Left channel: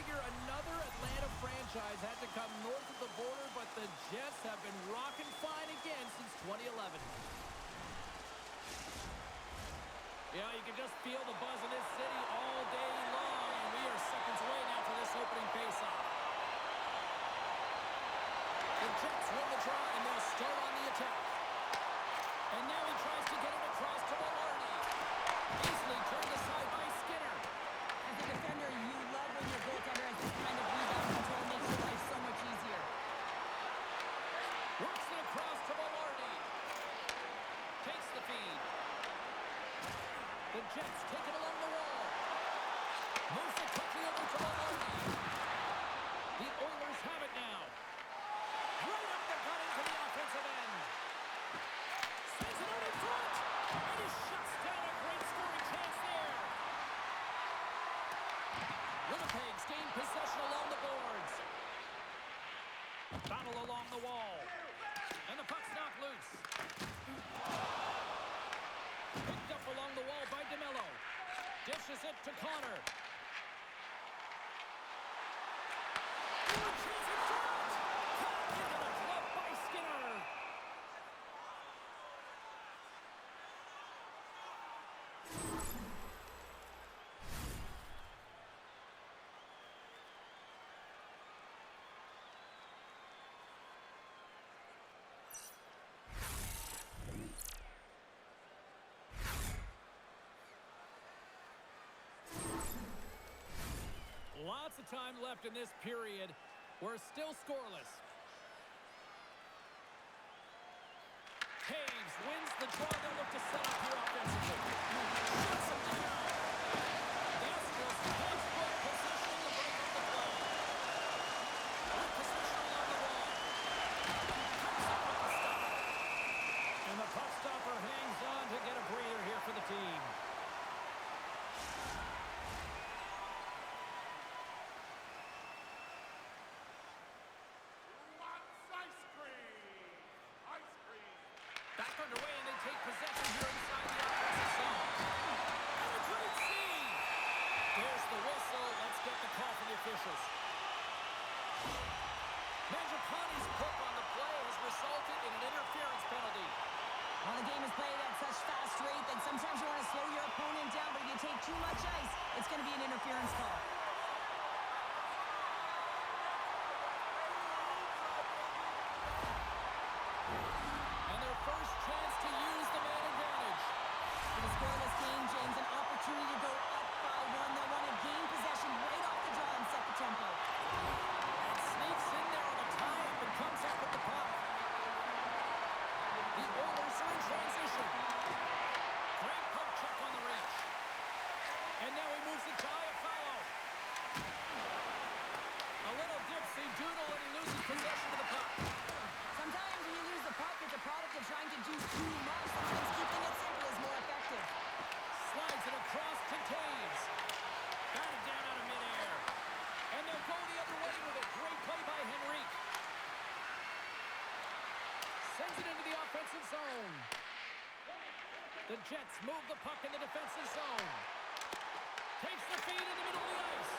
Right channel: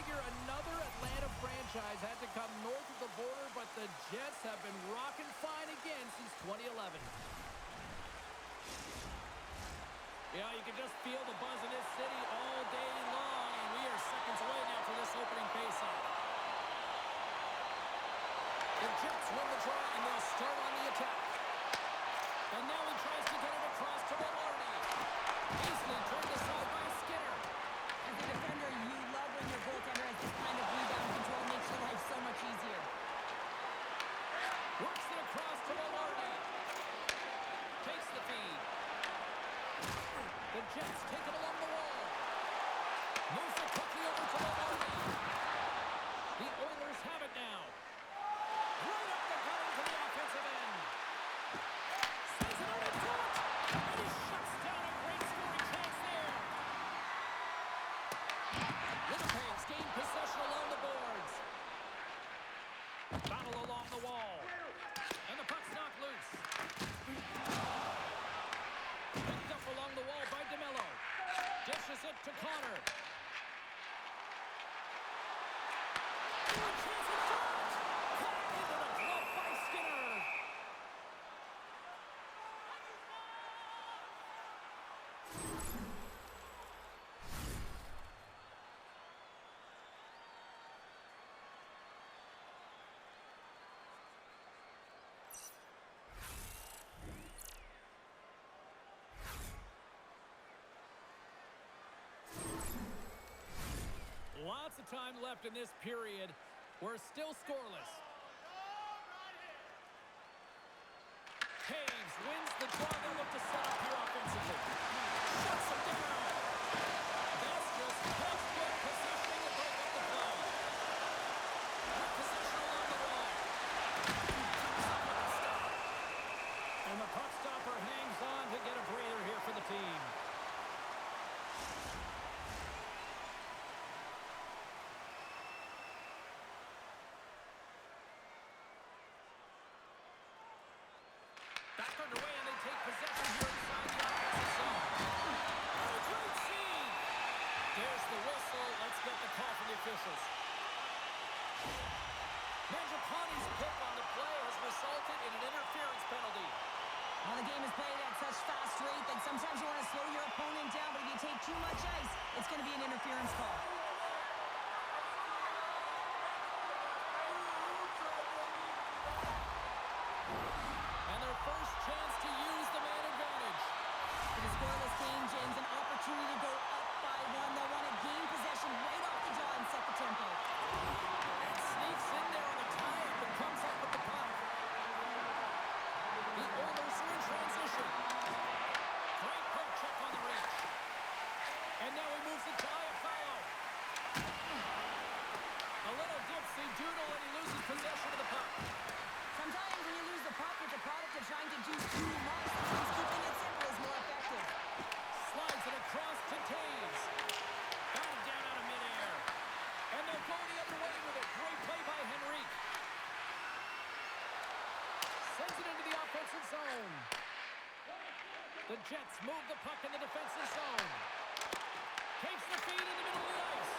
figure another Atlanta franchise had to come north of the border, but the Jets have been rocking fine again since 2011. Yeah, you can just feel the buzz in this city all day long, and we are seconds away now for this opening faceoff. The Jets win the draw, and they'll start on the attack. And now he tries to get it across to Velarde. Easily turned aside by Skinner. As a defender, you love when your goaltender has this kind of rebound control. Makes your life so much easier. Works it across to Velarde. Takes the feed. The Jets take it along the wall. Moves it quickly over to Velarde. The Oilers have it now. Right up the gut into the offensive end. Sends it out in front. And he shuts down a great scoring chance there. Winnipeg's gained possession along the boards. Battle along the wall. And the puck's knocked loose. Picked up along the wall by DeMello. Dishes it to Connor. A chance in front! Cut into the glove by Skinner. Lots of time left in this period. We're still scoreless. Taves wins the draw. They'll look to set up here offensively. Shuts them down. Astros textbook positioning to break up the play. With possession along the wall. Comes up with the stop. And the puck stopper hangs on to get a breather here for the team. Back underway, and they take possession here inside the offensive zone. And a great save! There's the whistle. Let's get the call from the officials. Mangiapane's pick on the play has resulted in an interference penalty. Well, the game is played at such fast rate that sometimes you want to slow your opponent down, but if you take too much ice, it's going to be an interference call. First chance to use the man advantage. For the scoreless game, James, an opportunity to go up by one. They'll want to gain possession right off the draw and set the tempo. And sneaks in there on the tie-up and comes up with the puck. The Oilers are in transition. Great poke check on the reach. And now he moves it to Iafallo. A little dipsy-doodle and he loses possession of the puck. Sometimes when you lose the puck, it's a product of trying to do too much. Sometimes keeping it simple is more effective. Slides it across to Taves. Batted down out of midair. And they'll go the other way with it. Great play by Henrique. Sends it into the offensive zone. The Jets move the puck in the defensive zone. Takes the feed in the middle of the ice.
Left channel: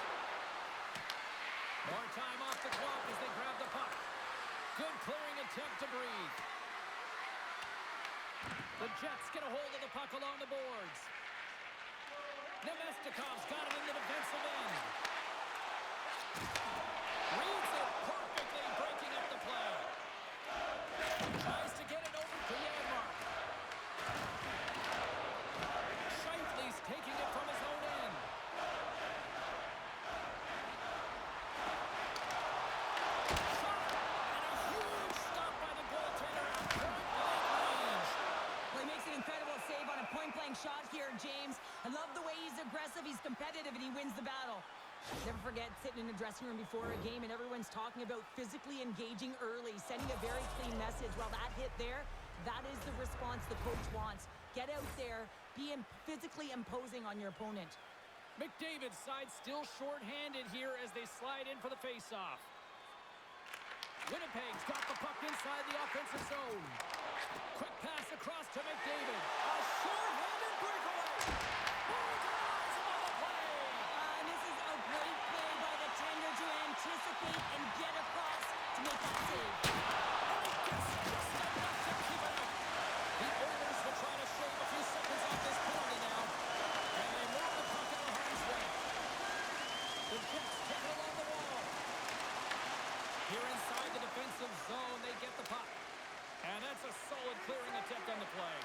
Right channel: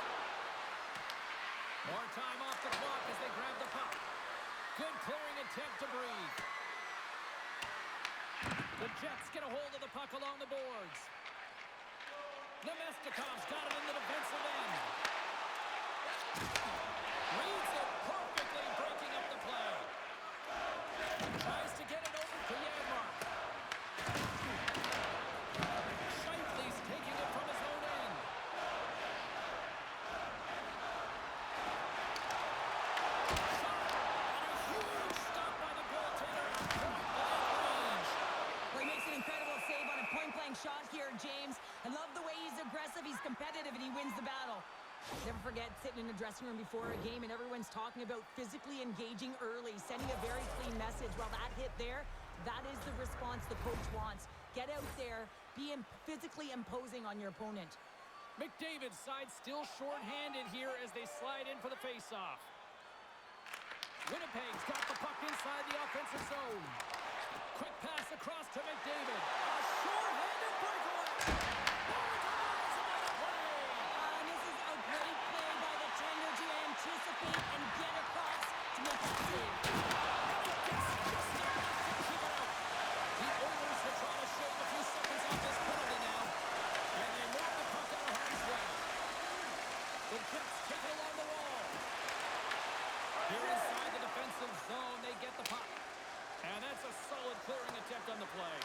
More time off the clock as they grab the puck. Good clearing attempt to breathe. The Jets get a hold of the puck along the boards. Nemestikov's got it in the defensive end. Reads it perfectly, breaking up the play. Tries to get it over to Janmark. Scheifele's taking it from his own end. Incredible save on a point-blank shot here, James. I love the way he's aggressive, he's competitive, and he wins the battle. Never forget sitting in a dressing room before a game and everyone's talking about physically engaging early, sending a very clean message. Well, that hit there, that is the response the coach wants. Get out there, be physically imposing on your opponent. McDavid's side still short-handed here as they slide in for the face-off. Winnipeg's got the puck inside the offensive zone. Quick pass across to McDavid. A short-handed breakaway. Oh, denies him on the play. And this is a great play by the 10 The Jets take it along the wall. Here inside the defensive zone, they get the puck. And that's a solid clearing attempt on the play.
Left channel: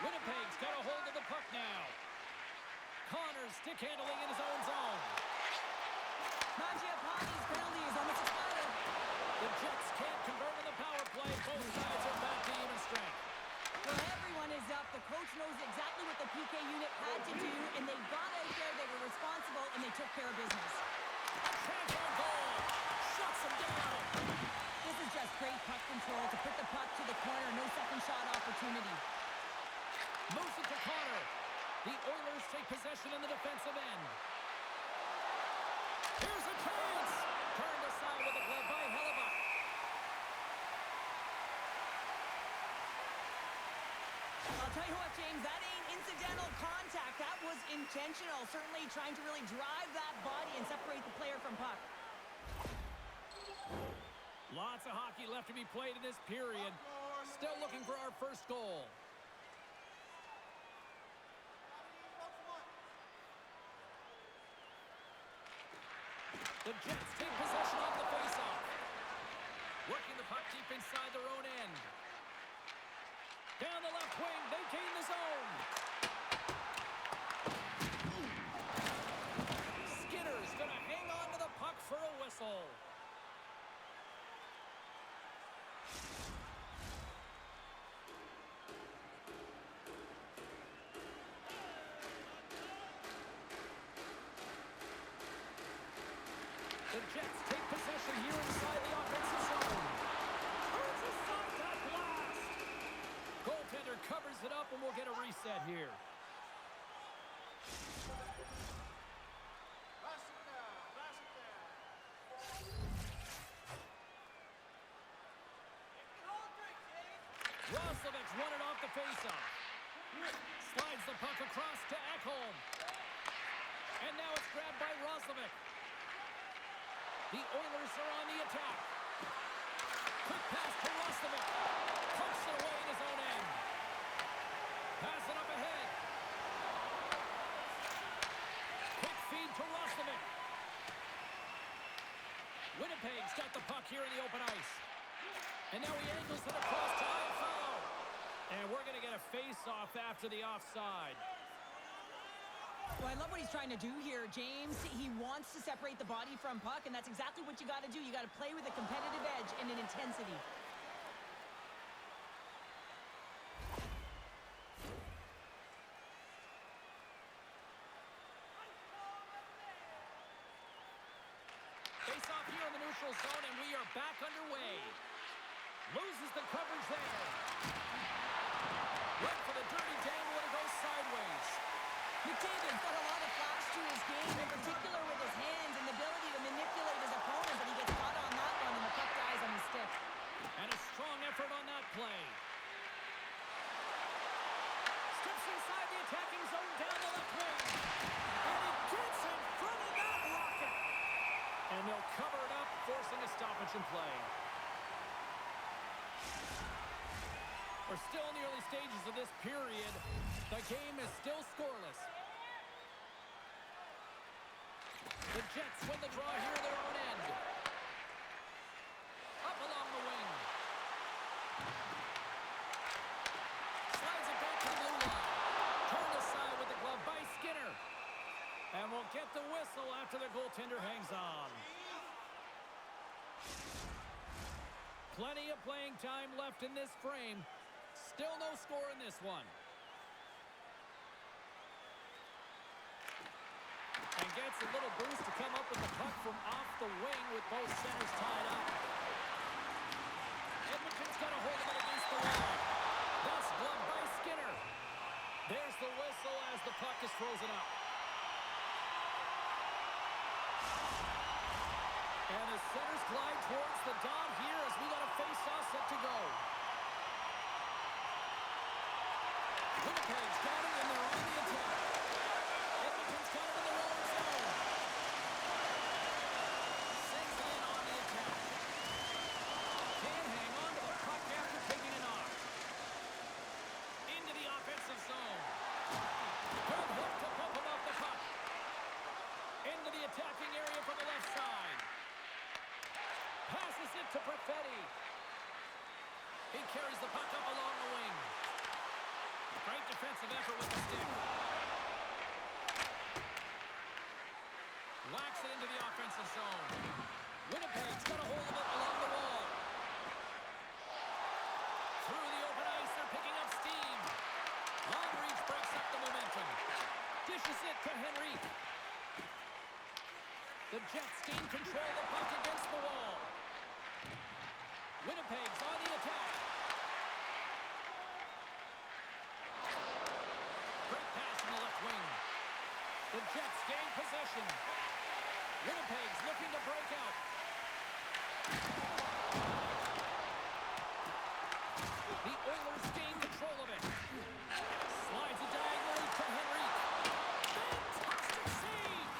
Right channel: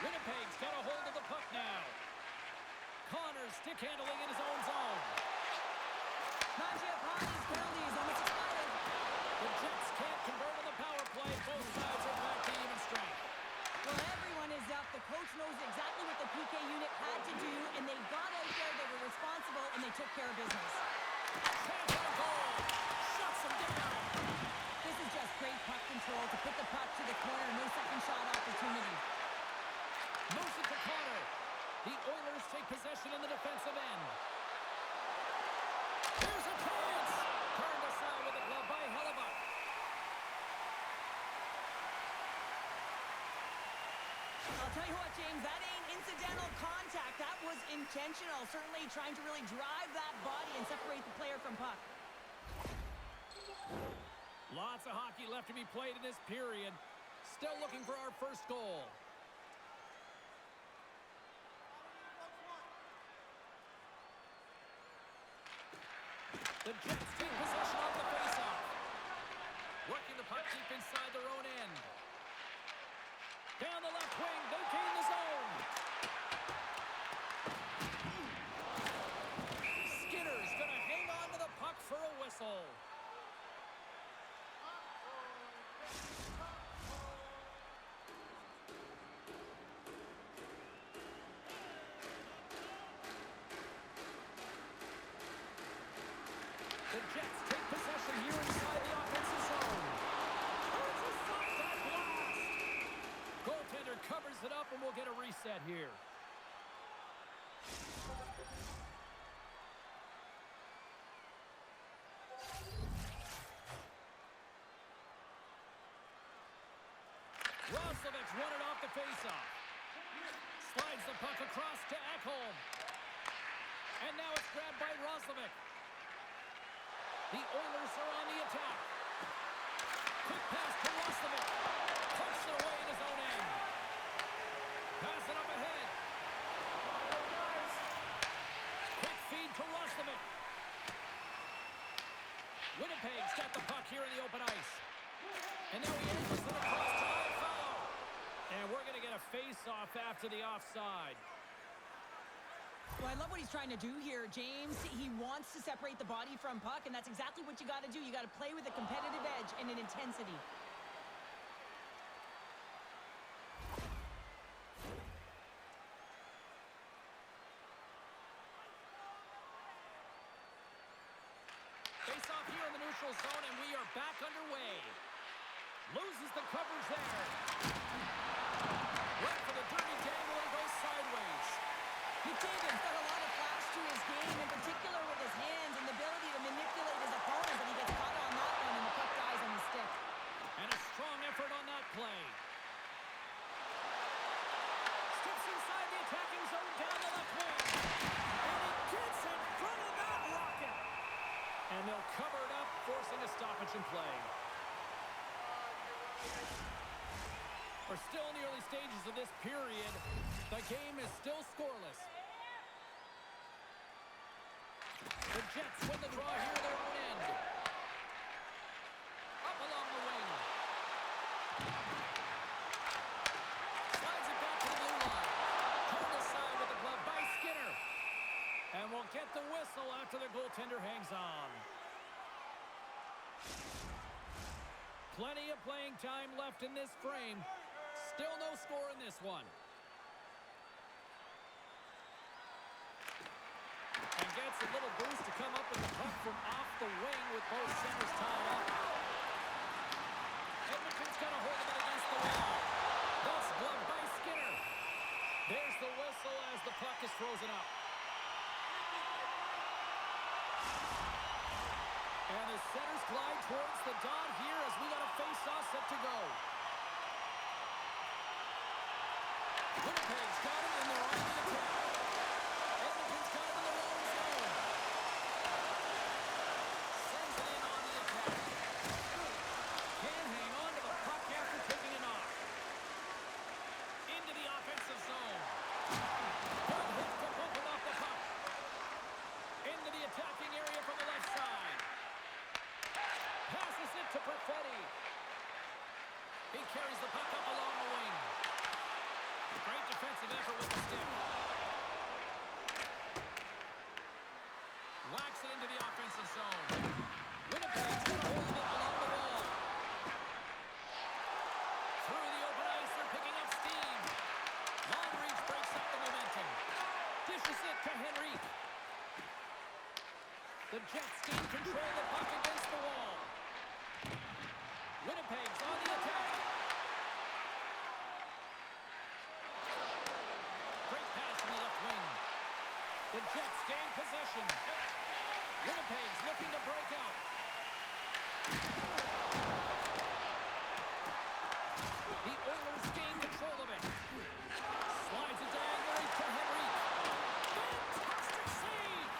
Winnipeg's got a hold of the puck now. Connor's stick handling in his own zone. Mangiapane's penalty is almost expired. The Jets can't convert on the power play. Both sides are back to even strength. Well, everyone is up. The coach knows exactly what the PK unit had to do, and they got out there, they were responsible, and they took care of business. A chance on goal. Shuts him down. This is just great puck control to put the puck to the corner. No second shot opportunity. Moves it to Connor. The Oilers take possession in the defensive end. Here's a chance. Turned aside with a glove by Hellebuck. I'll tell you what, James, that ain't incidental contact. That was intentional. Certainly trying to really drive that body and separate the player from puck. Lots of hockey left to be played in this period. Still looking for our first goal. The Jets take possession off the faceoff. Working the puck deep inside their own end. Down the left wing, they gain the zone. Skinner's gonna hang on to the puck for a whistle. The Jets take possession here inside the offensive zone. Turns aside that blast. Goaltender covers it up, and we'll get a reset here. Roslovic's won it off the faceoff. Slides the puck across to Ekholm. And now it's grabbed by Roslovic. The Oilers are on the attack. Quick pass to Roslovic. Punched it away in his own end. Pass it up ahead. Quick feed to Roslovic. Winnipeg's got the puck here in the open ice. And now he angles it across to Iafallo. And we're going to get a face-off after the offside. Well, I love what he's trying to do here, James. He wants to separate the body from puck, and that's exactly what you got to do. You got to play with a competitive edge and an intensity. Face off here in the neutral zone, and we are back underway. Loses the coverage there. Went for the dirty dangle, and it goes sideways. McDavid's got a lot of flash to his game, in particular with his hands and the ability to manipulate his opponent, but he gets caught on that one, and the puck dies on his stick. And a strong effort on that play. Steps inside the attacking zone down the left wing. And he gets in front of that rocket. And they'll cover it up, forcing a stoppage in play. We're still in the early stages of this period. The game is still scoreless. The Jets win the draw here in their own end. Up along the wing. Slides it back to the blue line. Turned aside with the glove by Skinner. And we'll get the whistle after the goaltender hangs on. Plenty of playing time left in this frame. Still no score in this one. And gets a little boost to come up with the puck from off the wing with both centers tied up. Edmonton's got a hold of it against the wall. That's gloved by Skinner. There's the whistle as the puck is frozen up. And the centers glide towards the dot here as we got a face-off set to go. Winnipeg's got it, and they're on the attack. Edmonton's got it in their own zone. Sends it in on the attack. Can't hang on to the puck after taking a knock. Into the offensive zone. Good hit to bump him off the puck. Into the the attacking area from the left side. Passes it to Perfetti. He carries the puck up along the wing. Great defensive effort with the stick. Whacks it into the offensive zone. Winnipeg's got a hold of it along the wall. Through the open ice, they're picking up steam. Long reach breaks up the momentum. Dishes it to Henrique. The Jets gain control of the puck against the wall. Winnipeg's on the attack. Great pass from the left wing. The Jets gain possession. Winnipeg's looking to break out. The Oilers gain control of it. Slides it diagonally to Henrique. Fantastic save!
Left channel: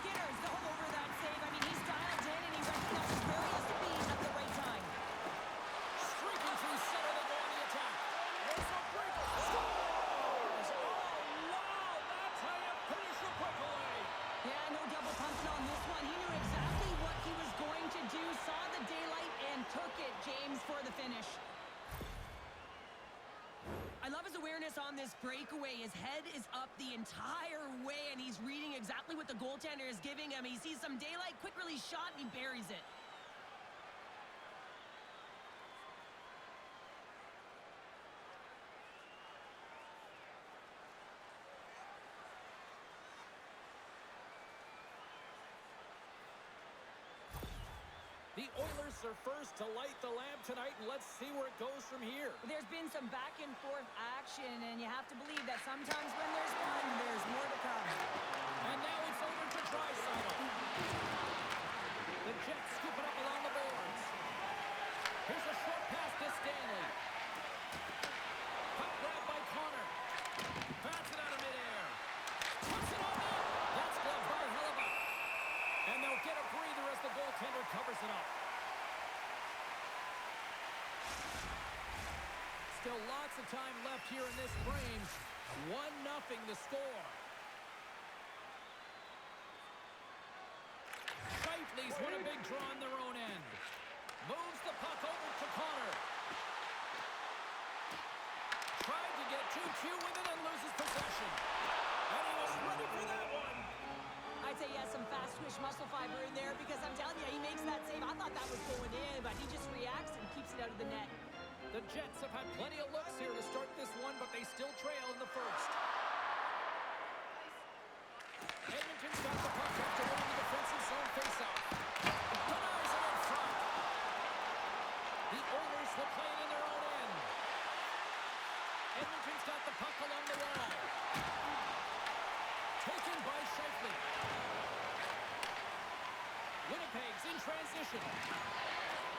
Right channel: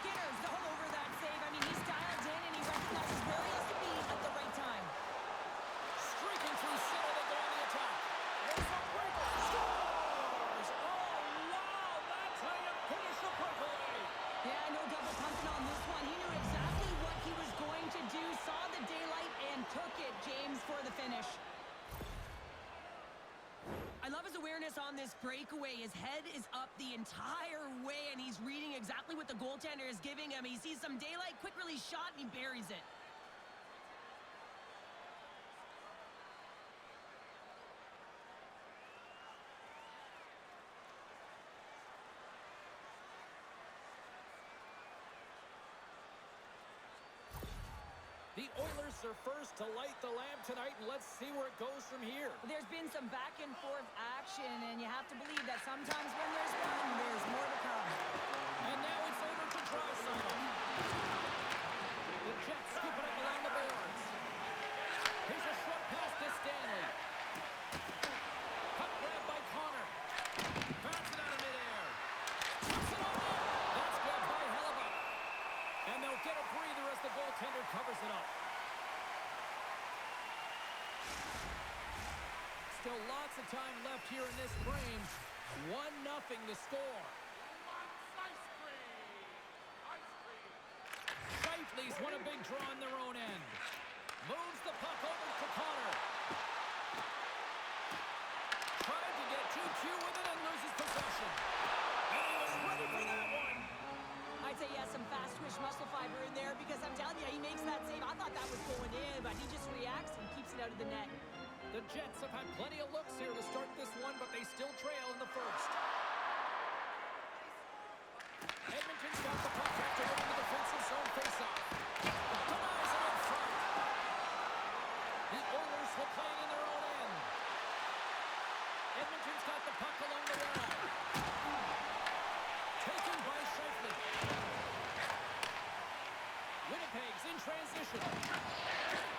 Skinner's all over that save. I mean, he's dialed in and he recognizes where he has to be at the right time. Streaking through center, they go on the attack. There's a breaker. Scores! Oh, wow! That's how you finish a breakaway. Yeah, no double pumping on this one. He knew exactly what he was going to do, saw the daylight, and took it, James, for the finish. I love his awareness on this breakaway. His head is up the entire way, and he's reading exactly what the goaltender is giving him. He sees some daylight, quick release shot, and he buries it. The Oilers are first to light the lamp tonight, and let's see where it goes from here. There's been some back and forth action, and you have to believe that sometimes when there's one, there's more to come. And now it's over to Draisaitl. The Jets scoop it up along the boards. Here's a short pass to Stanley. Puck grab by Connor. Bats it out of midair. Puts it on net. That's gloved by Hellebuck. And they'll get a breather as the goaltender covers it up. Still lots of time left here in this frame. 1-0 the score. Scheifele's won a big draw on their own end. Moves the puck over to Connor. Tried to get too cute with it and loses possession. And he was ready for that one. I'd say he has some fast twitch muscle fiber in there because I'm telling you, he makes that save. I thought that was going in, but he just reacts and keeps it out of the net. The Jets have had plenty of looks here to start this one, but they still trail in the first. Edmonton's got the puck after winning the defensive zone faceoff. Denies it in front. The Oilers will play it in their own end. Edmonton's got the puck along the wall. Taken by Scheifele. Winnipeg's in transition.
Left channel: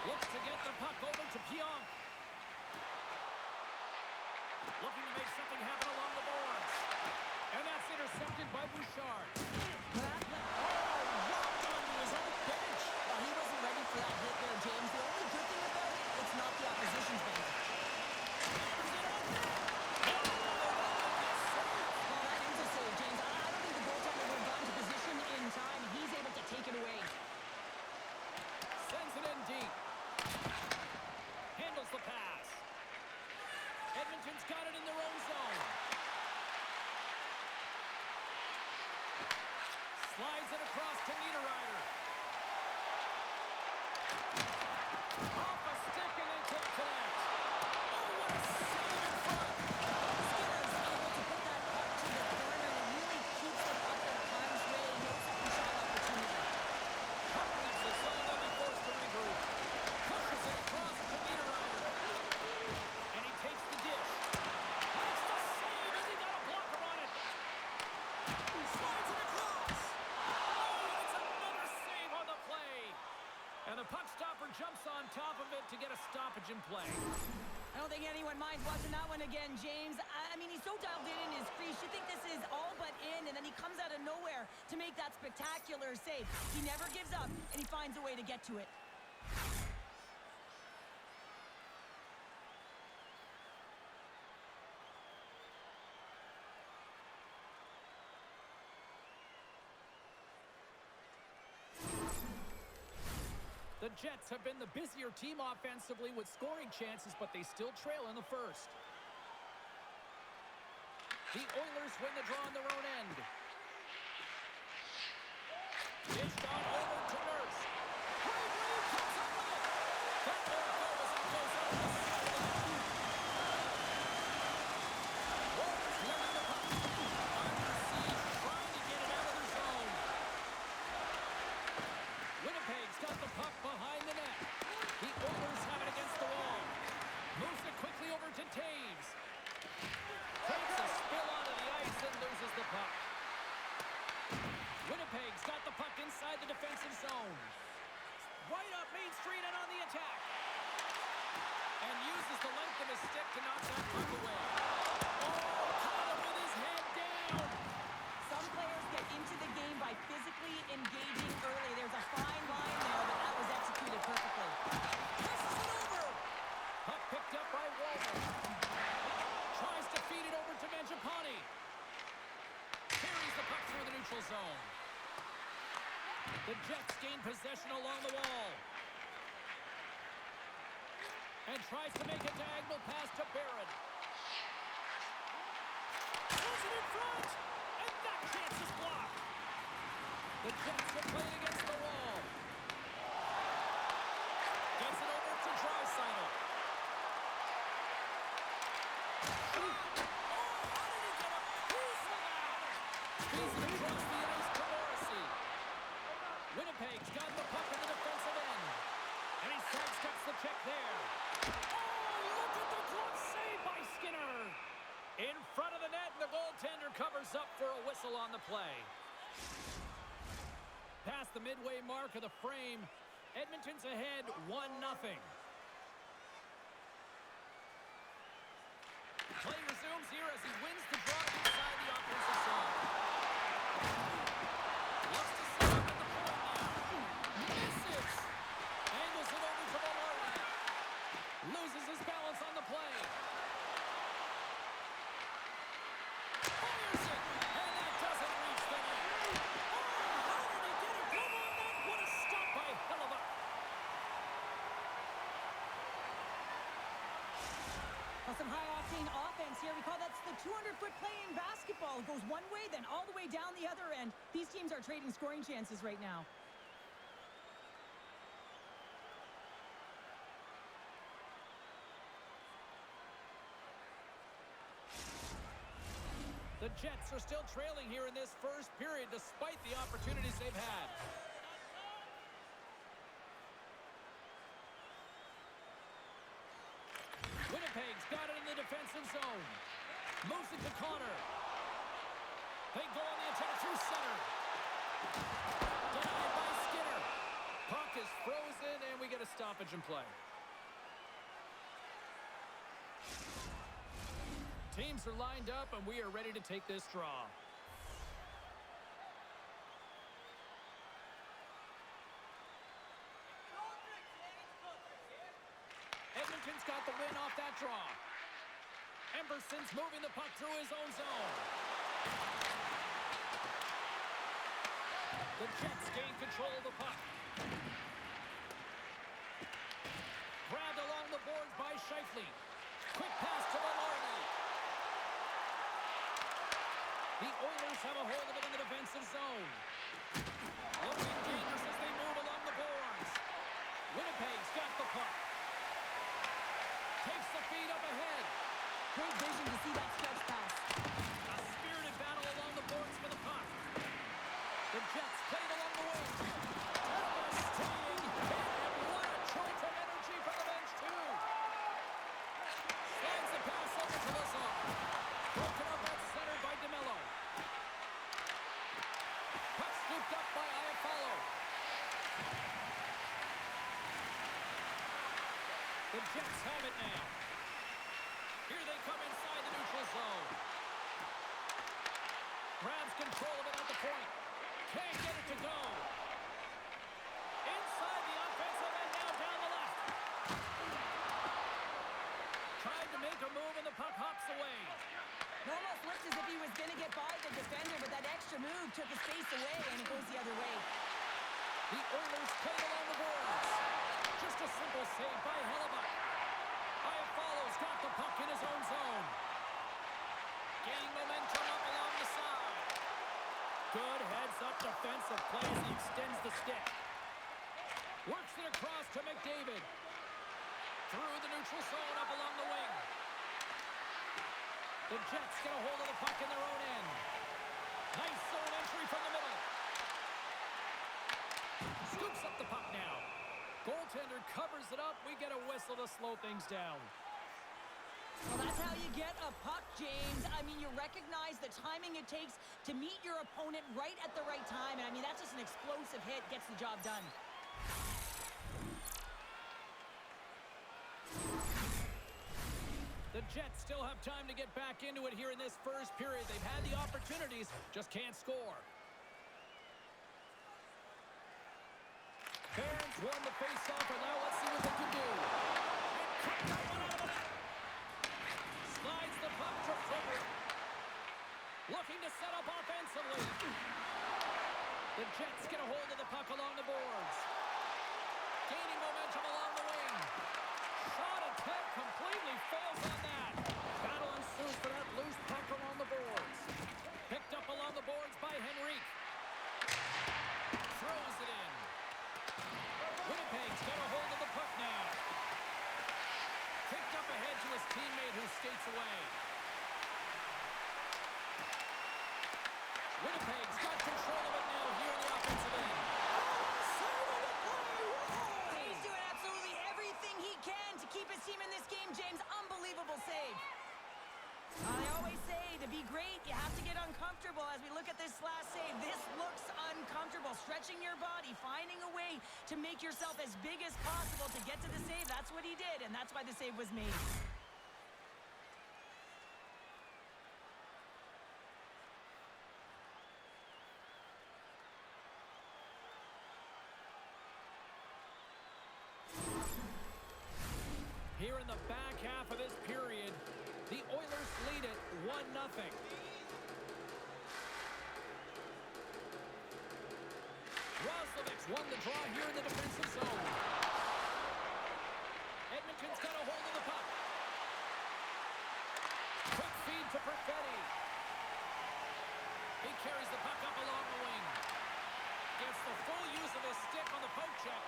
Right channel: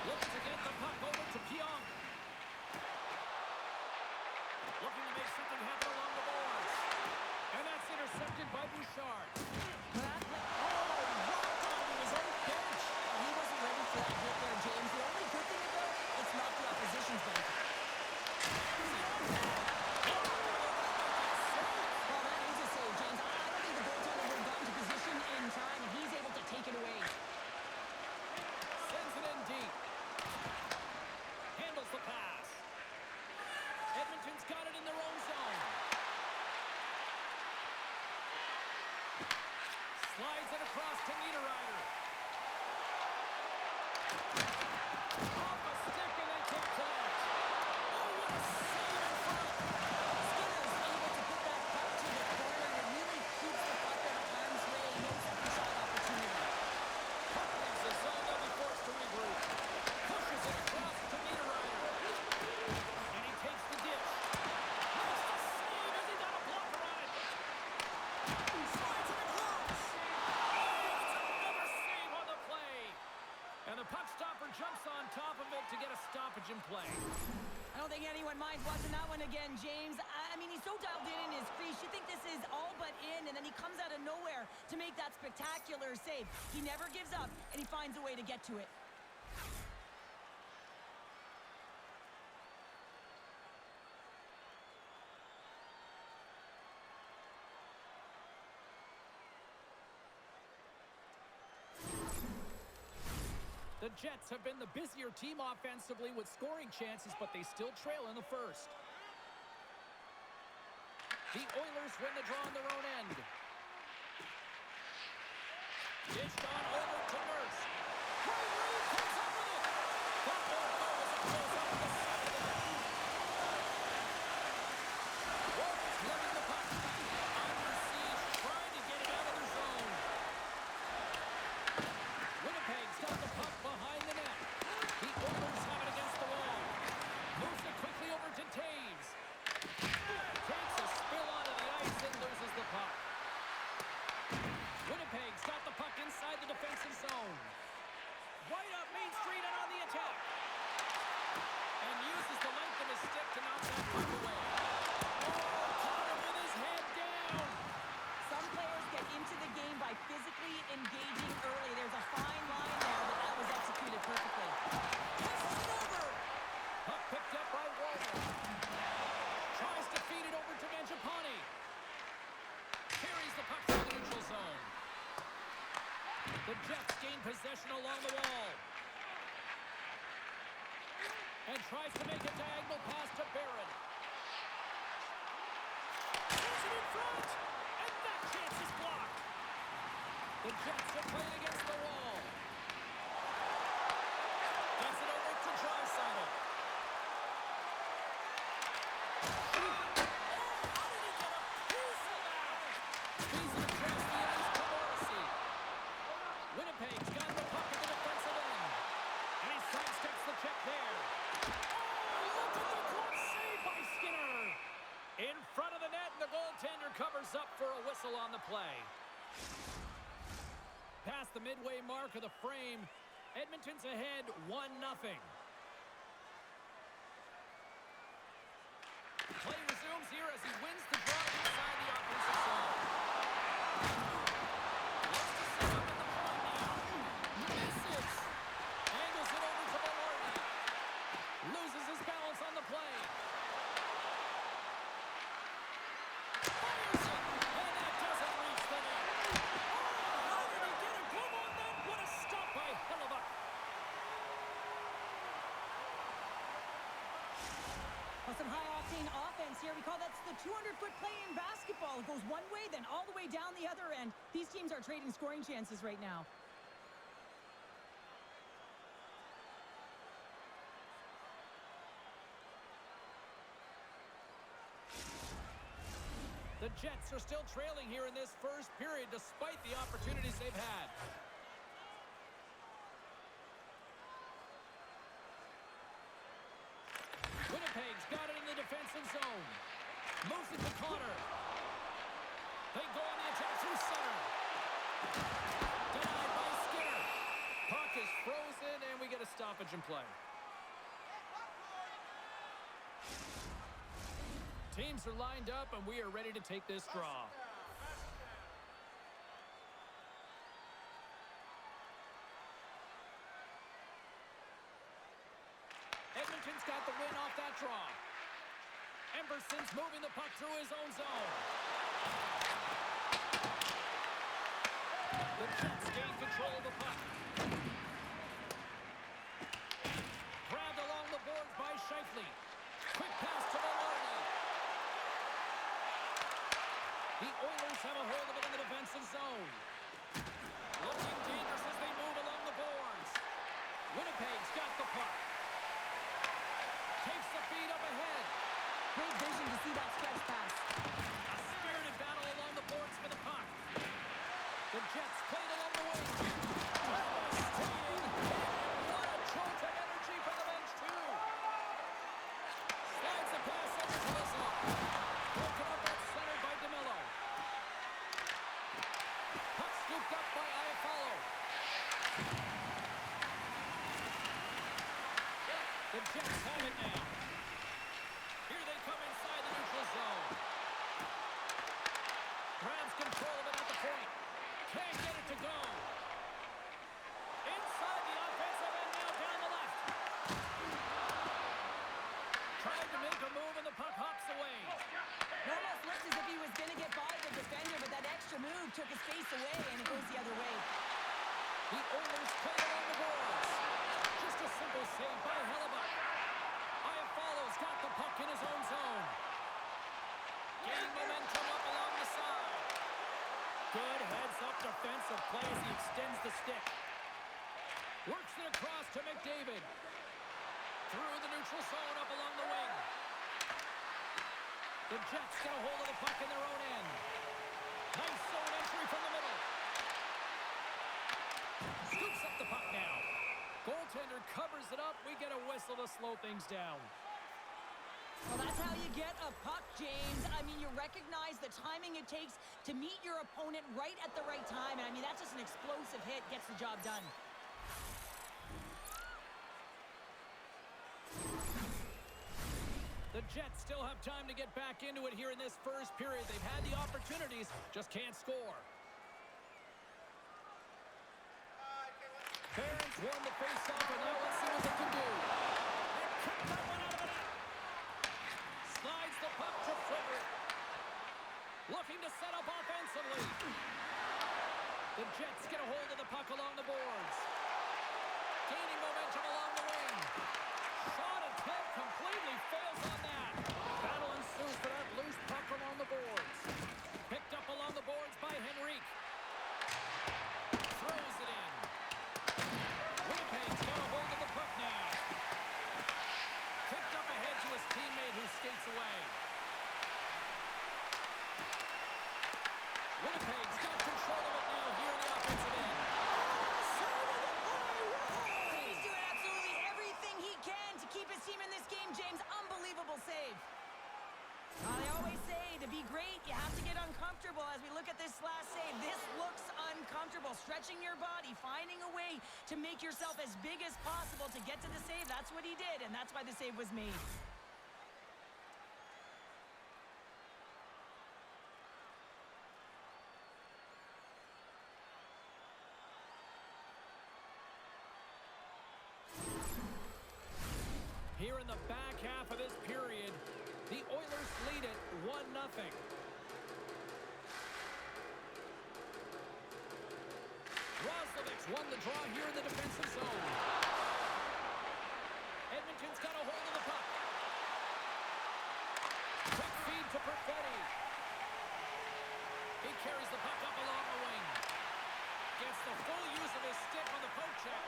Looks to get the puck over to Pionk. Looking to make something happen along the boards. And that's intercepted by Bouchard. Rocked onto his own bench. He wasn't ready for that hit there, James. The only good thing about it, it's not the opposition's bench. Well, that is a save, James. I don't think the goaltender would have gotten to position in time, and he's able to take it away. Sends it in deep. Handles the pass. Edmonton's got it in their own zone. Slides it across to Niederreiter. Off a stick and they can't connect. Oh, what a save in front. Skinner's able to put that puck to the corner, and it really keeps the puck out of harm's way. No second shot opportunity. Puck leaves the zone, they'll be forced to regroup. Pushes it across to Niederreiter. And he takes the dish. Makes the save as he got a blocker on it. Slides it across. Oh, it's another save on the play. And the puck stopper jumps on top of it to get a stoppage in play. I don't think anyone minds watching that one again, James. I mean, he's so dialed in his crease. You think this is all but in, and then he comes out of nowhere to make that spectacular save. He never gives up, and he finds a way to get to it. The Jets have been the busier team offensively with scoring chances, but they still trail in the first. The Oilers win the draw on their own end. Dished on over to Nurse. Great read, comes up with it. That ball goes up the side of the net. Warriors winning the puck. Under siege, trying to get it out of their zone. Winnipeg's got the puck behind the net. The Oilers have it against the wall. Moves it quickly over to Taves. Takes a spill onto the ice and loses the puck. Winnipeg's got the puck inside the defensive zone. Right up Main Street and on the attack. And uses the length of his stick to knock that puck away. Oh, caught him with his head down. Some players get into the game by physically engaging early. There's a fine line there, but that was executed perfectly. Passes it over. Puck picked up by Walden. Tries to feed it over to Mangiapane. Carries the puck through the neutral zone. The Jets gain possession along the wall. And tries to make a diagonal pass to Barron. Throws it in front. And that chance is blocked. The Jets have played against the wall. Gets it over to Draisaitl. Winnipeg's got the puck at the defensive end. And he sidesteps the check there. Oh, look at the glove save by Skinner. In front of the net, and the goaltender covers up for a whistle on the play. Past the midway mark of the frame, Edmonton's ahead 1-0. Play resumes here as he wins the draw inside the offensive zone. Looks to set up at the point now. Misses. Angles it over to Velarde. Loses his balance on the play. Fires it. And that doesn't reach the net. Oh, how did he get a glove on that? What a stop by Hellebuck. Well, some high-octane offense here. We call that the 200-foot play in basketball. It goes one way, then all the way down the other end. These teams are trading scoring chances right now. The Jets are still trailing here in this first period despite the opportunities they've had. Winnipeg's got it in the defensive zone. Moves it to Connor. They go on the attack through center. Denied by Skinner. Puck is frozen, and we get a stoppage in play. Teams are lined up, and we are ready to take this draw. Edmonton's got the win off that draw. Emberson's moving the puck through his own zone. The Jets gain control of the puck. Grabbed along the boards by Scheifele. Quick pass to Velarde. The Oilers have a hold of it in the defensive zone. Looking dangerous as they move along the boards. Winnipeg's got the puck. Takes the feed up ahead. Great vision to see that stretch pass. A spirited battle along the boards for the puck. The Jets played along the wing. Devastating hit, and what a jolt of energy from the bench, too. Slides the pass over to Lazar. Broken up at center by DeMello. Puck scooped up by Iafallo. The Jets have it now. Here they come inside the neutral zone. Grabs control of it at the point. Can't get it to go. Inside the offensive end now down the left. Tried to make a move and the puck hops away. It almost looked as if he was going to get by the defender, but that extra move took his face away, and it goes the other way. The Oilers play along the boards. Good heads-up defensive play as he extends the stick. Works it across to McDavid. Through the neutral zone, up along the wing. The Jets get a hold of the puck in their own end. Nice zone entry from the middle. Scoops up the puck now. Goaltender covers it up. We get a whistle to slow things down. Well, that's how you get a puck, James. I mean, you recognize the timing it takes to meet your opponent right at the right time. And, I mean, that's just an explosive hit. Gets the job done. The Jets still have time to get back into it here in this first period. They've had the opportunities, just can't score. Barons won the face-off, and now let's see what they can do. And cut that one out of the net. Slides the puck to Frederick. Looking to set up offensively. The Jets get a hold of the puck along the boards. Gaining momentum along the wing. Shot attempt completely fails on that. Battle ensues for that loose puck along the boards. Picked up along the boards by Henrique. Throws it in. Winnipeg's got a hold of the puck now. Kicked up ahead to his teammate who skates away. Winnipeg's got control of it now here in the offensive end. He's doing absolutely everything he can to keep his team in this game, James. Unbelievable save. They always say to be great, you have to get uncomfortable. As we look at this last save, this looks uncomfortable. Stretching your body, finding a way to make yourself as big as possible to get to the save. That's what he did, and that's why the save was made. Here in the back half of this period, the Oilers lead it 1-0. Roslovic's won the draw here in the defensive zone. Edmonton's got a hold of the puck. Quick feed to Perfetti. He carries the puck up along the wing. Gets the full use of his stick on the poke check.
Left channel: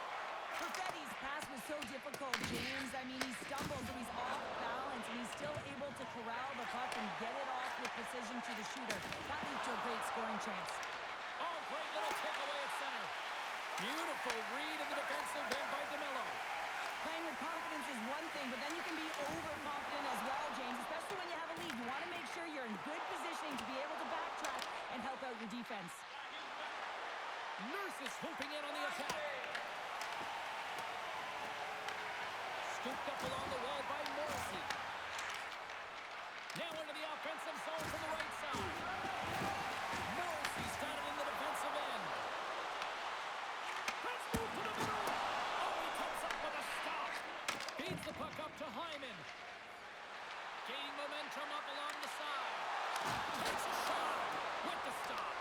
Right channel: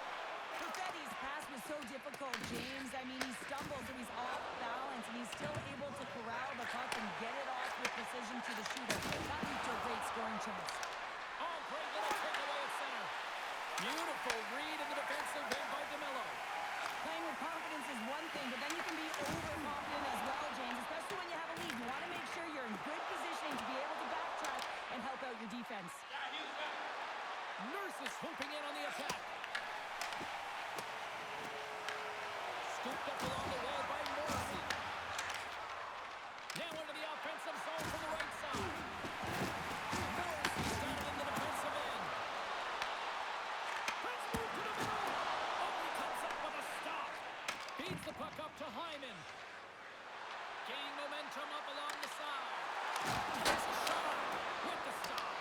Perfetti's pass was so difficult, James. I mean, he stumbles, so he's off balance, and he's still able to corral the puck and get it off with precision to the shooter. That leads to a great scoring chance. Oh, great little takeaway at center. Beautiful read in the defensive end by DeMello. Playing with confidence is one thing, but then you can be overconfident as well, James, especially when you have a lead. You want to make sure you're in good positioning to be able to backtrack and help out your defense. Nurse is swooping in on the attack. Scooped up along the wall by Morrissey. Now into the offensive zone from the right side. Morrissey's got it in the defensive end. Let's move to the middle. Oh, he comes up with a stop. Feeds the puck up to Hyman. Gaining momentum up along the side. Takes a shot with the stop.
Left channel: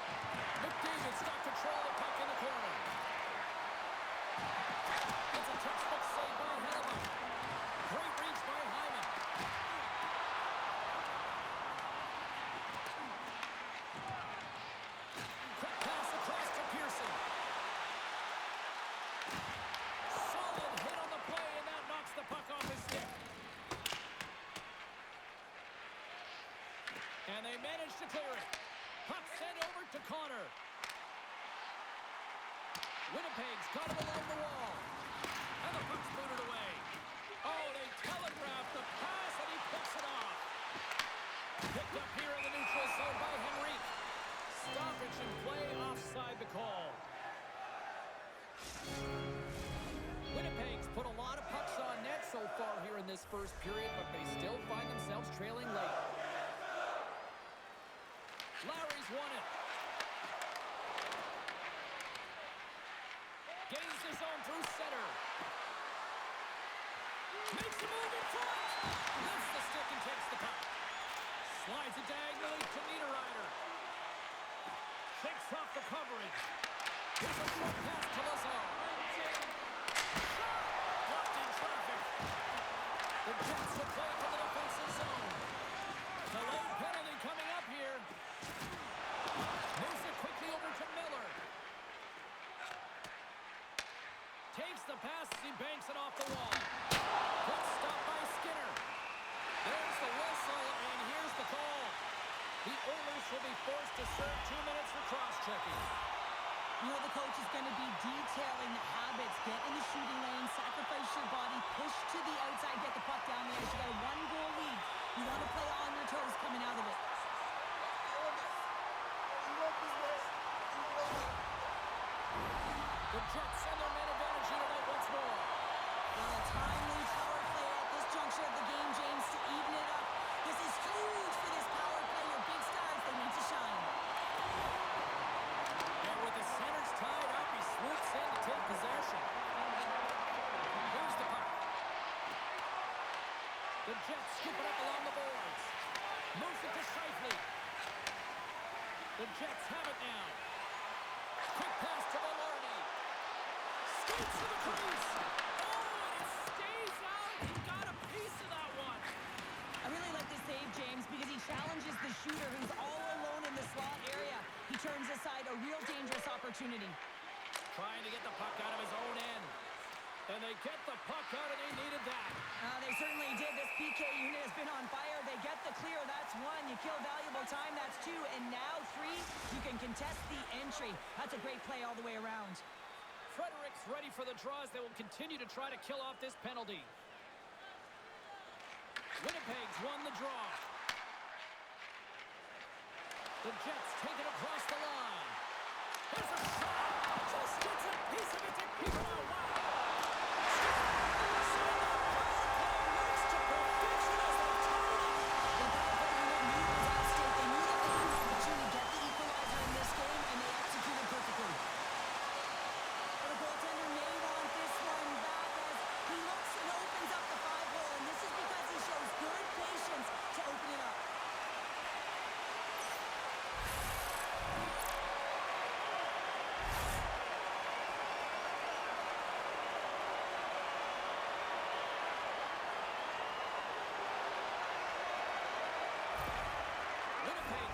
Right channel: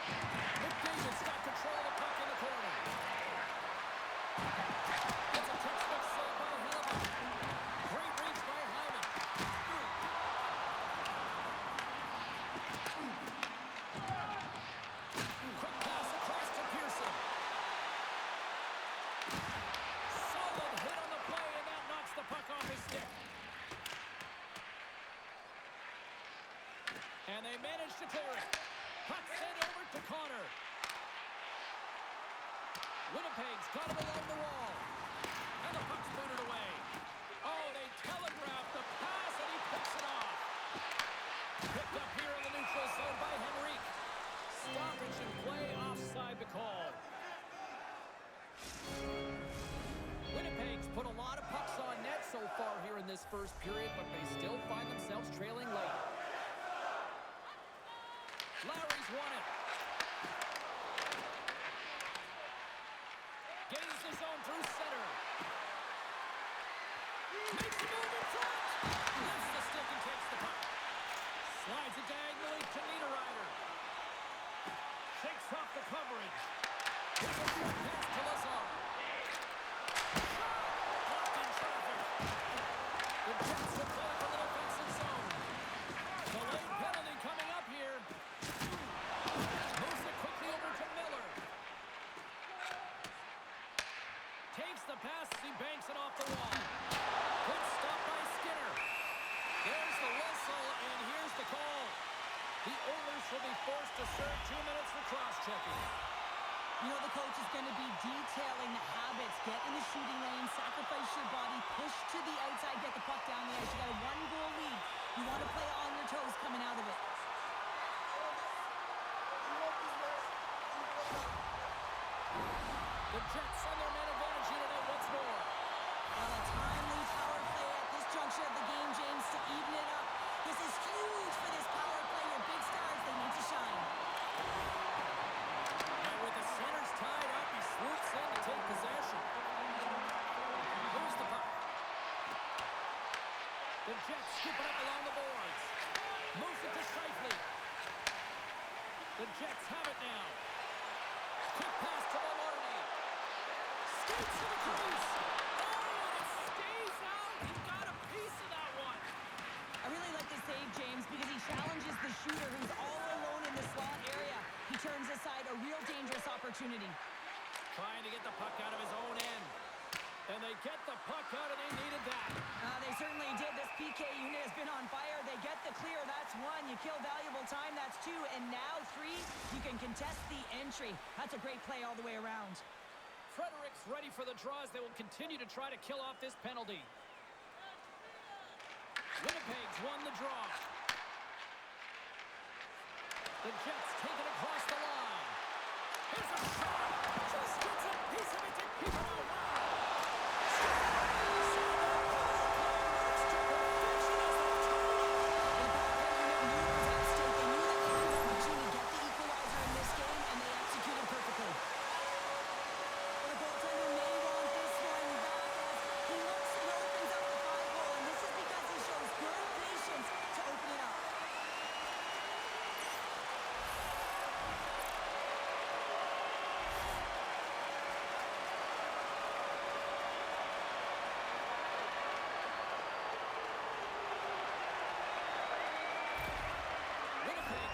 McDavid's got control of the puck in the corner. It's a textbook save by Hellebuck. Great reach by Hyman. Quick pass across to Pearson. Solid hit on the play, and that knocks the puck off his stick. And they manage to clear it. Puck sent over to Connor. Winnipeg's got him along the wall. And the puck's booted away. Oh, they telegraphed the pass, and he picks it off. Picked up here in the neutral zone by Henrique. Stoppage and play offside the call. Winnipeg's put a lot of pucks on net so far here in this first period, but they still find themselves trailing late. Lowry's won it. Gains the zone through center. Makes a move in front. Lifts the stick and takes the puck. Slides it diagonally to Niederreiter. Shakes off the coverage. Here's a short pass to Lazar. Shot! Blocked in traffic. The Jets will play from the defensive zone. Delayed penalty coming up here. Moves it quickly over Takes the pass as he banks it off the wall. Good stop by Skinner. There's the whistle, and here's the call. The Oilers will be forced to serve 2 minutes for cross-checking. You know, the coach is going to be detailing the habits. Get in the shooting lane, sacrifice your body, push to the outside, get the puck down the ice. You got a 1-goal lead. You want to play on your toes coming out of it. The Jets send their man advantage unit out once more. Well, a timely power play at this juncture of the game, James, to even it up. This is huge for this power play. Your big stars, they need to shine. And with the centers tied up, he swoops in to take possession. Here's the puck. The Jets scoop it up along the boards. Moves it to Scheifele. The Jets have it now. Quick pass to Maloney. Skates to the crease. Oh, and it stays out. He got a piece of that one. I really like this save, James, because he challenges the shooter who's all alone in the slot area. He turns aside a real dangerous opportunity. Trying to get the puck out of his own end. And they get the puck out, and they needed that. They certainly did. This PK unit has been on fire. They get the clear. That's 1. You kill valuable time. That's 2. And now 3. You can contest the entry. That's a great play all the way around. Frederick's ready for the draws. They will continue to try to kill off this penalty. Winnipeg's won the draw. The Jets take it across the line. Here's a shot. Just gets a piece of it to keep it out. Wow.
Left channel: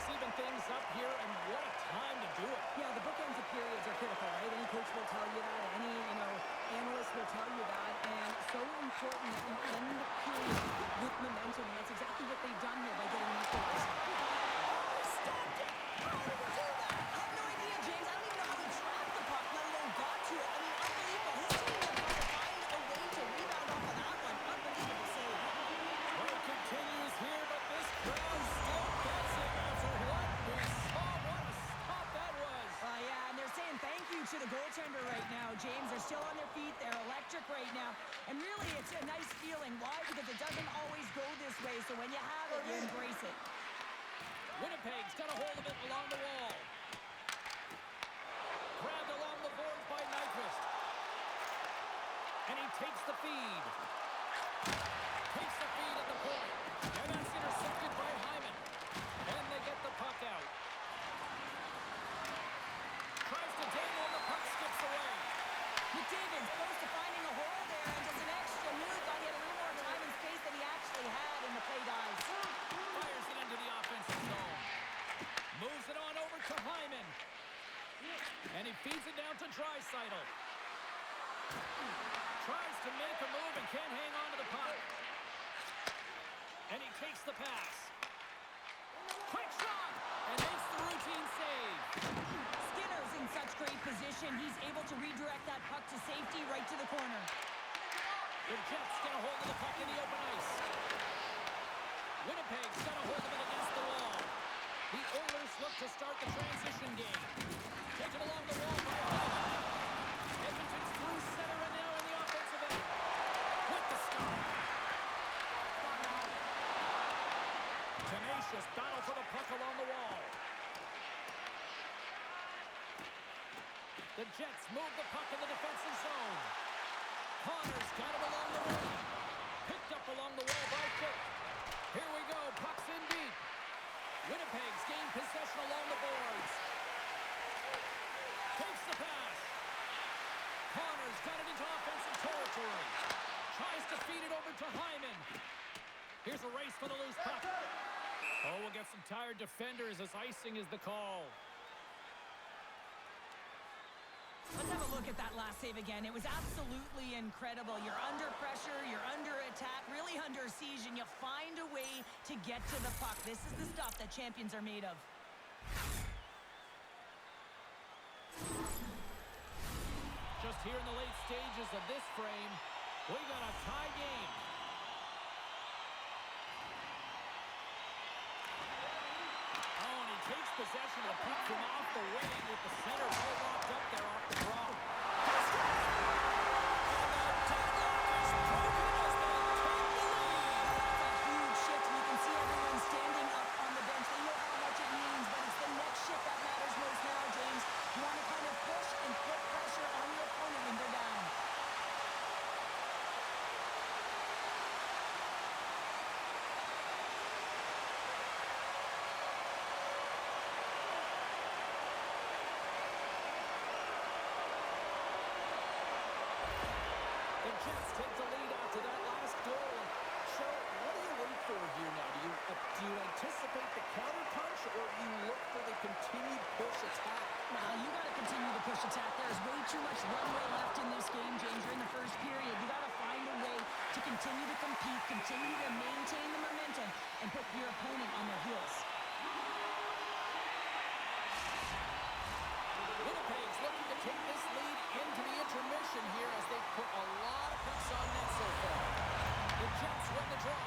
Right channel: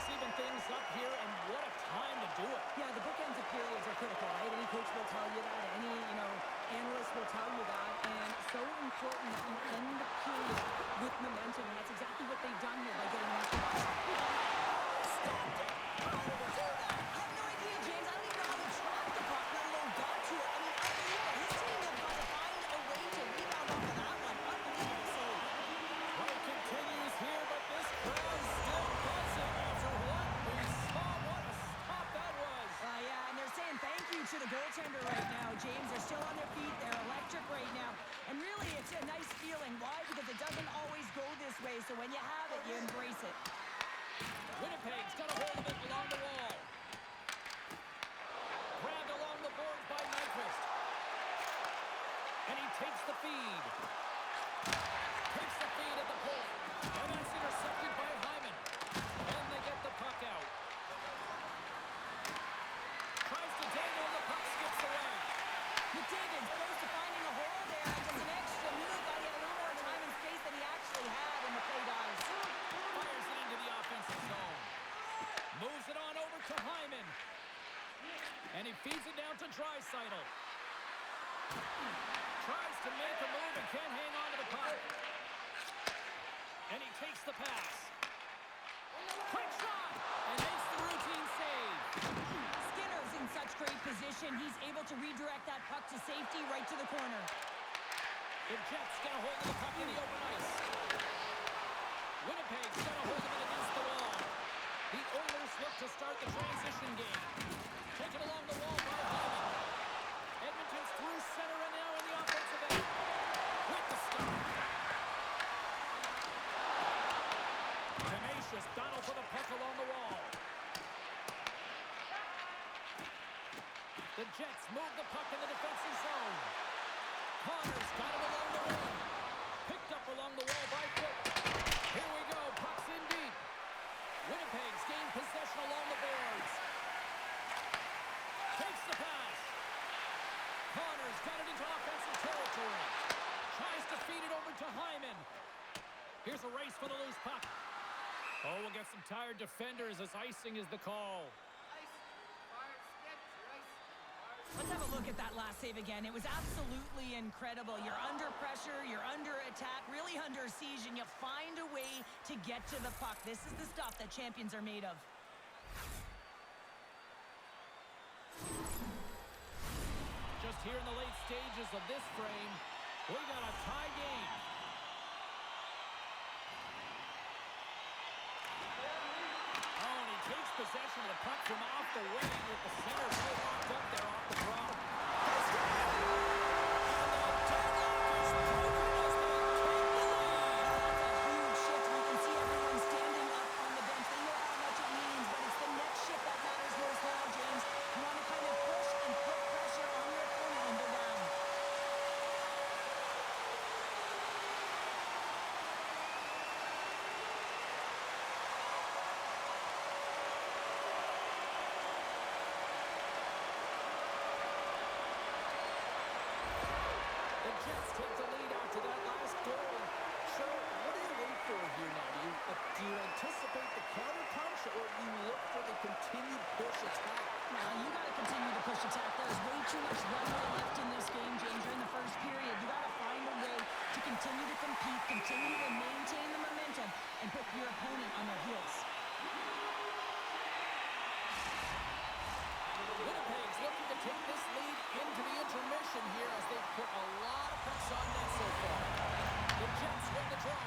Even things up here, and what a time to do it. Yeah, the bookends of periods are critical, right? Any coach will tell you that. Any, analyst will tell you that. And so important that you end the period with momentum, and that's exactly what they've done here by getting the equalizer. Oh, stopped it! How did he do that? I have no idea, James. I don't even know how he tracked the puck, let alone got to it. I mean, unbelievable. His team has got to find a way to rebound off of that one. Unbelievable save. Play continues here, but this crowd still buzzing after what we saw. What a stop that was. Yeah, and they're saying thank you to the goaltender right now, James. They're still on their feet. They're electric right now. And really, it's a nice feeling. Why? Because it doesn't always go this way. So when you have it, you embrace it. Winnipeg's got a hold of it along the wall. Grabbed along the boards by Nyquist. And he takes the feed. Takes the feed at the point. And that's intercepted by Hyman. And they get the puck out. Tries to dangle and the puck skips away. McDavid's close to finding a hole there and does an extra move. Thought he had a little more time and space than he actually had, and the play dies. Fires it into the offensive zone. Moves it on over to Hyman. And he feeds it down to Draisaitl. Tries to make a move and can't hang on to the puck. And he takes the pass. Quick shot! And makes the routine save. Skinner's in such great position. He's able to redirect that puck to safety right to the corner. The Jets get a hold of the puck in the open ice. Winnipeg's got a hold of it against the wall. The Oilers look to start the transition game. Taken along the wall by Hyman. Edmonton's through center and now in the offensive end. With the stop. Tenacious battle for the puck along the wall. The Jets move the puck in the defensive zone. Connor's got it along the wall. Picked up along the wall by Cook. Here we go. Puck's in deep. Winnipeg's gained possession along the boards. Takes the pass. Connor's got it into offensive territory. Tries to feed it over to Hyman. Here's a race for the loose puck. Oh, we'll get some tired defenders as icing is the call. Let's have a look at that last save again. It was absolutely incredible. You're under pressure, you're under attack, really under siege, and you find a way to get to the puck. This is the stuff that champions are made of. Just here in the late stages of this frame, we got a tie game. Oh, and he takes possession of the puck from off the wing with the center well locked up there off the draw. And the deadlock is broken as they take the lead. That's a huge shift, and you can see everyone standing up on the bench. They know how much it means, but it's the next shift that matters most now, James. You want to kind of push and put pressure on your opponent when they're down. The Jets take the lead after that last goal. Cheryl, what do you wait for here now? Do you anticipate the counterpunch, or do you look for the continued push attack? Well, you got to continue to push attack. There's way too much runway left in this game, James. You're in the first period. You got to find a way to continue to compete, continue to maintain the momentum, and put your opponent on their heels. Winnipeg's looking to take this lead into the intermission here as they've put a lot of pucks on net so far. The Jets win the draw.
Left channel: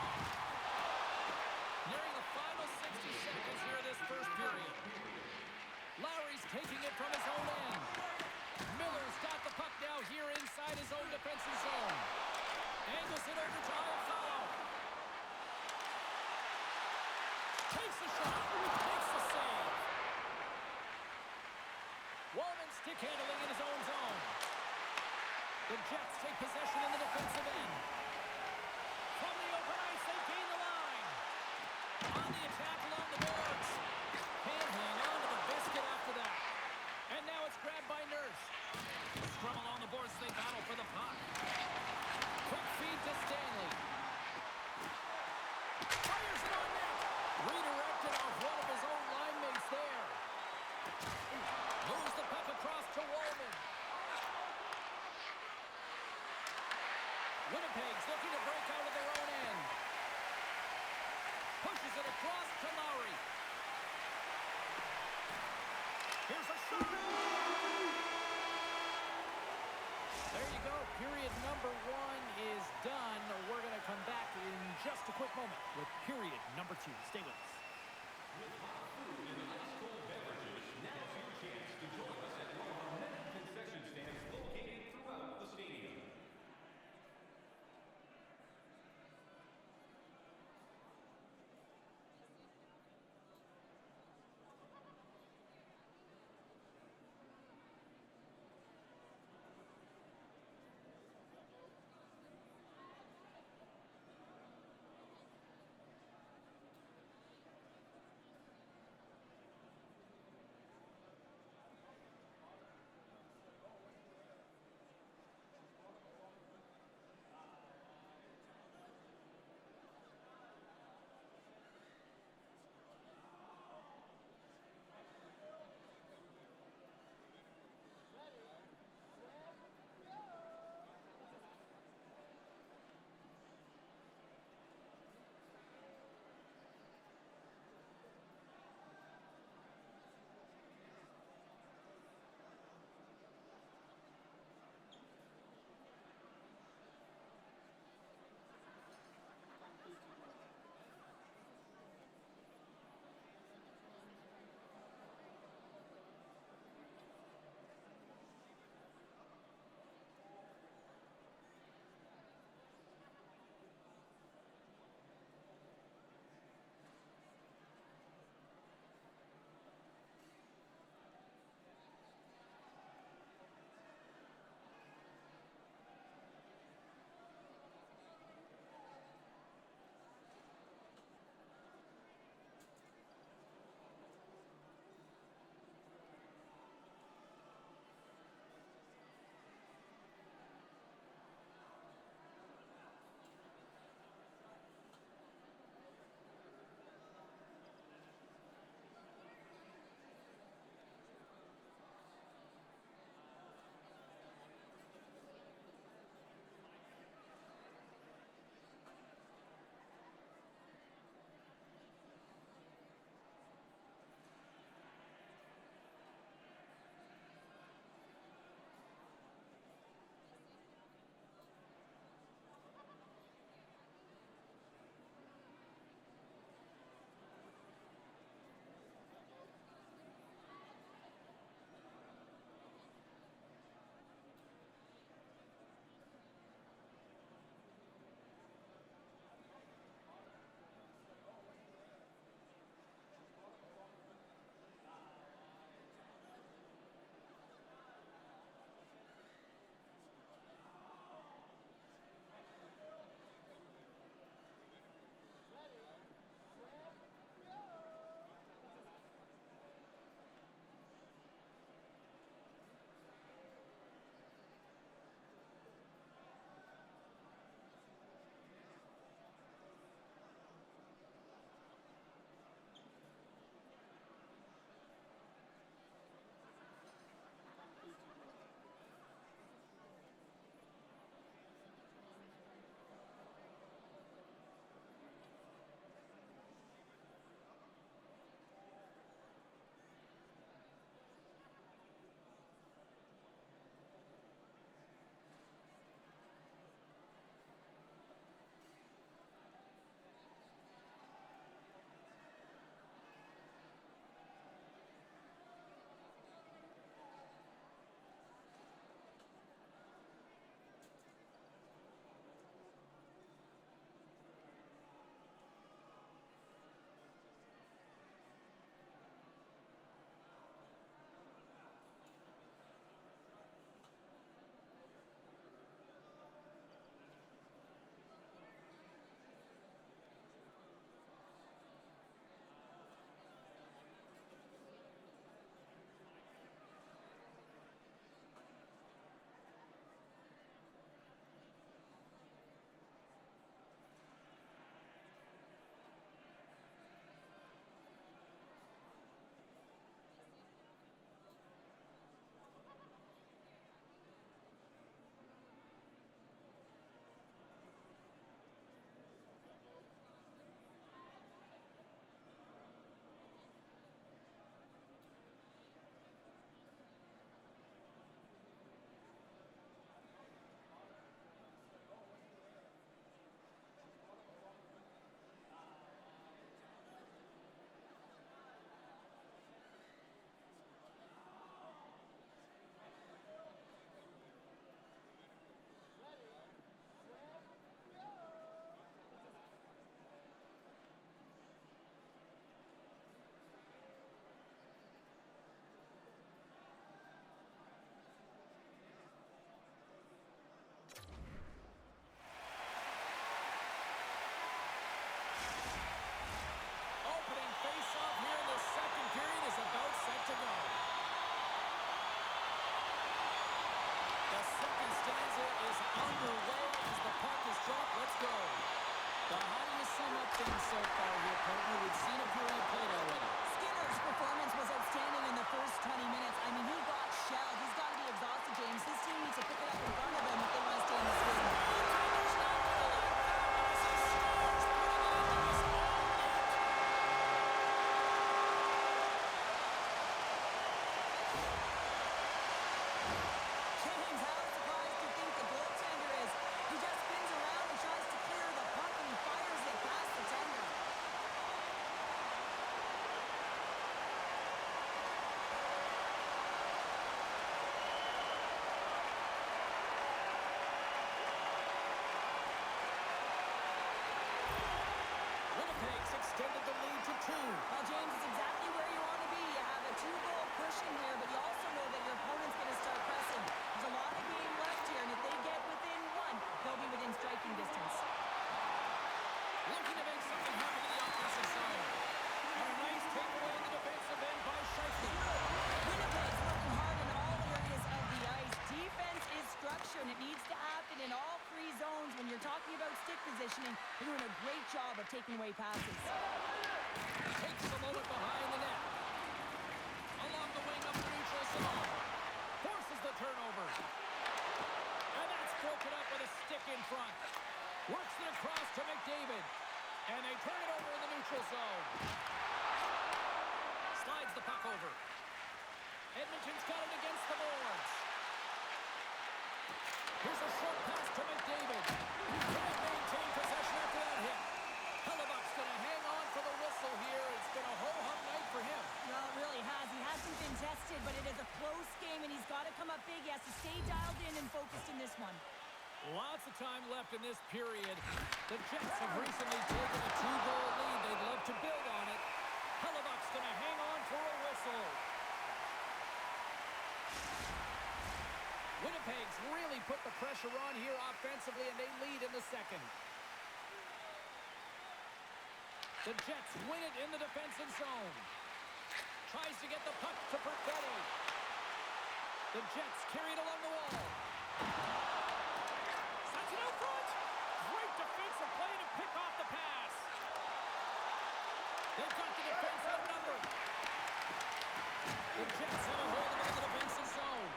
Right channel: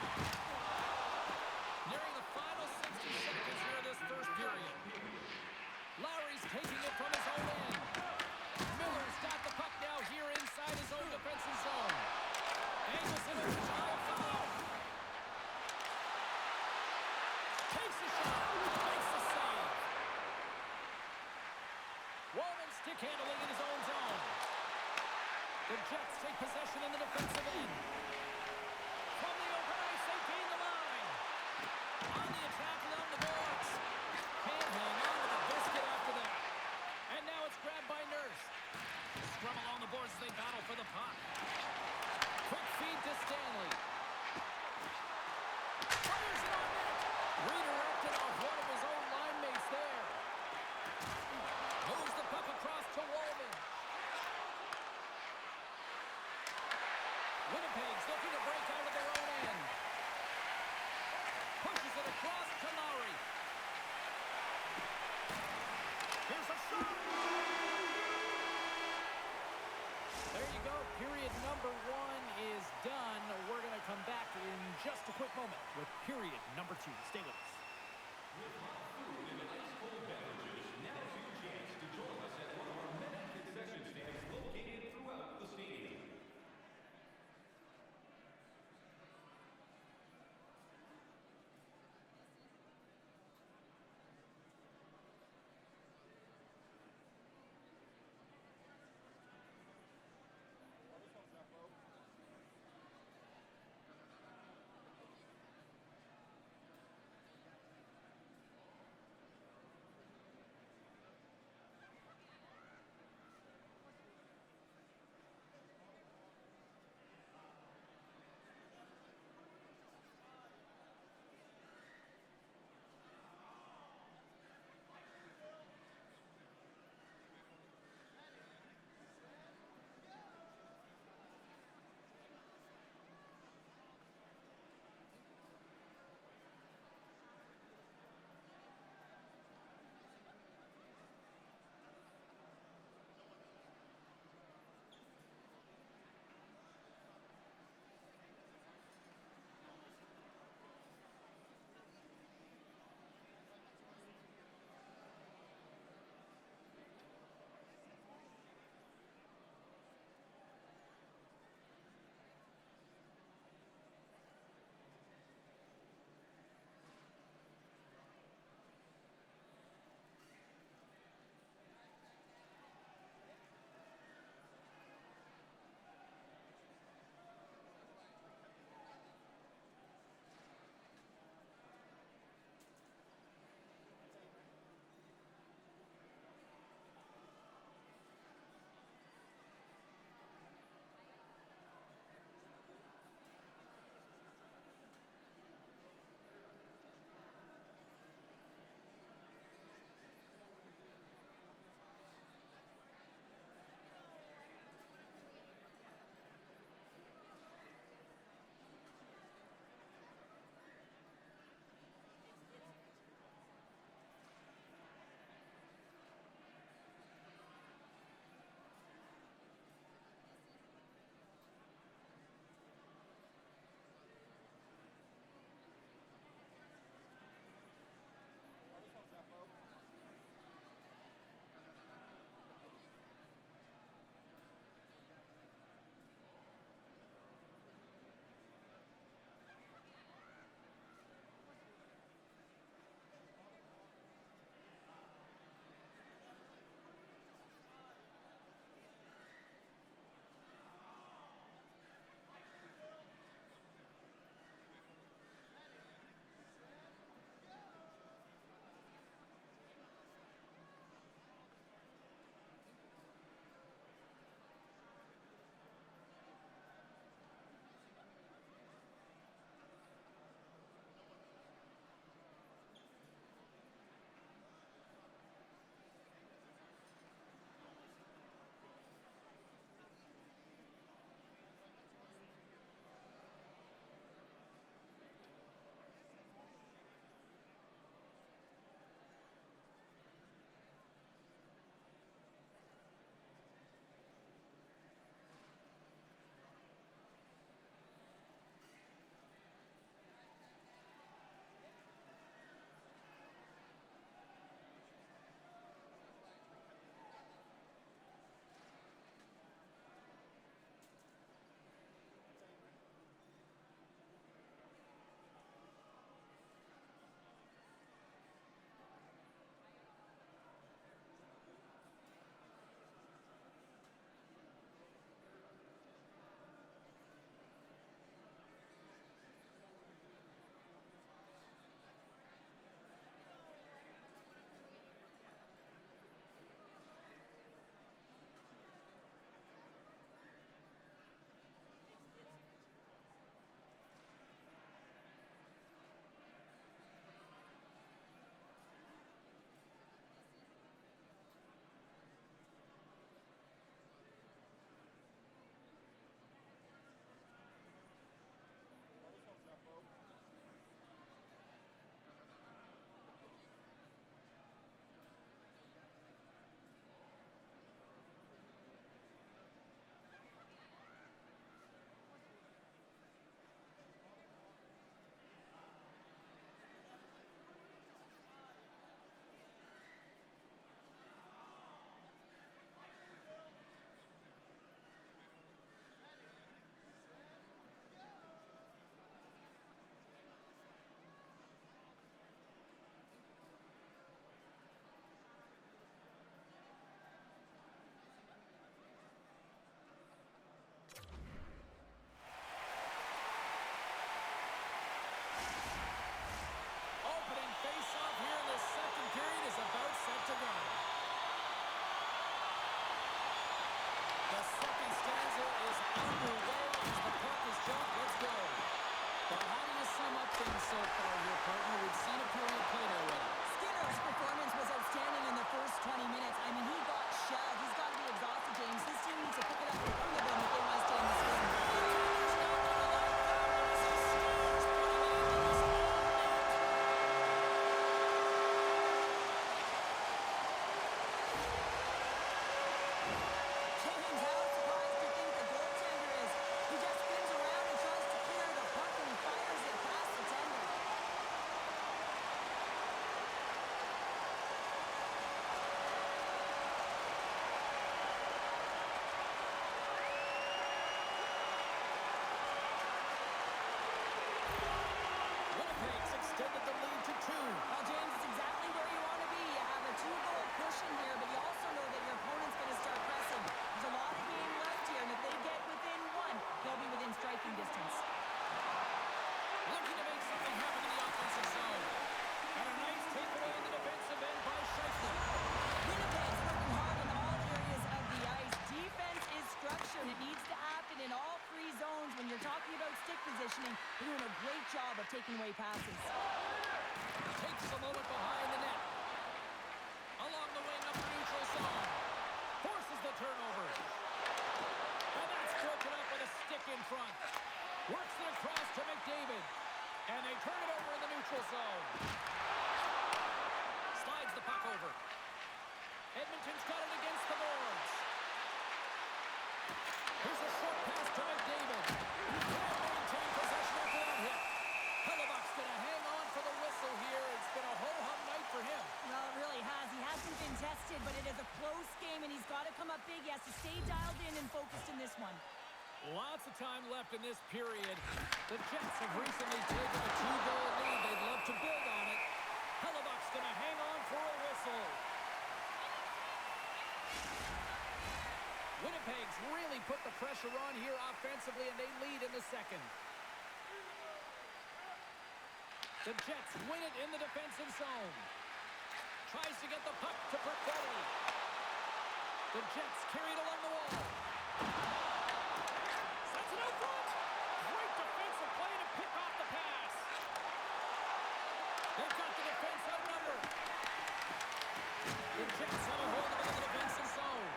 Nearing the final 60 seconds here of this first period. Lowry's taking it from his own end. Miller's got the puck now here inside his own defensive zone. Angles it over to Iafallo. Takes the shot. Makes the save. Wallman stick handling in his own zone. The Jets take possession in the defensive end. From the open ice, they gain the line. On the attack along the boards. Can't hang on to the biscuit after that. And now it's grabbed by Nurse. Scrum along the boards as they battle for the puck. Quick feed to Stanley. Fires it on net. Redirected off one of his own line mates there. Moves the puck across to Wallman. Winnipeg's looking to break out of their own end. Pushes it across to Lowry. Here's a shot. There you go. Period number 1 is done. We're going to come back in just a quick moment with period number 2. Stay with us. With hot food and ice-cold beverages, now's your chance to join us at one of our many concession stands located throughout the stadium. underway as the puck is dropped. Let's go. Well, how do you sum up things so far here, partner? We've seen a period played already. Skinner's performance was outstanding in the first 20 minutes. I mean, he got shelled. He's got to be exhausted, James. His team needs to pick it up in front of him if they want to stay in this game. Goaltender's not going to like that one as he scores, putting it into his own net. James, how surprised do you think the goaltender is? He just spins around and tries to clear the puck, and he fires it past the tender. Winnipeg's extended the lead to 2. Well, James, it's exactly where you want to be. You have a 2-goal cushion here, but you also know that your opponent's going to start pressing. There's a lot of game left here, and if they get within 1, they'll be within striking distance. Looking to make something happen in the offensive zone. And a nice takeaway in the defensive end by Scheifele. Winnipeg's working hard in all areas of the ice. Defense is structure, and it needs to happen in all 3 zones. When you're talking about stick positioning, they're doing a great job of taking away passes. Takes a moment behind the net. Along the wing up the neutral zone. Forces the turnover. And that's broken up with a stick in front. Works it across to McDavid. And they turn it over in the neutral zone. Slides the puck over. Edmonton's got it against the boards. Here's a short pass to McDavid. Can't maintain possession after that hit. Hellebuck's going to hang on for the whistle here. It's been a ho-hum night for him. Well, it really has. He hasn't been tested, but it is a close game, and he's got to come up big. He has to stay dialed in and focused in this one. Lots of time left in this period. The Jets have recently taken a 2-goal lead. They'd love to build on it. Hellebuck's going to hang on for a whistle. Winnipeg's really put the pressure on here offensively, and they lead in the second. The Jets win it in the defensive zone. Tries to get the puck to Perfetti. The Jets carry it along the wall. Sends it out front. Great defensive play to pick off the pass. They've got the defense outnumbered. The Jets have a hold of it in the defensive zone.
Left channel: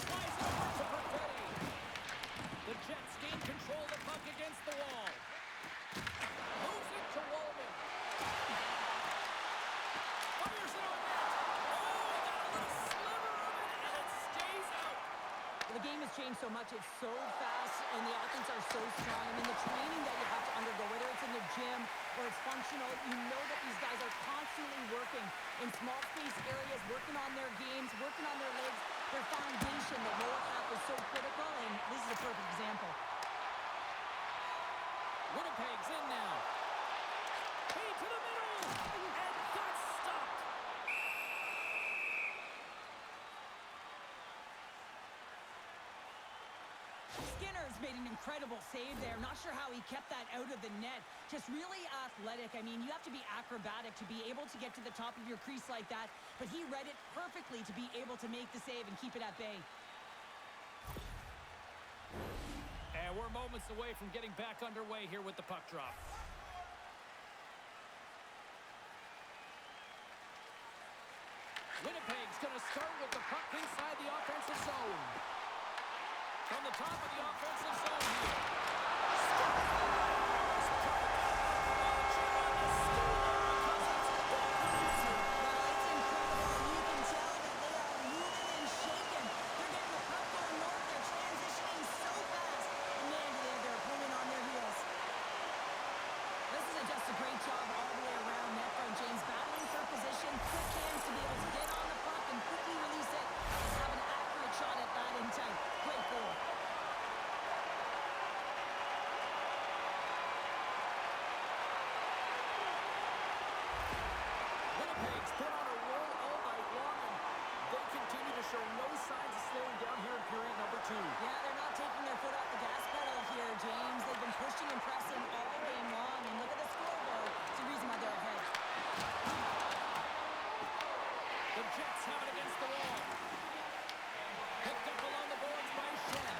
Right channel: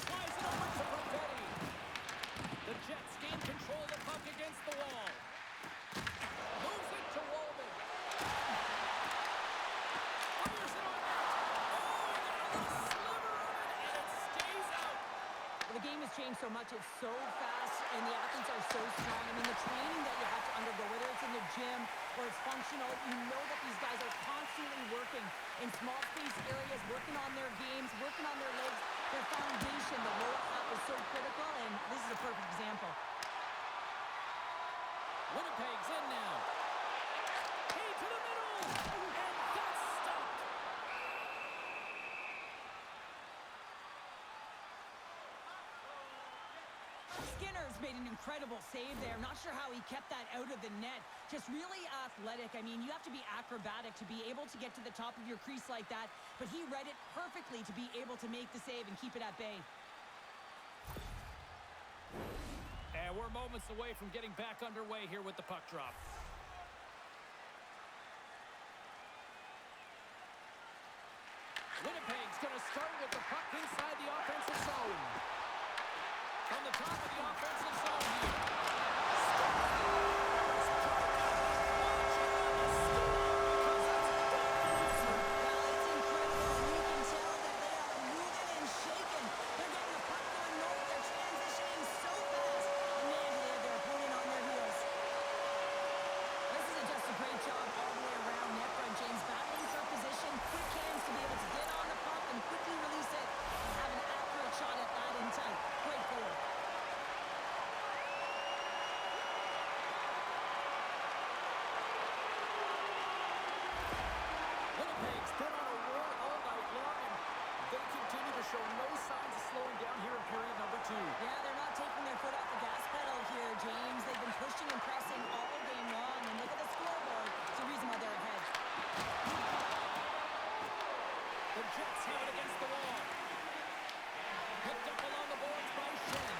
Slides it over to Perfetti. The Jets gain control of the puck against the wall. Moves it to Wallman. Fires it on net. Oh, he got a little sliver of it, and it stays out. Well, the game has changed so much. It's so fast, and the athletes are so strong. I mean, the training that you have to undergo, whether it's in the gym or it's functional, you know that these guys are constantly working in small space areas, working on their games, working on their legs, their foundation. The lower half is so critical, and this is a perfect example. Winnipeg's in now. Key to the middle, and that's stopped. Skinner's made an incredible save there. Not sure how he kept that out of the net. Just really athletic. I mean, you have to be acrobatic to be able to get to the top of your crease like that, but he read it perfectly to be able to make the save and keep it at bay. And we're moments away from getting back underway here with the puck drop. Winnipeg's going to start with the puck inside the offensive zone. From the top of the offensive zone here. Well, it's incredible. You can tell that they are moving and shaking. They're getting the puck going north. They're transitioning so fast. And man, do they have their opponent on their heels. This is just a great job all the way around net front. James battling for position, quick hands to be able to get on the puck and quickly release it and have an accurate shot at that in tight. Great goal. Winnipeg's been on a roll all night long, and they continue to show no signs of slowing down here in period number 2. Yeah, they're not taking their foot off the gas pedal here, James. They've been pushing and pressing all game long, and look at the scoreboard. It's the reason why they're ahead. The Jets have it against the wall. Picked up along the boards by Shen.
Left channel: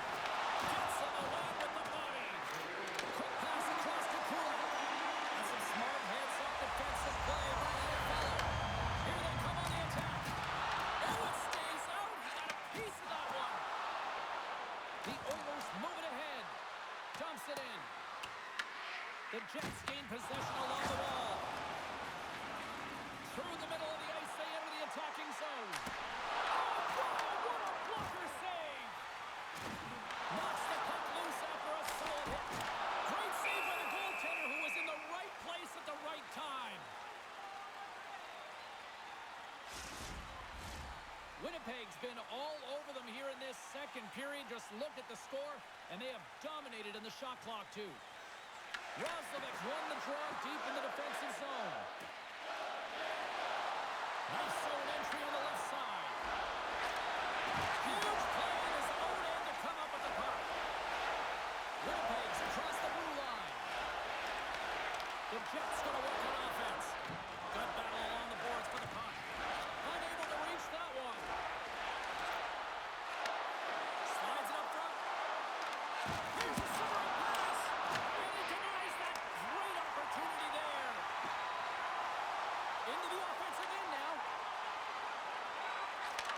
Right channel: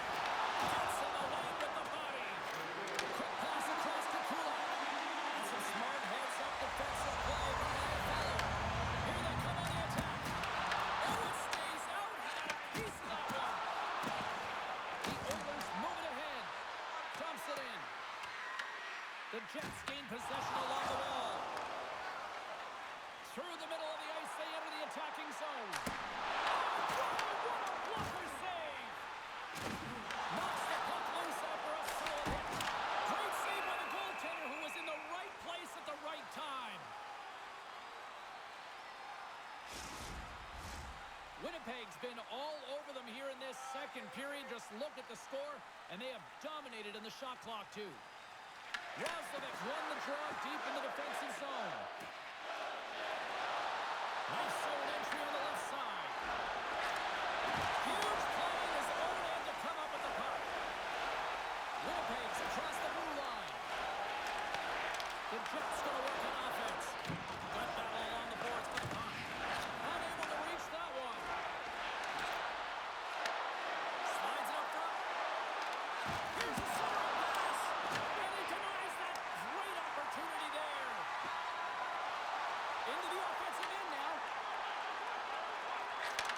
The Jets gain possession along the wall. Through the middle of the ice, they enter the attacking zone. Oh, wow, what a blocker save! Knocks the puck loose after a solid hit. Great save by the goaltender, who was in the right place at the right time. Winnipeg's been all over them here in this second period. Just look at the score, and they have dominated in the shot clock, too. Roslovic won the draw deep in the defensive zone. Nice zone entry on the left side. Huge play in his own end to come up with the puck. Winnipeg's across the blue line. The Jets going to work on offense. Good battle along the boards for the puck. Unable to reach that one. Slides it up front. Here's a centering pass. And he denies that great opportunity there. Into the offensive end now.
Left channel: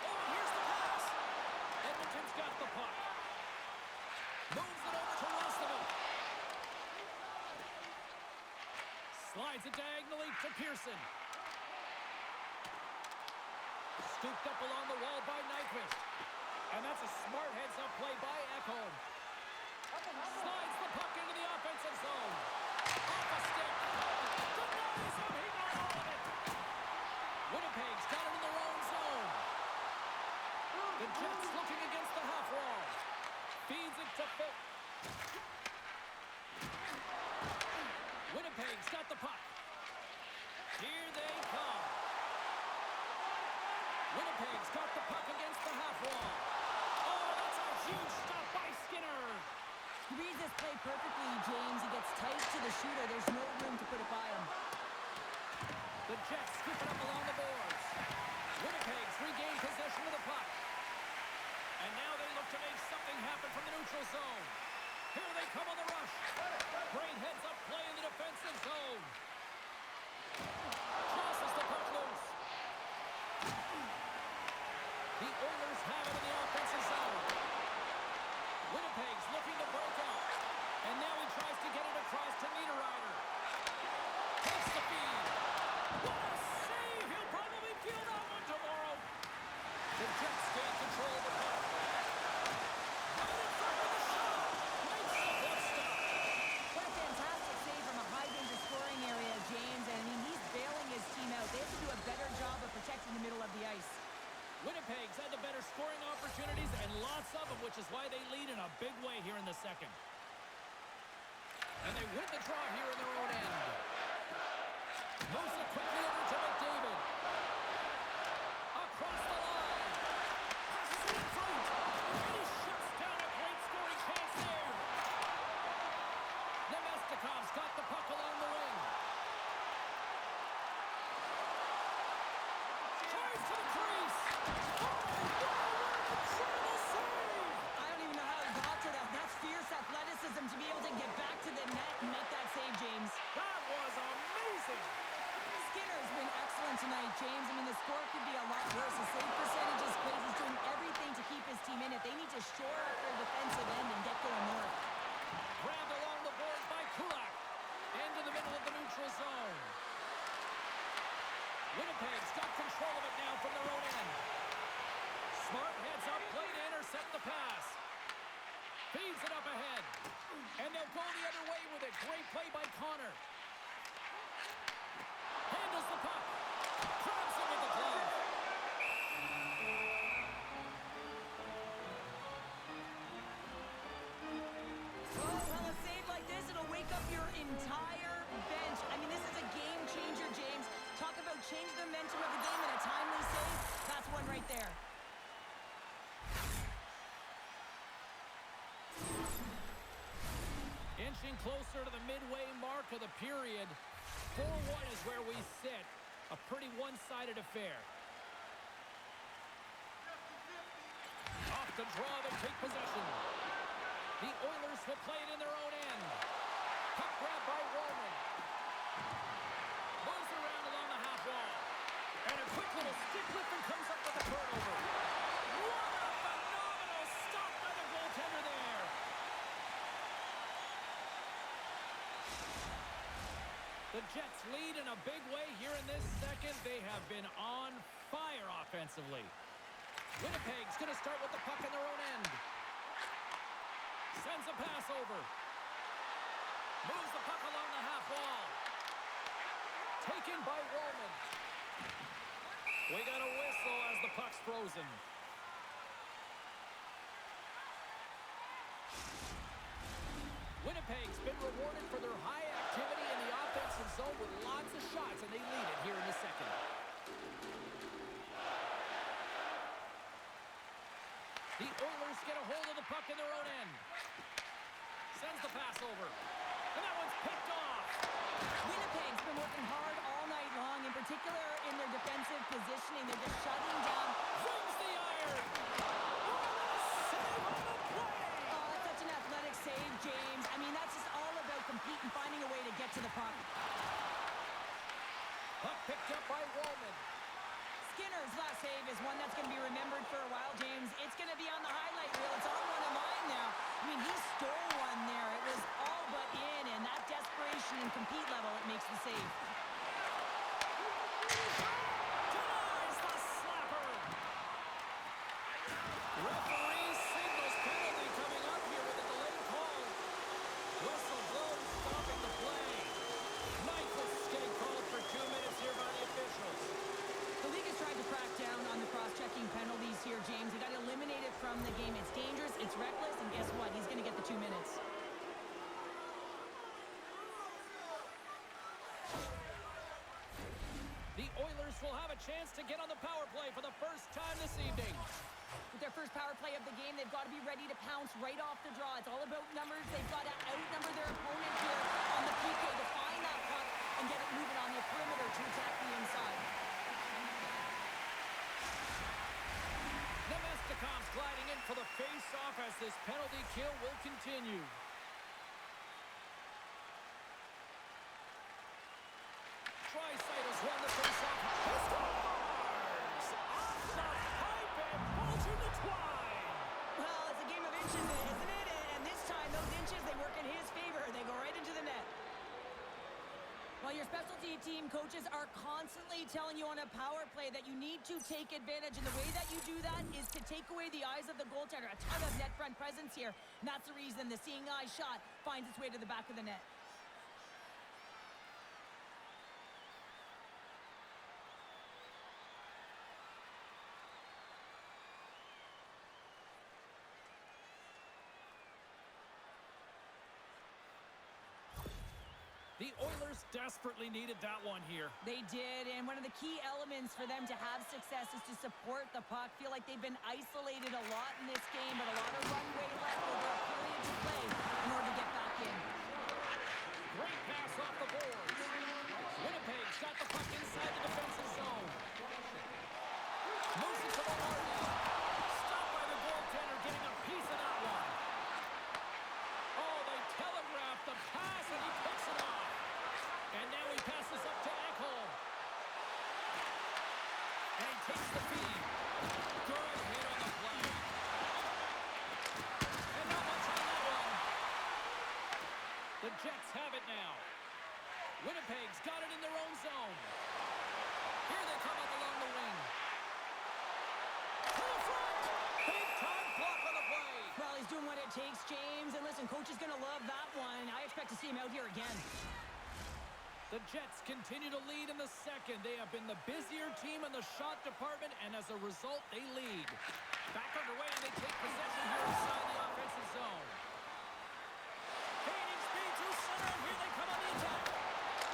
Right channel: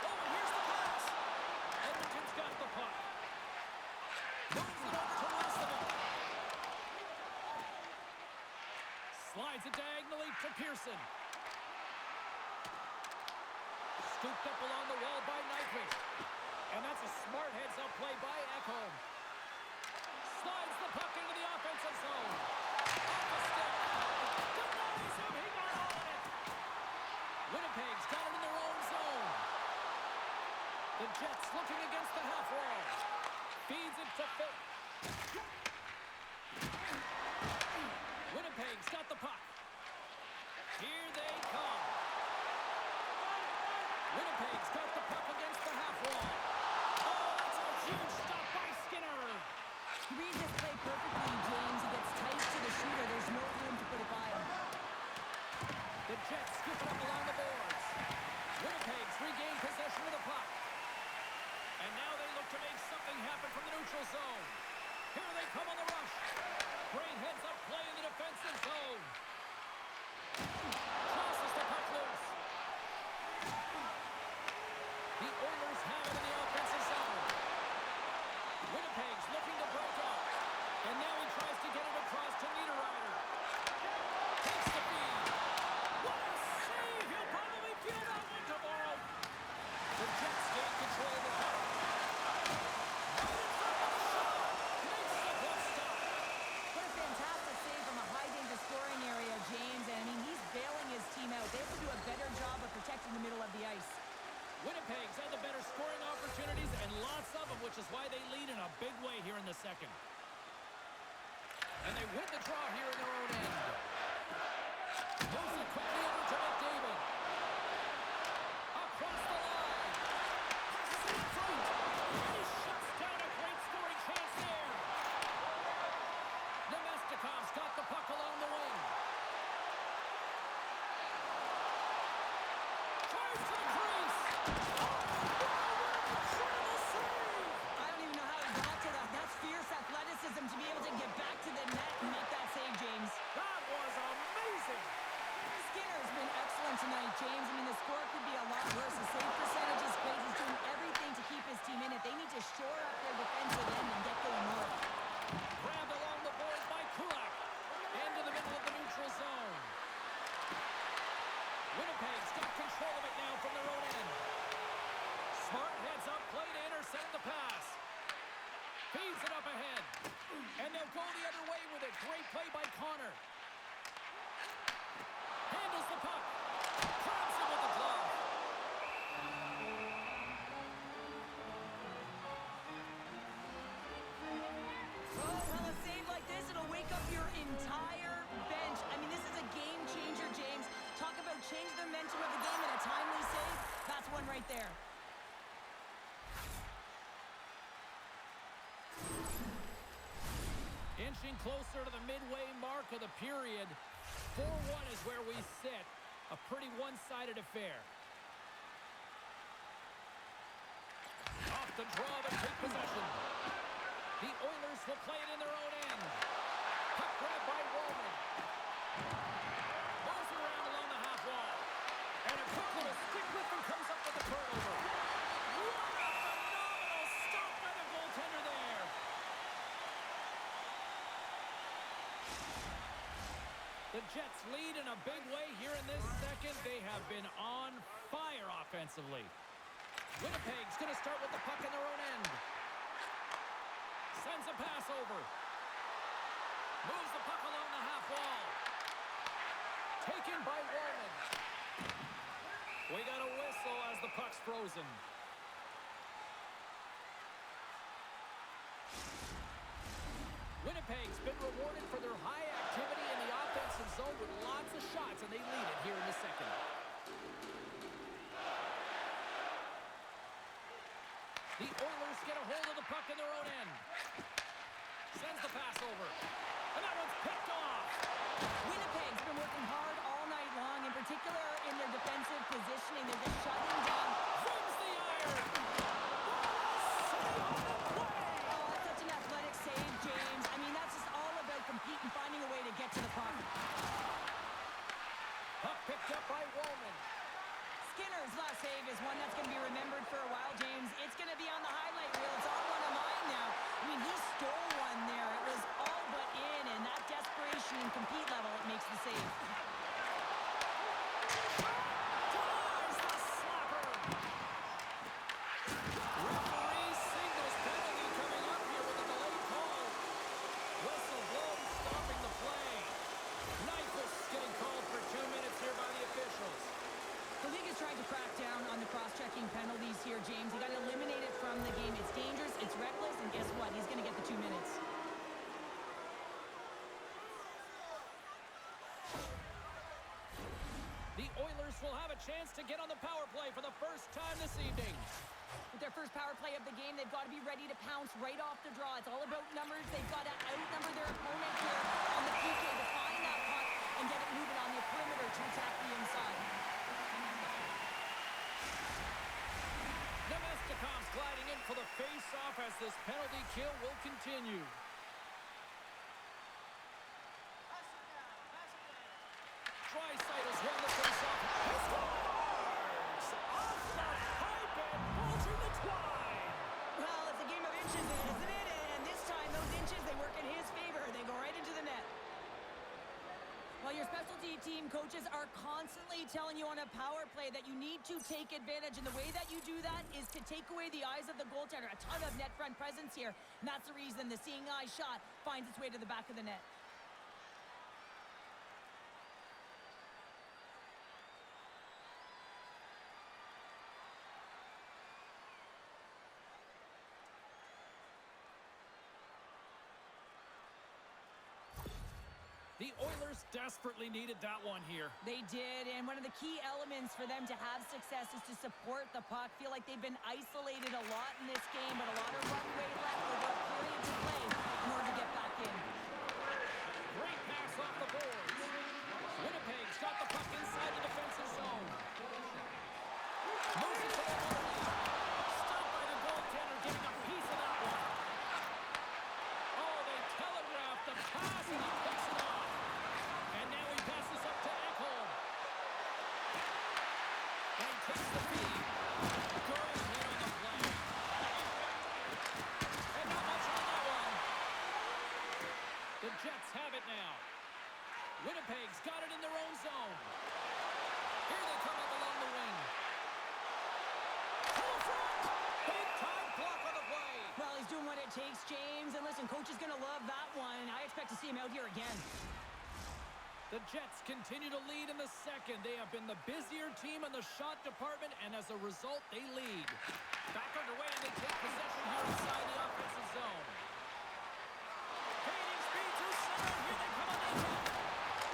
Oh, and here's the pass. Edmonton's got the puck. Moves it over to Roslovic. Slides it diagonally to Pearson. Scooped up along the wall by Nyquist. And that's a smart heads-up play by Ekholm. Slides the puck into the offensive zone. Off a stick. Denies him. He got all of it. Winnipeg's got it in their own zone. The Jets looking against the half wall. Feeds it to Phil. Winnipeg's got the puck. Here they come. Winnipeg's got the puck against the half wall. Oh, that's a huge stop by Skinner. He reads this play perfectly, James. He gets tight to the shooter. There's no room to put it by him. The Jets scoop it up along the boards. Winnipeg's regained possession of the puck. And now they look to make something happen from the neutral zone. Here they come on the rush. Great heads-up play in the defensive zone. Tosses the puck loose. The Oilers have it in the offensive zone. Winnipeg's looking to break out. And now he tries to get it across to Niederreiter. Takes the feed. What a save! He'll probably feel that one tomorrow. The Jets gain control of the puck. Right in front of the shot. Makes the glove stop. What a fantastic save from a high-danger scoring area, James. And, I mean, he's bailing his team out. They have to do a better job of protecting the middle of the ice. Winnipeg's had the better scoring opportunities, and lots of them, which is why they lead in a big way here in the second. And they win the draw here in their own end. Moves it quickly over to McDavid. Across the line. Passes it in front. And he shuts down a great scoring chance there. Nemestikov's got the puck along the wing. Tries to the crease. Oh, wow, what an incredible save. I don't even know how he got to that. That's fierce athleticism to be able to get back to the net and make that save, James. That was amazing. Skinner's been excellent tonight, James. I mean, the score could be a lot worse. The save percentage is great. He's doing everything to keep his team in it. They need to shore up their defensive end and get going north. Grabbed along the boards by Kulak. Into the middle of the neutral zone. Winnipeg's got control of it now from their own end. Smart heads up play to intercept the pass. Feeds it up ahead. And they'll go the other way with it. Great play by Connor. Handles the puck. Grabs him with the glove. Oh, well, a save like this, it'll wake up your entire bench. I mean, this is a game changer, James. Talk about change the momentum of the game in a timely save. That's one right there. Inching closer to the midway mark of the period. 4-1 is where we sit. A pretty one-sided affair. Off the draw, they take possession. The Oilers will play it in their own end. Puck grab by Wallman. Moves around along the half wall. And a quick little stick lift and comes up with a turnover. What a phenomenal stop by the goaltender there. The Jets lead in a big way here in this second. They have been on fire offensively. Winnipeg's going to start with the puck in their own end. Sends a pass over. Moves the puck along the half wall. Taken by Wallman. We got a whistle as the puck's frozen. Winnipeg's been rewarded for their high activity in the offensive zone with lots of shots, and they lead it here in the second. The Oilers get a hold of the puck in their own end. Sends the pass over. And that one's picked off. Winnipeg's been working hard all night long, in particular in their defensive positioning. They're just shutting down. Brings the iron. Save on the play. Oh, that's such an athletic save, James. I mean, that's just all about competing, finding a way to get to the puck. Puck picked up by Wallman. Skinner's last save is one that's going to be remembered for a while, James. It's going to be on the highlight reel. It's on one of mine now. I mean, he stole one there. It was all but in, and that desperation and compete level, it makes the save. Denies the slapper. Referee signals penalty coming up here with a delayed call. Whistle blown, stopping the play. Nyquist getting called for 2 minutes here by the officials. The league is trying to crack down on the cross-checking penalties here, James. They got to eliminate it from the game. It's dangerous, it's reckless, and guess what? He's going to get the 2 minutes. The Oilers will have a chance to get on the power play for the first time this evening. With their first power play of the game, they've got to be ready to pounce right off the draw. It's all about numbers. They've got to outnumber their opponent here on the PK to find that puck and get it moving on the perimeter to attack the inside. Nemestikov's gliding in for the face-off as this penalty kill will continue. Draisaitl won the face-off. He scores! Off the pipe and bulging the twine. Well, it's a game of inches, isn't it? And this time, those inches, they work in his favor. They go right into the net. Well, your specialty team coaches are constantly telling you on a power play that you need to take advantage, and the way that you do that is to take away the eyes of the goaltender. A ton of net front presence here, and that's the reason the seeing eye shot finds its way to the back of the net. The Oilers desperately needed that one here. They did, and one of the key elements for them to have success is to support the puck. Feel like they've been isolated a lot in this game, but a lot of runway left over a period to play in order to get back in. Great pass off the boards. Winnipeg's got the puck inside the defensive zone. Moves it to the Hardy. Stopped by the goaltender, getting a piece of that one. Oh, they telegraphed the pass, and he picks it off. And now he passes up to Ekholm. And he takes the feed. Good hit on the play. And not much on that one. The Jets have it now. Winnipeg's got it in their own zone. Here they come up along the wing. To the front! Big time block on the play. Well, he's doing what it takes, James. And listen, coach is going to love that one. I expect to see him out here again. The Jets continue to lead in the second. They have been the busier team in the shot department, and as a result, they lead. Back underway, and they take possession here inside the offensive zone. Gaining speed through center, and here they come on the attack.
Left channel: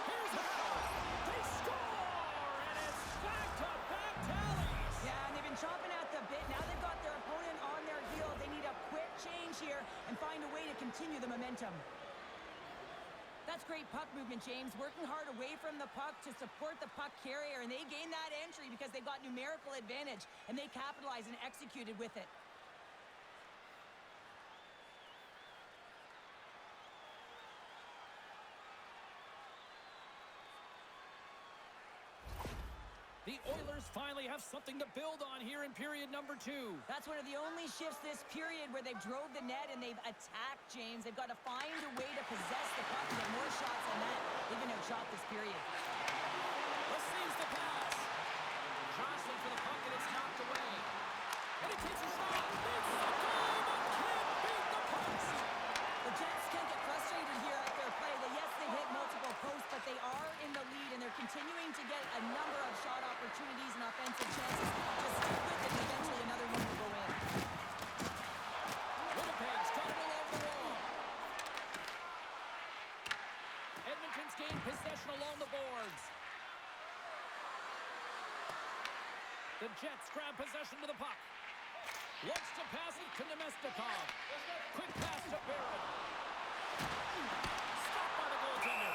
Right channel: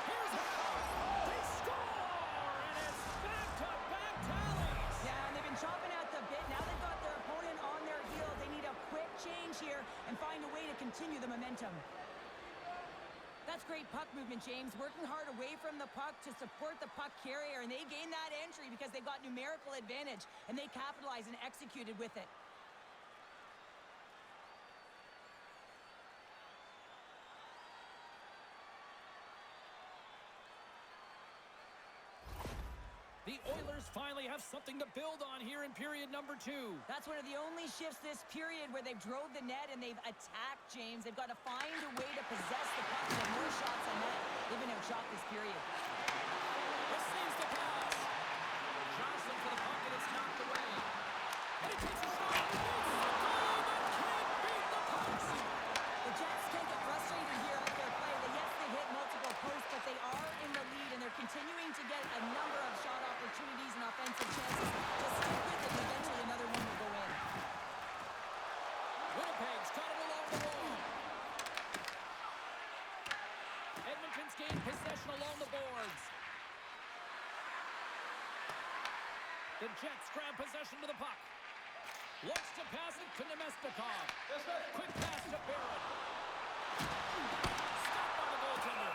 Here's a shot. They score, and it's back-to-back tallies. Yeah, and they've been chomping at the bit. Now they've got their opponent on their heels. They need a quick change here and find a way to continue the momentum. That's great puck movement, James. Working hard away from the puck to support the puck carrier, and they gain that entry because they've got numerical advantage, and they capitalized and executed with it. The Oilers finally have something to build on here in period number 2. That's one of the only shifts this period where they've drove the net and they've attacked, James. They've got to find a way to possess the puck and get more shots on that. They've been outshot this period. Receives the pass. Johnson for the puck, and it's knocked away. And he takes a shot. It's the goal, but can't beat the pucks. The Jets can't get frustrated here at their play. Yes, they hit multiple posts, but they are in the lead, and they're continuing to get a number of shot opportunities and offensive chances. Just stick with it, and eventually another one will go in. Winnipeg's got it along the wall. Edmonton's gained possession along the boards. The Jets grab possession to the puck. Looks to pass it to Nemestikov. Quick pass to Barron. Stopped by the goaltender.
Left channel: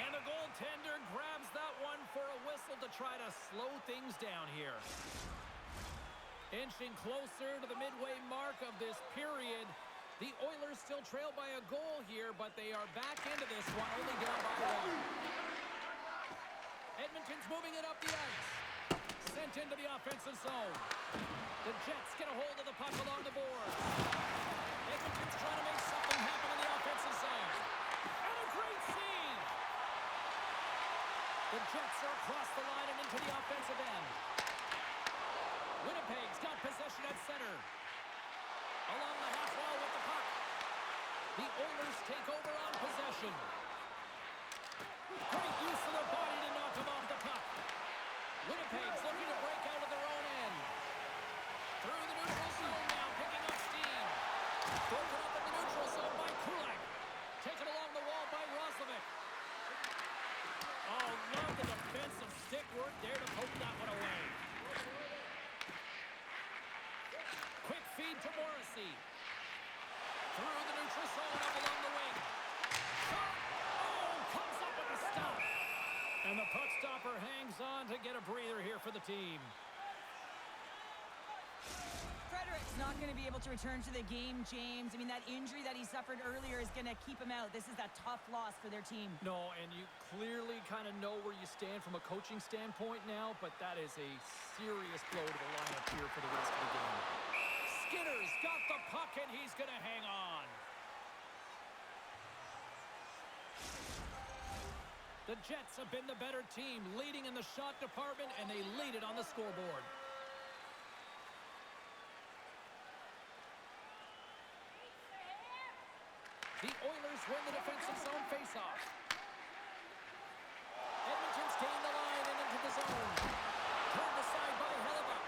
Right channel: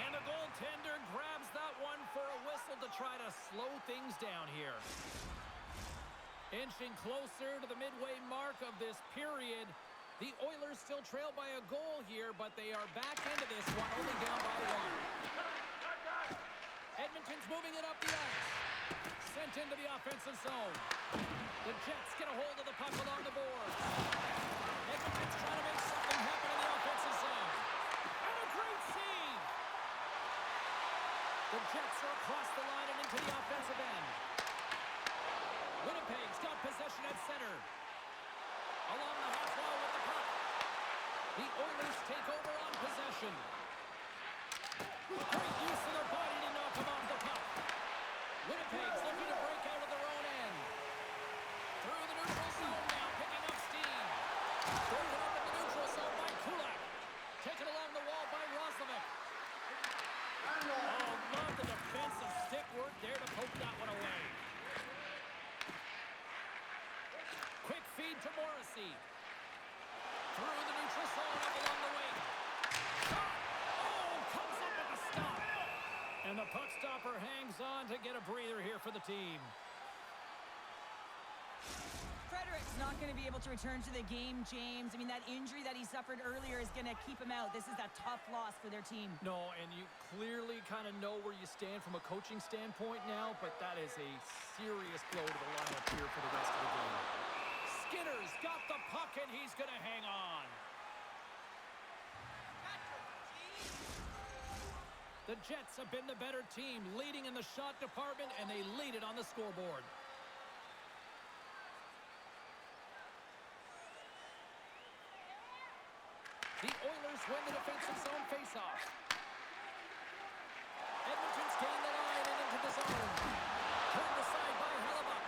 And the goaltender grabs that one for a whistle to try to slow things down here. Inching closer to the midway mark of this period. The Oilers still trail by a goal here, but they are back into this one, only down by 1. Edmonton's moving it up the ice. Sent into the offensive zone. The Jets get a hold of the puck along the boards. Edmonton's trying to make something happen in the offensive zone. And a great save! The Jets are across the line and into the offensive end. Winnipeg's got possession at center. Along the half wall with the puck. The Oilers take over on possession. Great use of their body to knock them off the puck. Winnipeg's looking to break out of their own end. Through the neutral zone now, picking up steam. Broken up in the neutral zone by Kulak. Taken along the wall by Roslovic. Oh, love the defensive stick work there to poke that one away. Quick feed to Morrissey. Through the neutral zone, up along the wing. Shot! Oh, comes up with a stop. And the puck stopper hangs on to get a breather here for the team. Frederick's not going to be able to return to the game, James. I mean, that injury that he suffered earlier is going to keep him out. This is a tough loss for their team. No, and you clearly kind of know where you stand from a coaching standpoint now, but that is a serious blow to the lineup here for the rest of the game. Skinner's got the puck, and he's going to hang on. The Jets have been the better team, leading in the shot department, and they lead it on the scoreboard. The Oilers win the defensive zone faceoff. Edmonton's gained the line and into the zone. Turned aside by Hellebuck.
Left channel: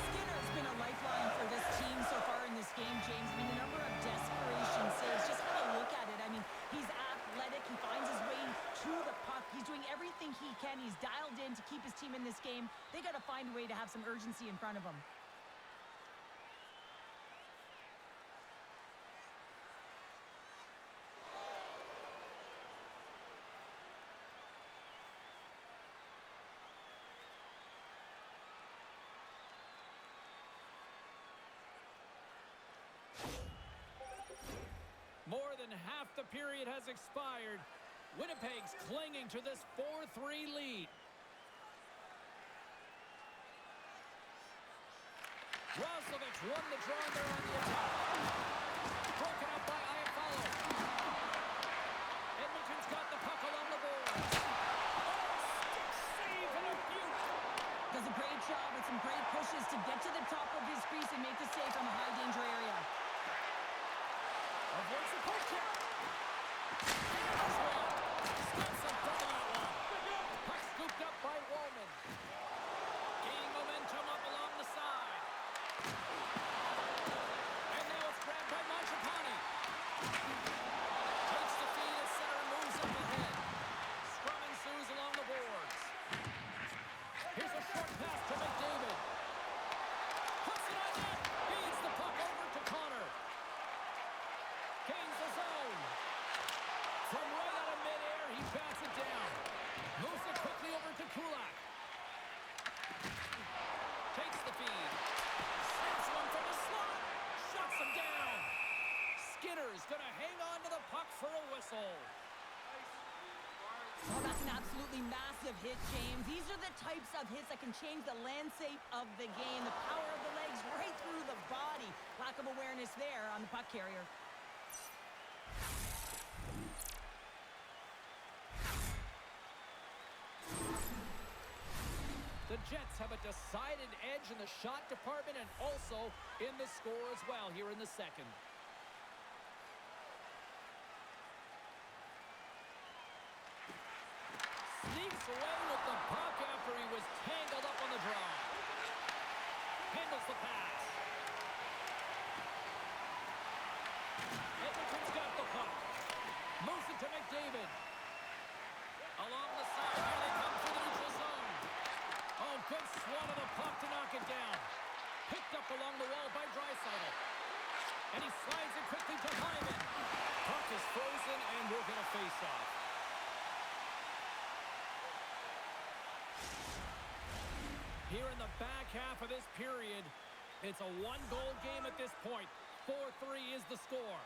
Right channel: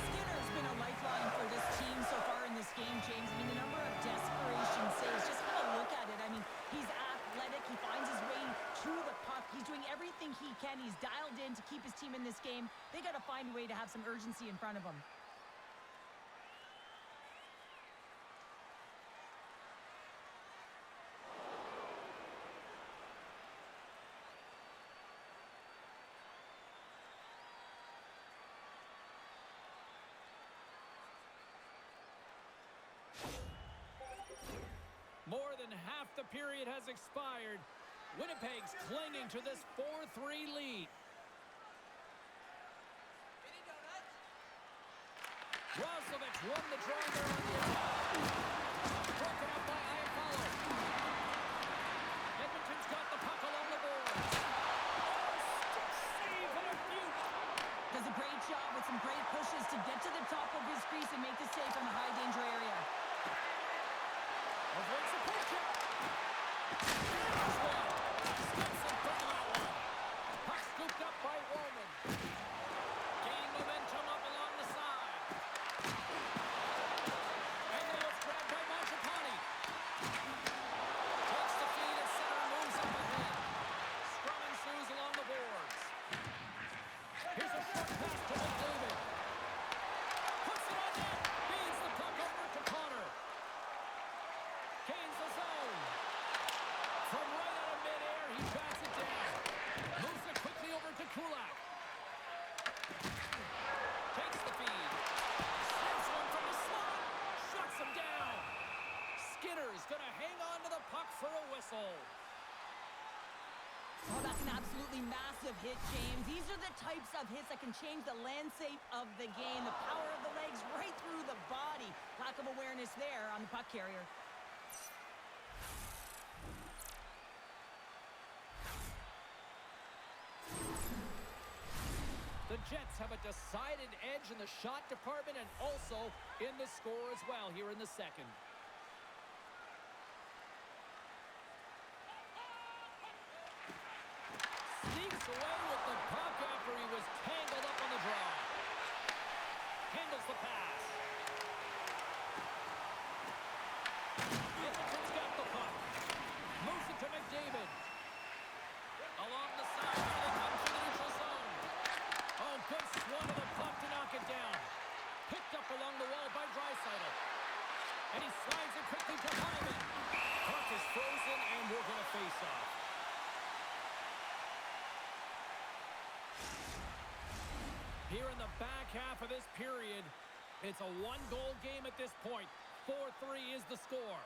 Skinner's been a lifeline for this team so far in this game, James. I mean, the number of desperation saves, just have a look at it. I mean, he's athletic. He finds his way to the puck. He's doing everything he can. He's dialed in to keep his team in this game. They got to find a way to have some urgency in front of him. More than half the period has expired. Winnipeg's clinging to this 4-3 lead. Roslovic won the draw there on the attack. Broken up by Iafallo. Edmonton's got the puck along the boards. Oh, stick save and a beaut. Does a great job with some great pushes to get to the top of his crease and make the save from a high danger area. Avoids the poke check. There's one. Steps in front of that one. Puck scooped up by Wallman. Gaining momentum up along the side. And now it's grabbed by Mangiapane. Takes the feed at center and moves up ahead. Scrum ensues along the boards. Here's a short pass to McDavid. Puts it on net. Feeds the puck over to Connor. Gains the zone. From right out of midair, he bats it down. Moves it quickly over to Kulak. Takes the feed. Snaps one from the slot. Shuts him down. Skinner's going to hang on to the puck for a whistle. Oh, that's an absolutely massive hit, James. These are the types of hits that can change the landscape of the game. The power of the legs right through the body. Lack of awareness there on the puck carrier. The Jets have a decided edge in the shot department and also in the score as well here in the second. Sneaks away with the puck after he was tangled up on the draw. Handles the pass. Edmonton's got the puck. Moves it to McDavid. Along the side, here they come through the neutral zone. Oh, good swat of the puck to knock it down. Picked up along the wall by Draisaitl. And he slides it quickly to Hyman. Puck is frozen, and we're going to face off. Here in the back half of this period, it's a one-goal game at this point. 4-3 is the score.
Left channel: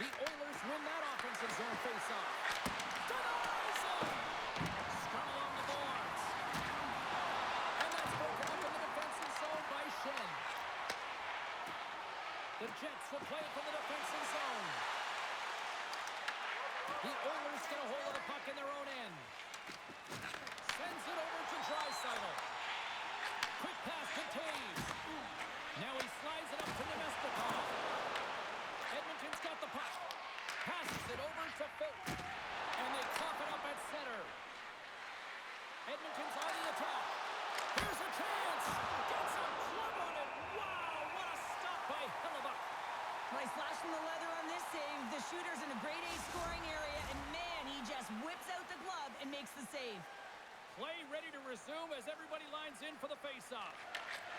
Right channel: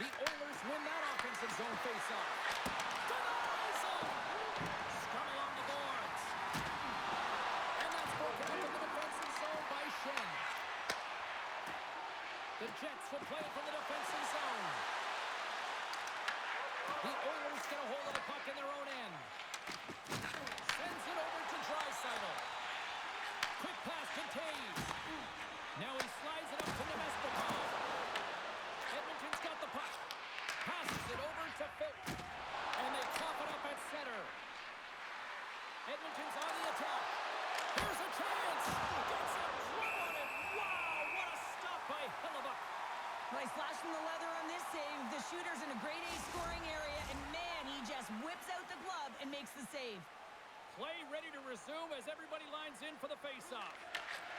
The Oilers win that offensive zone face-off. Denies him! Scrum along the boards. And that's broken up in the defensive zone by Shen. The Jets will play it from the defensive zone. The Oilers get a hold of the puck in their own end. Sends it over to Draisaitl. Quick pass to Taves. Now he slides it up to Nemestikov. Edmonton's got the puck. Passes it over to Phil. And they cough it up at center. Edmonton's on the attack. Here's a chance. Gets a glove on it. Wow, what a stop by Hellebuyck. Well, he's flashing the leather on this save. The shooter's in a grade A scoring area, and man, he just whips out the glove and makes the save. Play ready to resume as everybody lines in for the face-off.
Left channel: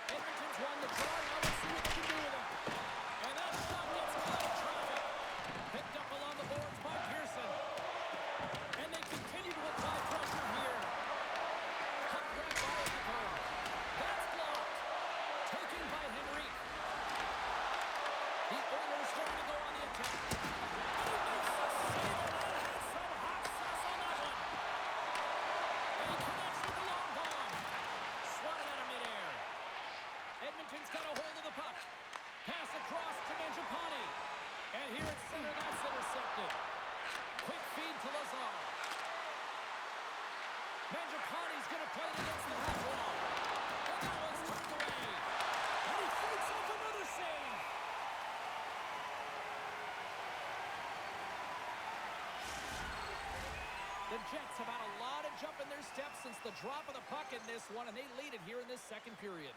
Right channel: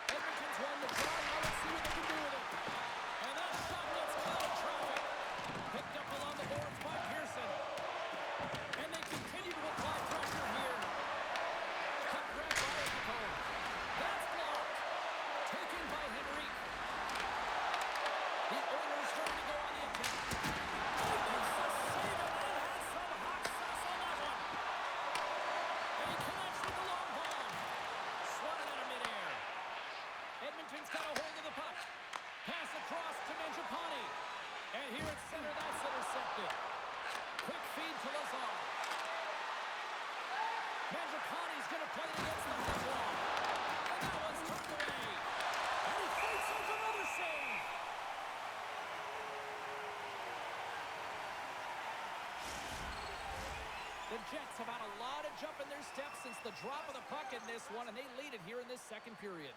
Edmonton's won the draw. Now let's see what they can do with it. And that shot gets caught in traffic. Picked up along the boards by Pearson. And they continue to apply pressure here. Cut grab by Nicole. That's blocked. Taken by Henrique. The Oilers ready to go on the attack. And he makes the save, and that has some hot sauce on that one. And he connects with the long ball. Swatted out of midair. Edmonton's got a hold of the puck. Pass across to Mangiapane. And here at center, that's intercepted. Quick feed to Lazar. Mangiapane's going to play it against the half wall. And that one's turned away. And he fights off another save. The Jets have had a lot of jump in their steps since the drop of the puck in this one, and they lead it here in this second period.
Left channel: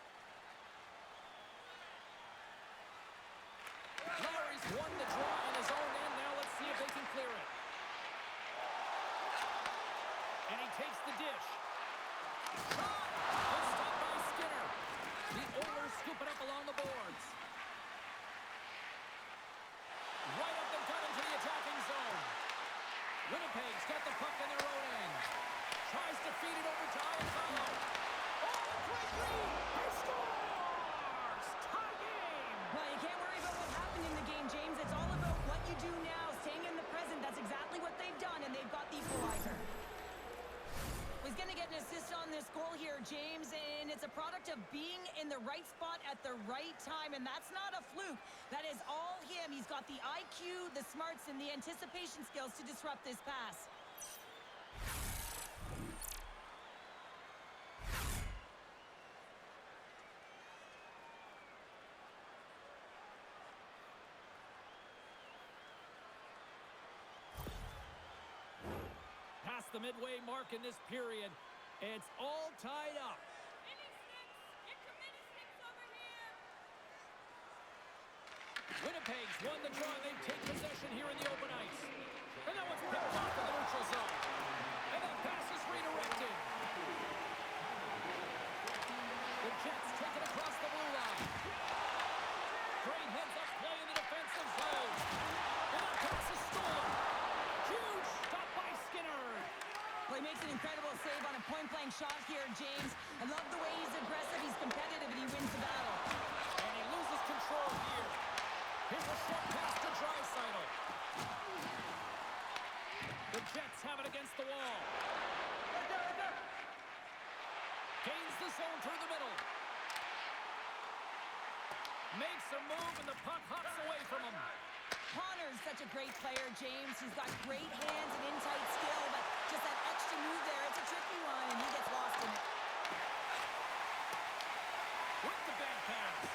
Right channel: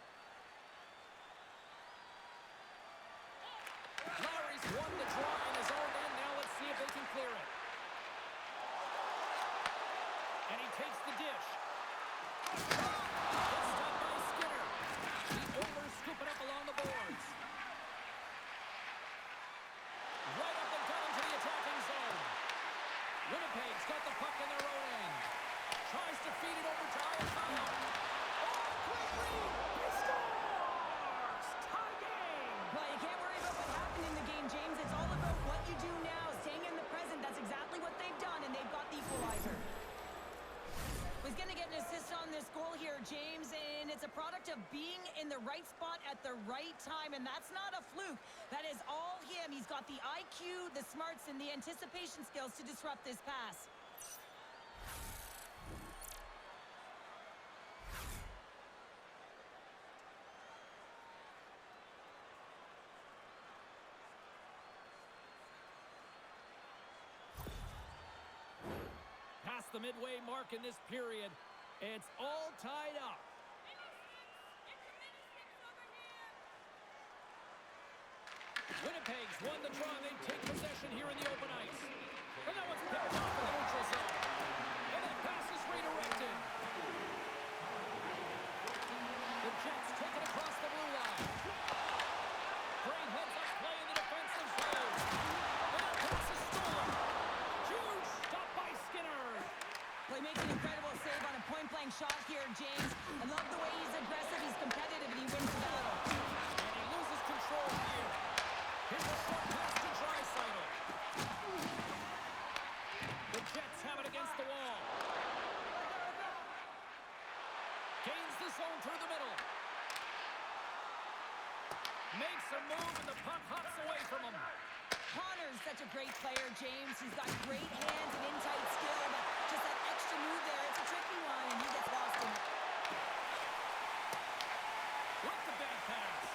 Lowry's won the draw in his own end. Now let's see if they can clear it. And he takes the dish. Shot! Good stop by Skinner. The Oilers scoop it up along the boards. Right up the gut into the attacking zone. Winnipeg's got the puck in their own end. Tries to feed it over to Iafallo. Oh, quick read! He scores! Tie game! Well, you can't worry about what happened in the game, James. It's all about what you do now, staying in the present. That's exactly what they've done, and they've got the equalizer. He's going to get an assist on this goal here, James, and it's a product of being in the right spot at the right time, and that's not a fluke. That is all him. He's got the IQ, the smarts, and the anticipation skills to disrupt this pass. Past the midway mark in this period, it's all tied up. Winnipeg's won the draw. They take possession here in the open ice. And that one's picked off in the neutral zone. And that pass is redirected. The Jets take it across the blue line. Great heads-up play in the defensive zone. And that pass is stolen. Huge stop by Skinner. Well, he makes an incredible save on a point-blank shot here, James. I love the way he's aggressive, he's competitive, and he wins the battle. And he loses control here. Here's a short pass to Draisaitl. The Jets have it against the wall. Gains the zone through the middle. Makes a move, and the puck hops away from him. Connor's such a great player, James. He's got great hands and in-tight skill, but just that extra move there, it's a tricky one, and he gets lost in it. With the back pass.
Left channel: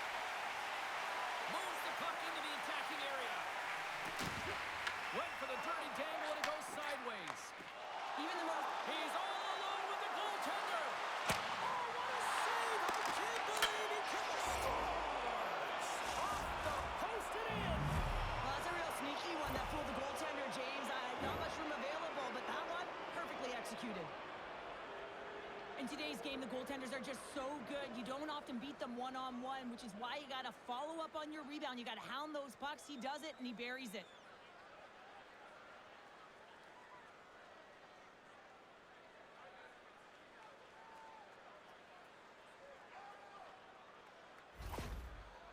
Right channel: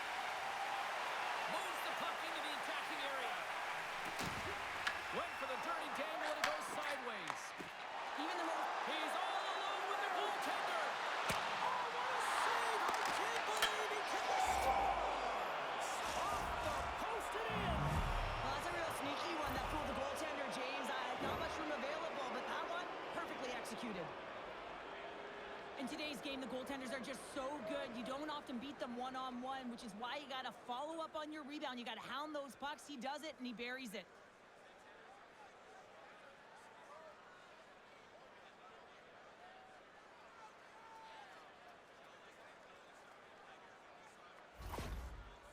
Moves the puck into the attacking area. Went for the dirty dangle, and it goes sideways. Even the most... He's all alone with the goaltender. Oh, what a save! I can't believe he can scores! Off the post and in! Well, that's a real sneaky one that fooled the goaltender, James. Not much room available, but that one, perfectly executed. In today's game, the goaltenders are just so good. You don't often beat them one-on-one, which is why you got to follow up on your rebound. You got to hound those pucks. He does it, and he buries it.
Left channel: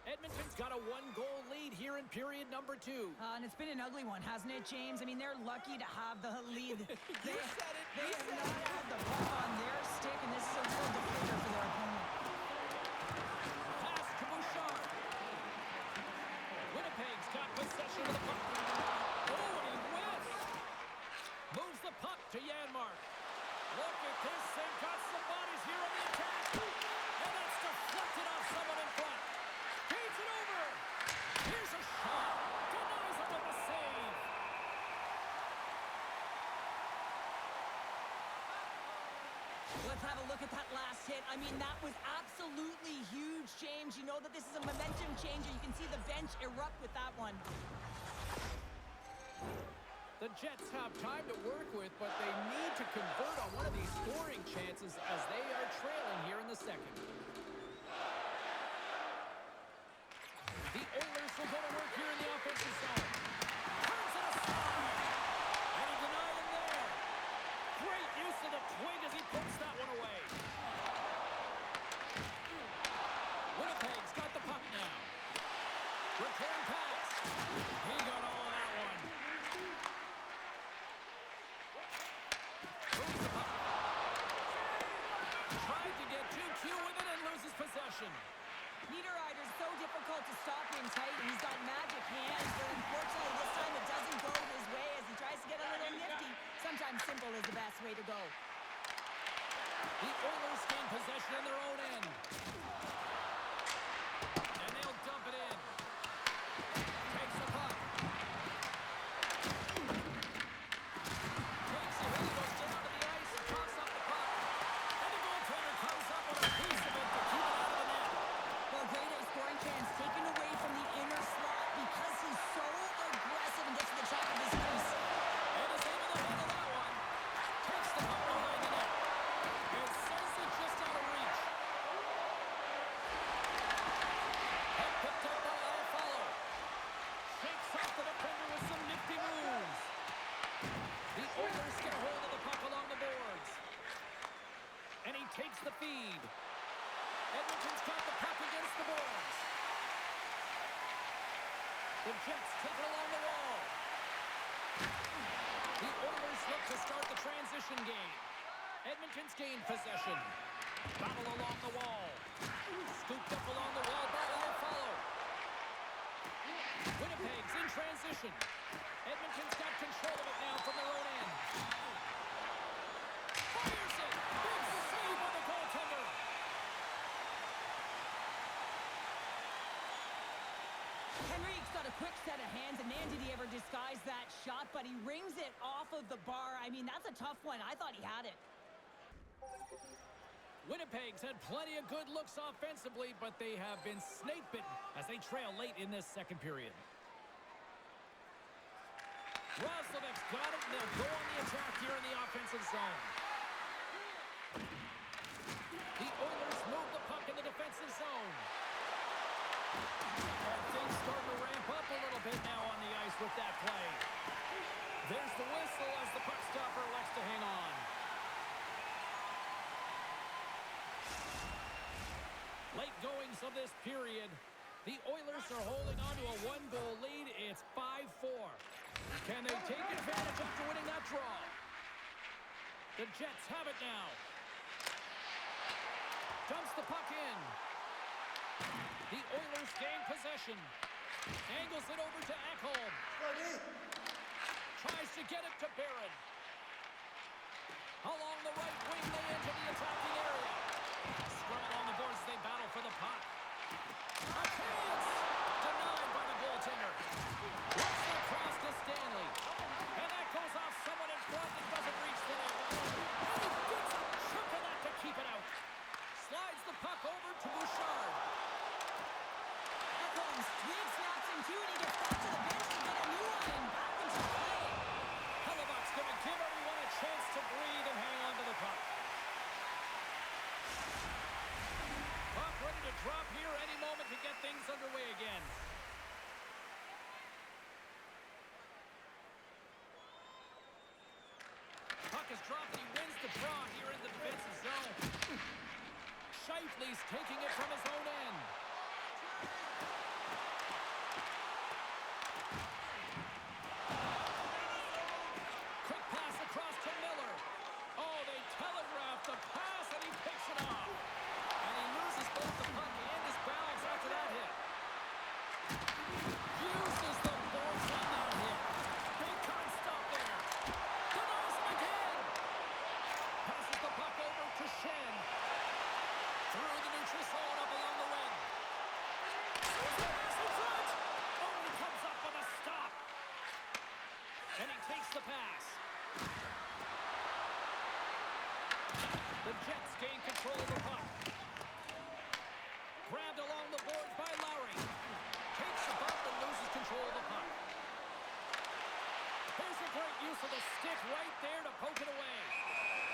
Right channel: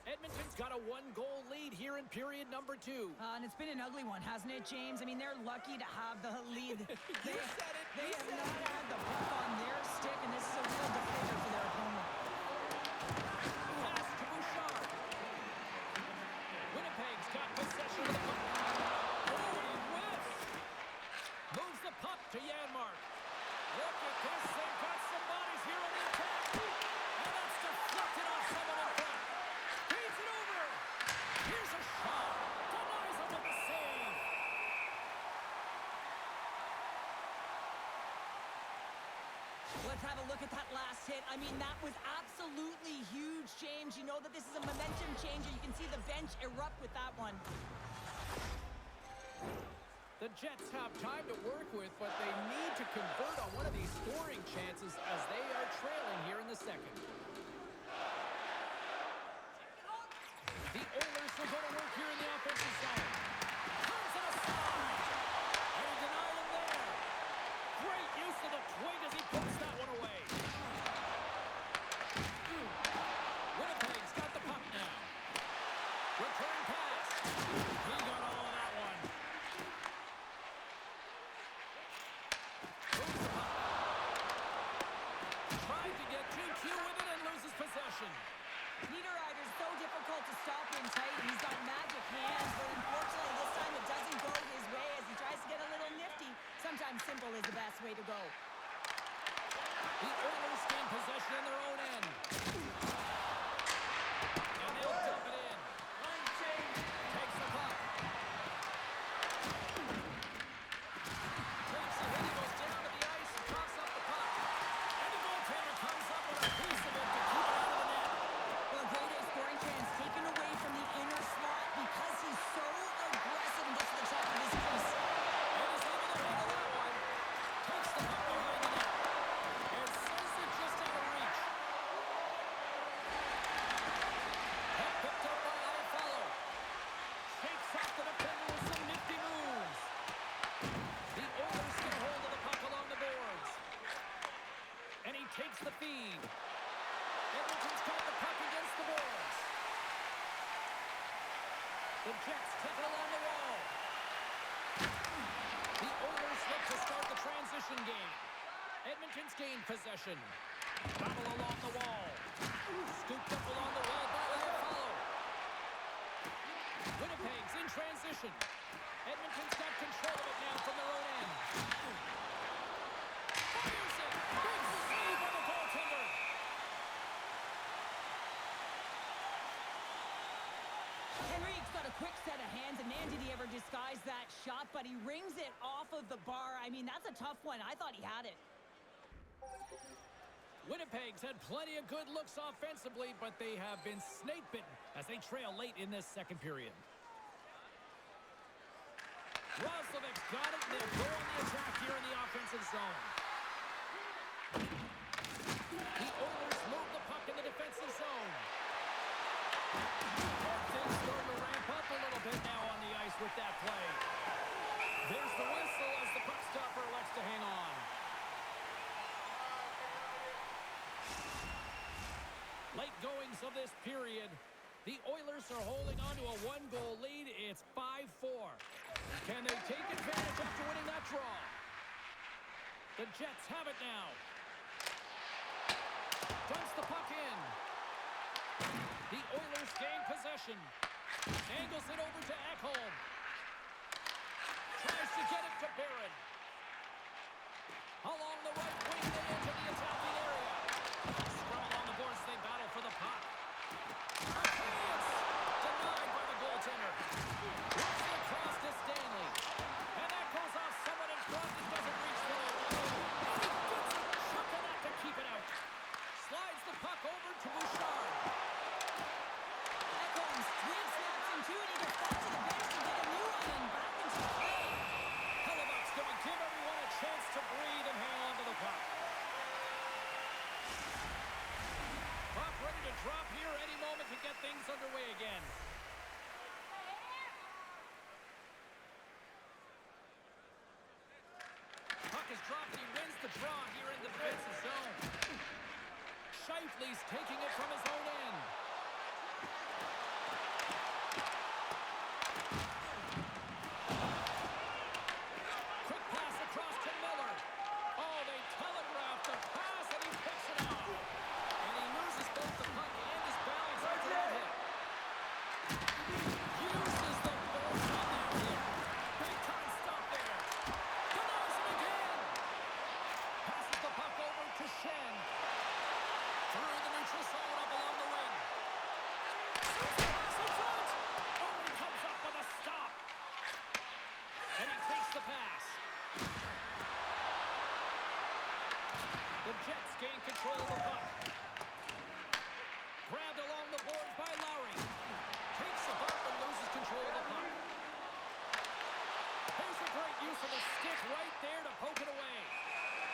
Edmonton's got a one-goal lead here in period number 2. And it's been an ugly one, hasn't it, James? I mean, they're lucky to have the lead. You said it. They have not had the puck on their stick, and this is a real deflator for their opponent. Pass to Bouchard. Winnipeg's got possession of the puck. Oh, and he whiffs. Moves the puck to Janmark. Look at this. They've got some bodies here on the attack. And that's deflected off someone in front. Feeds it over. Here's a shot. Denies him with the save. Let's have a look at that last hit. I mean, that was absolutely huge, James. You know that this is a momentum changer. You can see the bench erupt with that one. The Jets have time to work with, but they need to convert on one of these scoring chances as they are trailing here in the second. The Oilers will go to work here in the offensive zone. Turns it aside. And he denied him there. Great use of the twig as he puts that one away. Winnipeg's got the puck now. Return pass. He got all of that one. Moves the puck. Tried to get too cute with it and loses possession. Niederreiter's so difficult to stop in tight. He's got magic hands, but unfortunately this time it doesn't go his way as he tries to get a little nifty. Sometimes simple is the best way to go. The Oilers gain possession in their own end. And they'll dump it in. Takes the puck. Takes a hit. He goes down to the ice and coughs up the puck. And the goaltender comes up with a piece of it to keep it out of the net. Well, a grade A scoring chance taken away from the inner slot because he's so aggressive and gets to the top of his crease. And is able to handle that one. Takes the puck behind the net. And sends it just out of reach. Puck picked up by Iafallo. Shakes off the defender with some nifty moves. The Oilers get a hold of the puck along the boards. And he takes the feed. Edmonton's got the puck against the boards. The Jets take it along the wall. The Oilers look to start the transition game. Edmonton's gained possession. Battle along the wall. Scooped up along the wall by Iafallo. Winnipeg's in transition. Edmonton's got control of it now from their own end. Fires it! Big save on the goaltender! Henrique's got a quick set of hands, and man, did he ever disguise that shot, but he rings it off of the bar. I mean, that's a tough one. I thought he had it. Winnipeg's had plenty of good looks offensively, but they have been snake-bitten as they trail late in this second period. Roslovic's got it, and they'll go on the attack here in the offensive zone. The Oilers move the puck in the defensive zone. And things starting to ramp up a little bit now on the ice with that play. There's the whistle as the puck stopper elects to hang on. Late goings of this period. The Oilers are holding on to a one-goal lead. It's 5-4. Can they take advantage after winning that draw? The Jets have it now. Dumps the puck in. The Oilers gain possession. Angles it over to Ekholm. Tries to get it to Barron. Along the right wing, they enter the attacking area. Scrum along the boards as they battle for the puck. A chance! Denied by the goaltender. Looks it across to Stanley. And that goes off someone in front that doesn't reach the net. And he gets a chunk of that to keep it out. Slides the puck over to Bouchard. Ekholm swing snaps him too, and he gets back to the bench to get a new one and back into play. Hellebuck's going to give everyone a chance to breathe and hang on to the puck. Puck ready to drop here any moment to get things underway again. Puck is dropped and he wins the draw here in the defensive zone. Scheifele's taking it from his own end. Quick pass across to Miller. Oh, they telegraphed the pass and he picks it off. And he loses both the puck and his balance after that hit. Uses the force on that hit. Big time stop there. Denies him again. Passes the puck over to Shen. Through the neutral zone up along the wing. Pass in front. Oh, he comes up with a stop. And he takes the pass. The Jets gain control of the puck. Grabbed along the boards by Lowry. Takes a bump and loses control of the puck. Here's a great use of the stick right there to poke it away.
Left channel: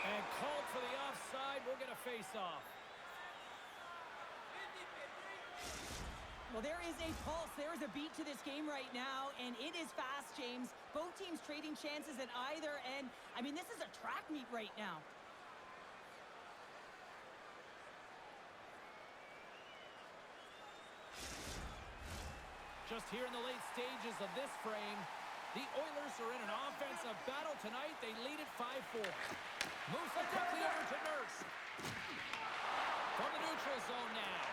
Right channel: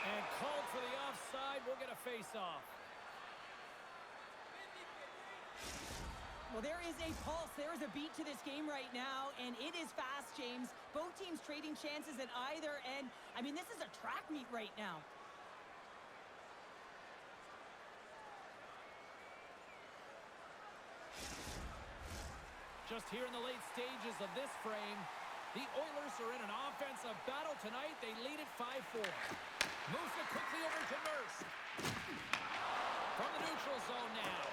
And called for the offside. We'll get a face-off. Well, there is a pulse. There is a beat to this game right now, and it is fast, James. Both teams trading chances at either end. I mean, this is a track meet right now. Just here in the late stages of this frame, the Oilers are in an offensive battle tonight. They lead at 5-4. Moves it quickly over to Nurse. From the neutral zone now.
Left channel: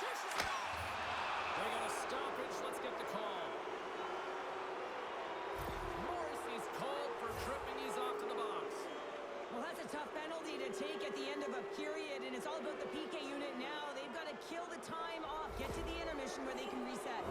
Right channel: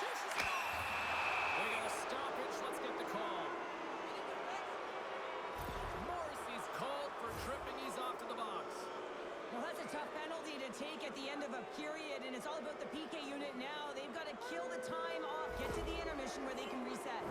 Dishes it off. We got a stoppage. Let's get the call. Morrissey's called for tripping. He's off to the box. Well, that's a tough penalty to take at the end of a period, and it's all about the PK unit now. They've got to kill the time off, get to the intermission where they can reset.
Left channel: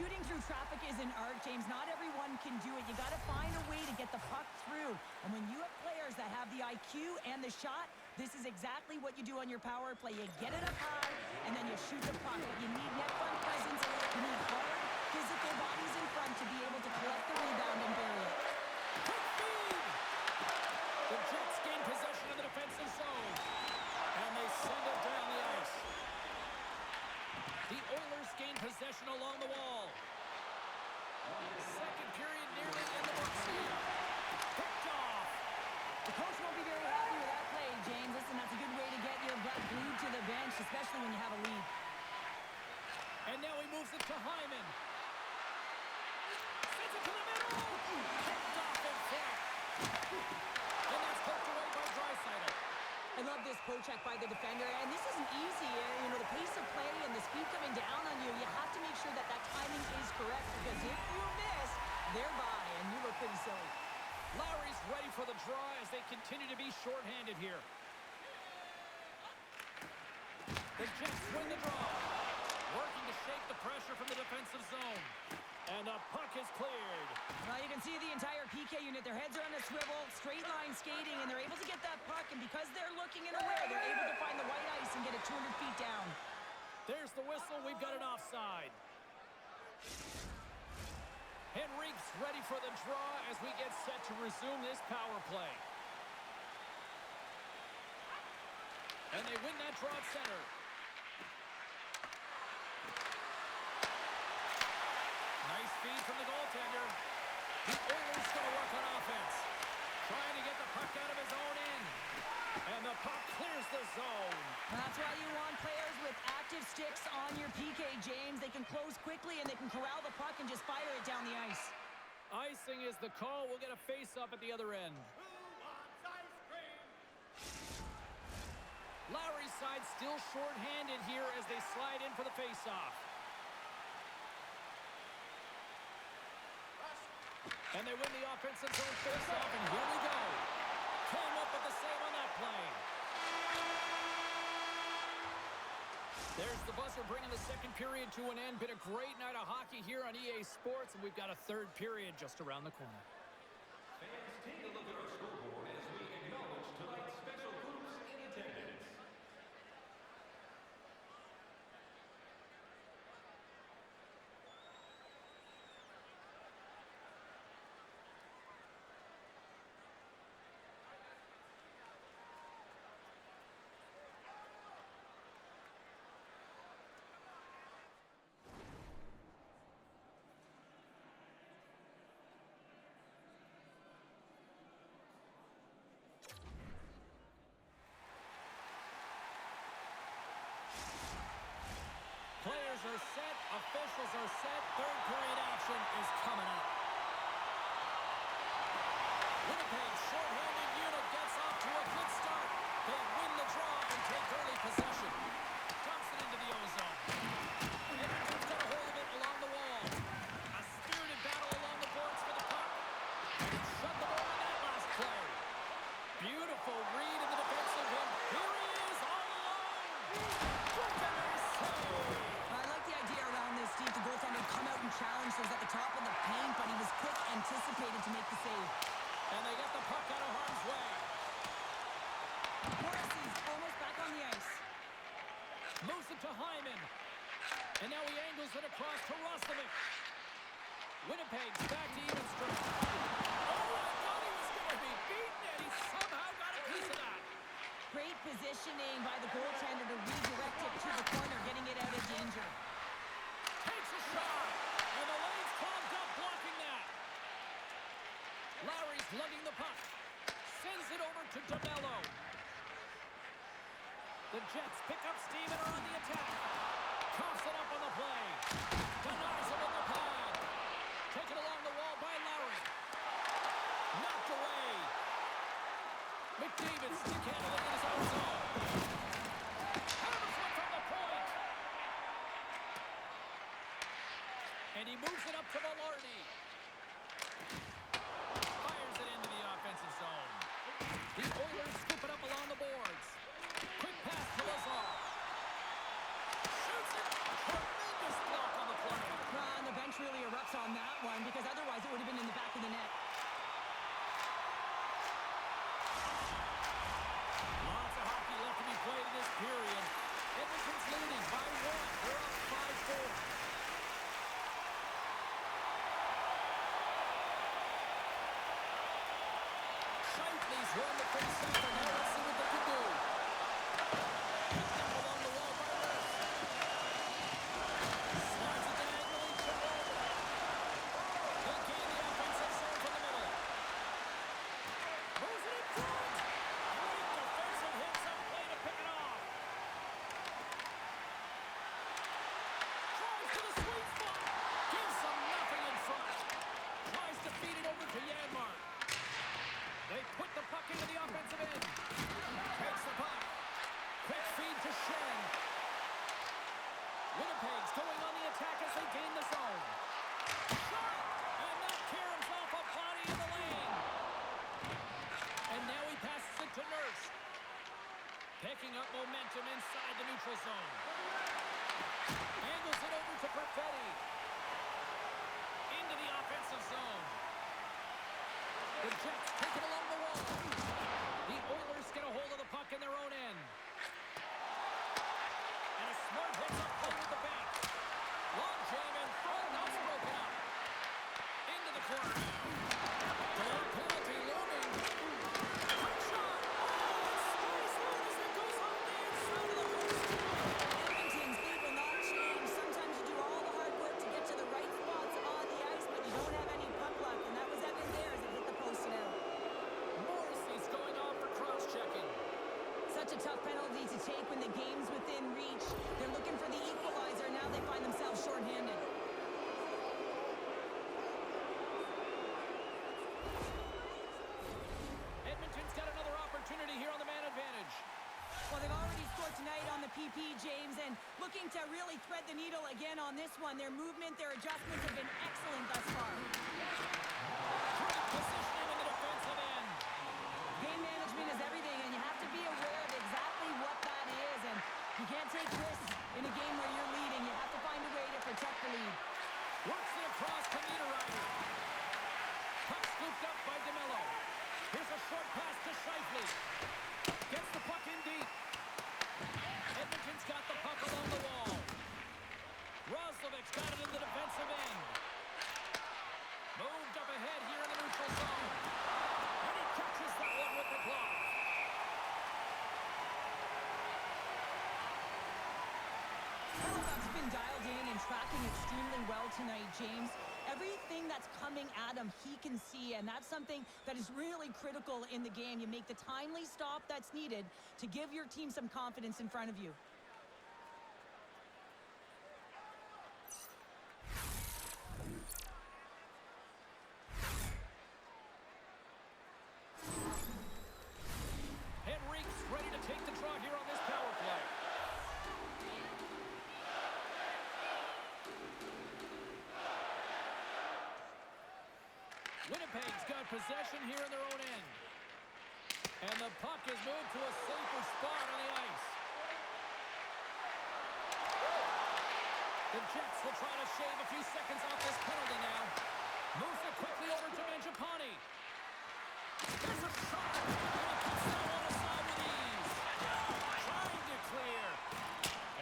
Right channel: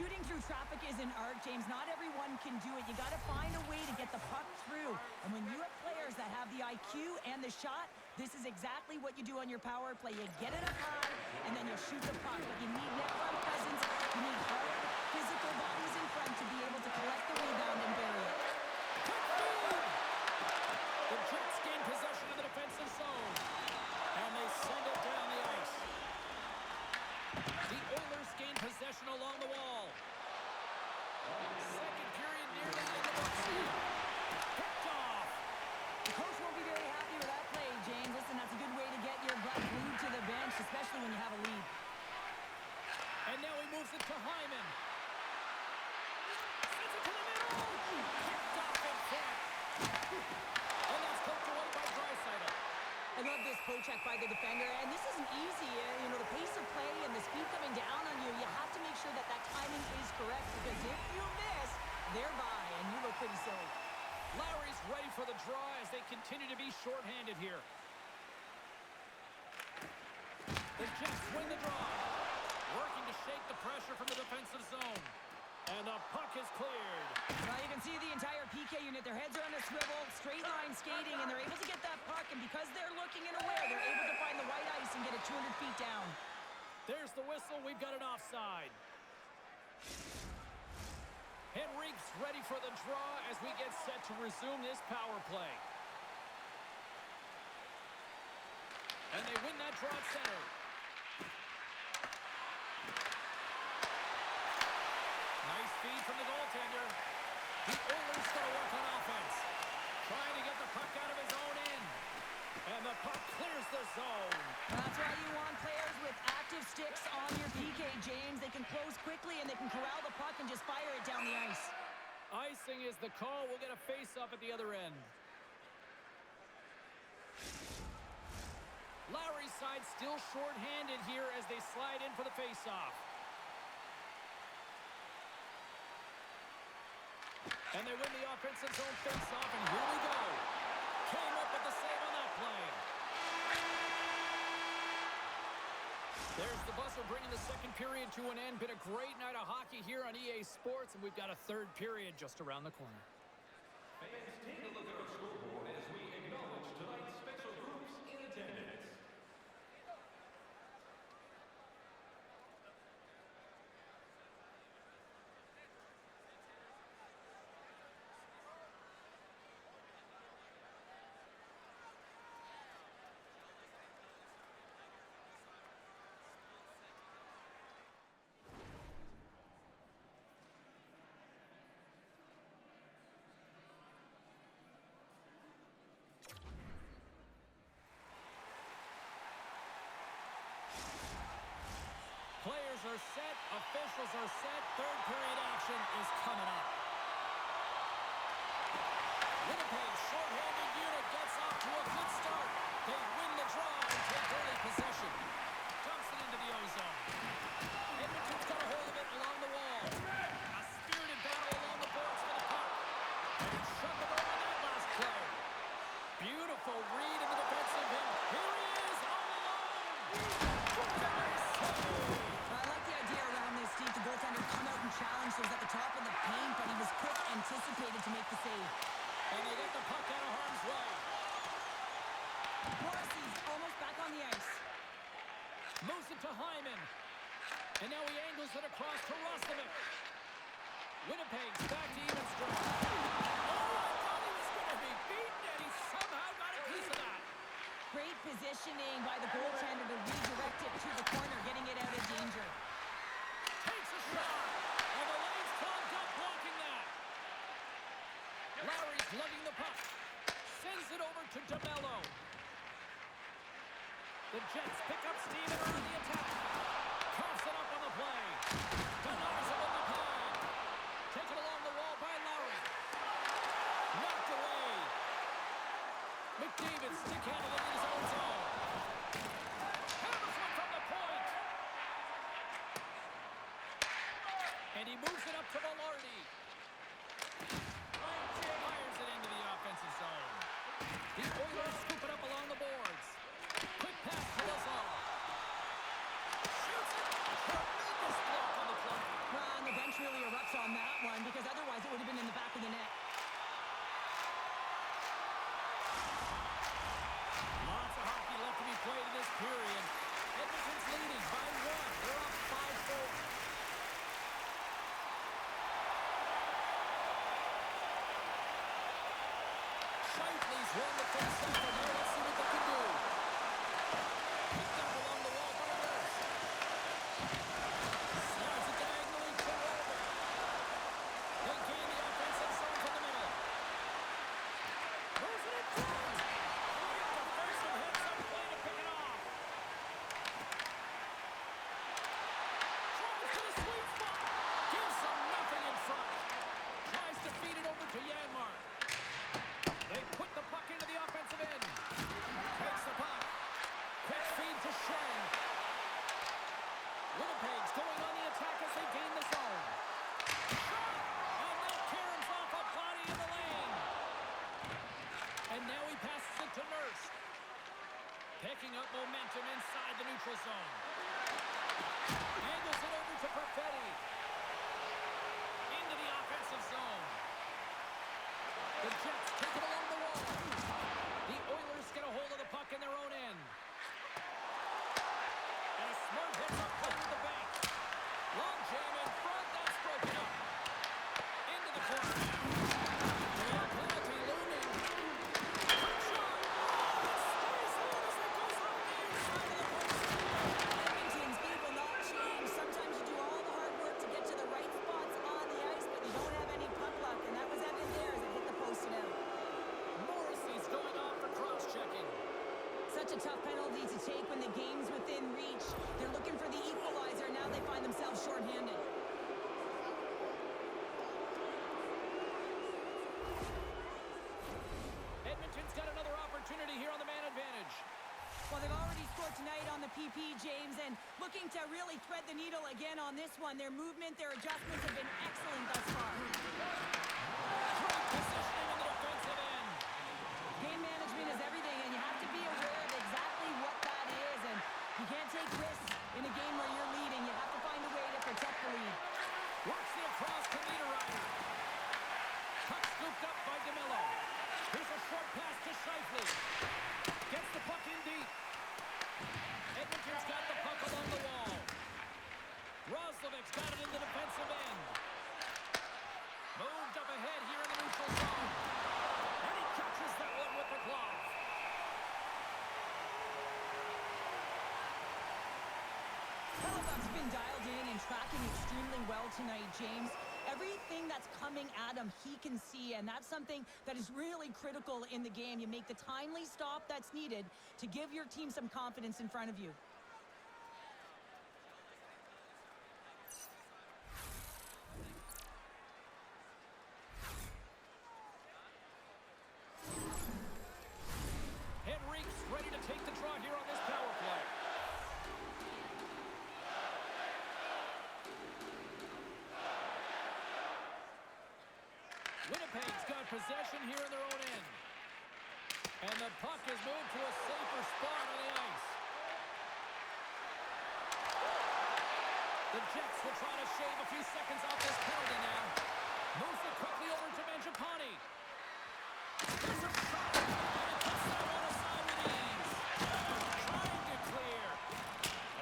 Shooting through traffic is an art, James. Not everyone can do it. You got to find a way to get the puck through. And when you have players that have the IQ and the shot, this is exactly what you do on your power play. You get it up high, and then you shoot the puck. But you need net front presence. You need hard, physical bodies in front to be able to collect the rebound and bury it. Quick feed! The Jets gain possession of the defensive zone. And they send it down the ice. The Oilers gain possession along the wall. Second period nearly in the books here. Picked off. The coach won't be very happy with that play, James. Listen, that's a good way to get your blood glued to the bench, especially when you have a lead. And now he moves it to Hyman. Sends it to the middle. Picked off in front. And that's poked away by Draisaitl. I love this poke check by the defender, and this isn't easy. You know, the pace of play and the speed coming down on you, you have to make sure that that timing is correct, because if you miss, they're by, and you look pretty silly. Lowry's ready for the draw as they continue to be shorthanded here. The Jets win the draw. Working to shake the pressure from the defensive zone. And the puck is cleared. Well, you can see the entire PK unit. Their heads are on a swivel, straight line skating, and they're able to get that puck. And because they're looking and aware, they're able to find the white ice and get it 200 feet down. There's the whistle. We've got an offside. Henrique's ready for the draw as we get set to resume this power play. And they win that draw at center. Nice feed from the goaltender. The Oilers going to work on offense. Trying to get the puck out of his own end. And the puck clears the zone. That's why you want players with active sticks on your PK, James. They can close quickly and they can corral the puck and just fire it down the ice. Icing is the call. We'll get a face-off at the other end. Lowry's side still short-handed here as they slide in for the face-off. And they win the offensive zone face-off, and here we go. Came up with the save on that play. There's the buzzer bringing the second period to an end. Been a great night of hockey here on EA Sports, and we've got a third period just around the corner. Fans, take a look at our scoreboard as we acknowledge tonight's special groups in attendance. Players are set, officials are set, third period action is coming up. Winnipeg's short-handed unit gets off to a good start. They win the draw and take early possession. Dumps it into the O-zone. Edmonton's got a hold of it along the wall. A spirited battle along the boards for the puck. And he shut the door on that last play. Beautiful read in the defensive end. Here he is all alone. Goaltender save. I like the idea around this, Steve. The goaltender come out and challenge, so he was at the top of the paint, but he was quick, anticipated to make the save. And they get the puck out of harm's way. Morrissey's almost back on the ice. Moves it to Hyman. And now he angles it across to Roslovic. Winnipeg's back to even strength. Oh, I thought he was going to be beaten, and he somehow got a piece of that. Great positioning by the goaltender to redirect it to the corner, getting it out of danger. Takes a shot. And the lane's clogged up, blocking that. Lowry's lugging the puck. Sends it over to DeMello. The Jets pick up steam and are on the attack. Coughs it up on the play. Denies him on the pad. Taken along the wall by Lowry. Knocked away. McDavid stick-handling in his own zone. Hammers one from the point. And he moves it up to Velarde. Fires it into the offensive zone. The Oilers scoop it up along the boards. Quick pass to Lazar. Shoots it. Tremendous block on the play. Well, and the bench really erupts on that one, because otherwise it would have been in the back of the net. Lots of hockey left to be played in this period. Edmonton's leading by 1. They're up 5-4. Shifley's won the face-off, and now let's see what they can do. Picked up along the wall by Nurse. Slides it diagonally to Rover. They gain the offensive zone from the middle. Moves it in front. Great defensive hits up play to pick it off. Tries to the sweet spot. Gives them nothing in front. Tries to feed it over to Janmark. They put the puck into the offensive end. Takes the puck. Quick feed to Shen. Winnipeg's going on the attack as they gain the zone. Shot! And that caroms off a body in the lane. And now he passes it to Nurse. Picking up momentum inside the neutral zone. Angles it over to Perfetti. Into the offensive zone. The Jets take it along the wall. The Oilers get a hold of the puck in their own end. And a smart hits up play with the bank. Long jam in front, that's broken up. Into the corner now. Delay penalty looming. Quick shot. Oh, it stays in as it goes on the inside of the post. Edmonton's speed will not change. Sometimes you do all the hard work to get to the right spots on the ice, but you don't have any puck luck, and that was a tough penalty to take when the game's within reach. They're looking for the equalizer, and now they find themselves shorthanded. Edmonton's got another opportunity here on the man advantage. Well, they've already scored tonight on the PP, James, and looking to really thread the needle again on this one. Their movement, their adjustments have been excellent thus far. Great positioning on the defensive end. Game management is everything, and you have to be aware of exactly what that is. And you can't take risks in a game where you're leading. You have to find a way to protect the lead. Works it across to Niederreiter. Puck scooped up by DeMello. Here's a short pass to Scheifele. Gets the puck in deep. Edmonton's got the puck along the wall. Roslovic's got it in the defensive end. Moved up ahead here in the neutral zone. And he catches that one with the glove. Hellebuck's been dialed in and tracking extremely well tonight, James. Everything that's coming at him, he can see, and that's something that is really critical in the game. You make the timely stop that's needed to give your team some confidence in front of you. Henrique's ready to take the draw here on this power play. Winnipeg's got possession here in their own end. And the puck is moved to a safer spot on the ice. The Jets will try to shave a few seconds off this penalty now. Moves it quickly over to Mangiapane. There's a shot, and he puts that one aside with ease. Trying to clear.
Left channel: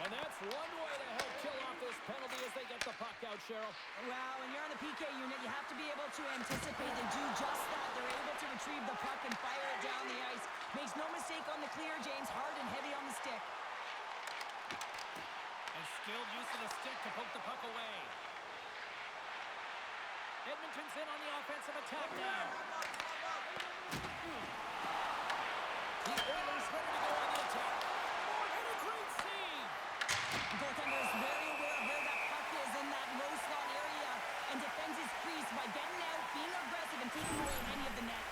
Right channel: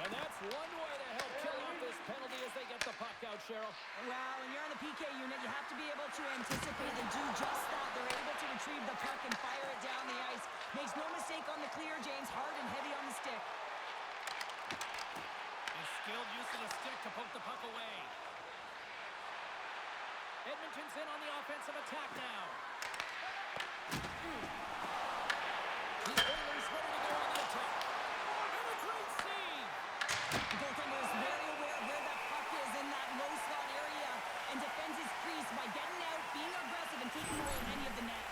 And that's one way to help kill off this penalty as they get the puck out, Cheryl. Well, when you're on the PK unit, you have to be able to anticipate. They do just that. They're able to retrieve the puck and fire it down the ice. Makes no mistake on the clear, James. Hard and heavy on the stick. And skilled use of the stick to poke the puck away. Edmonton's in on the offensive attack now. The Oilers ready to go on the attack. And a great save. The goaltender is very aware of where that puck is in that low slot area and defends his crease by getting out, being aggressive, and taking away any of the net.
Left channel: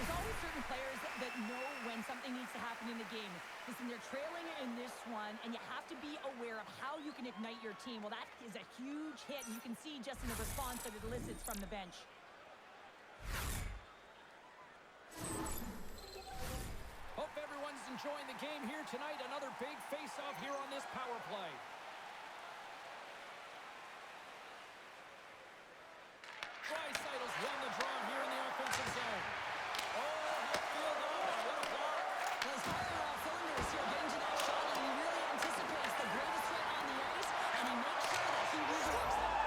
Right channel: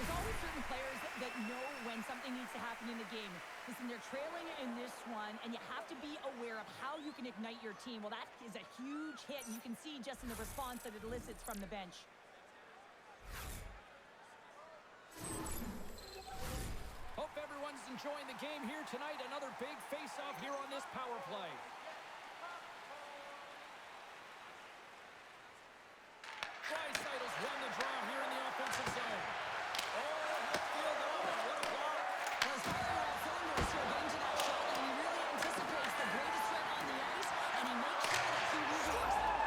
There's always certain players that know when something needs to happen in the game. Listen, they're trailing in this one, and you have to be aware of how you can ignite your team. Well, that is a huge hit, and you can see just in the response that it elicits from the bench. Hope everyone's enjoying the game here tonight. Another big face-off here on this power play. Draisaitl's won the draw here in the offensive zone. Oh, midfield, oh, what a block. Well, he's firing all cylinders here, getting to that shot, and he really anticipates the greatest threat on the ice, and he makes sure that he resorts them.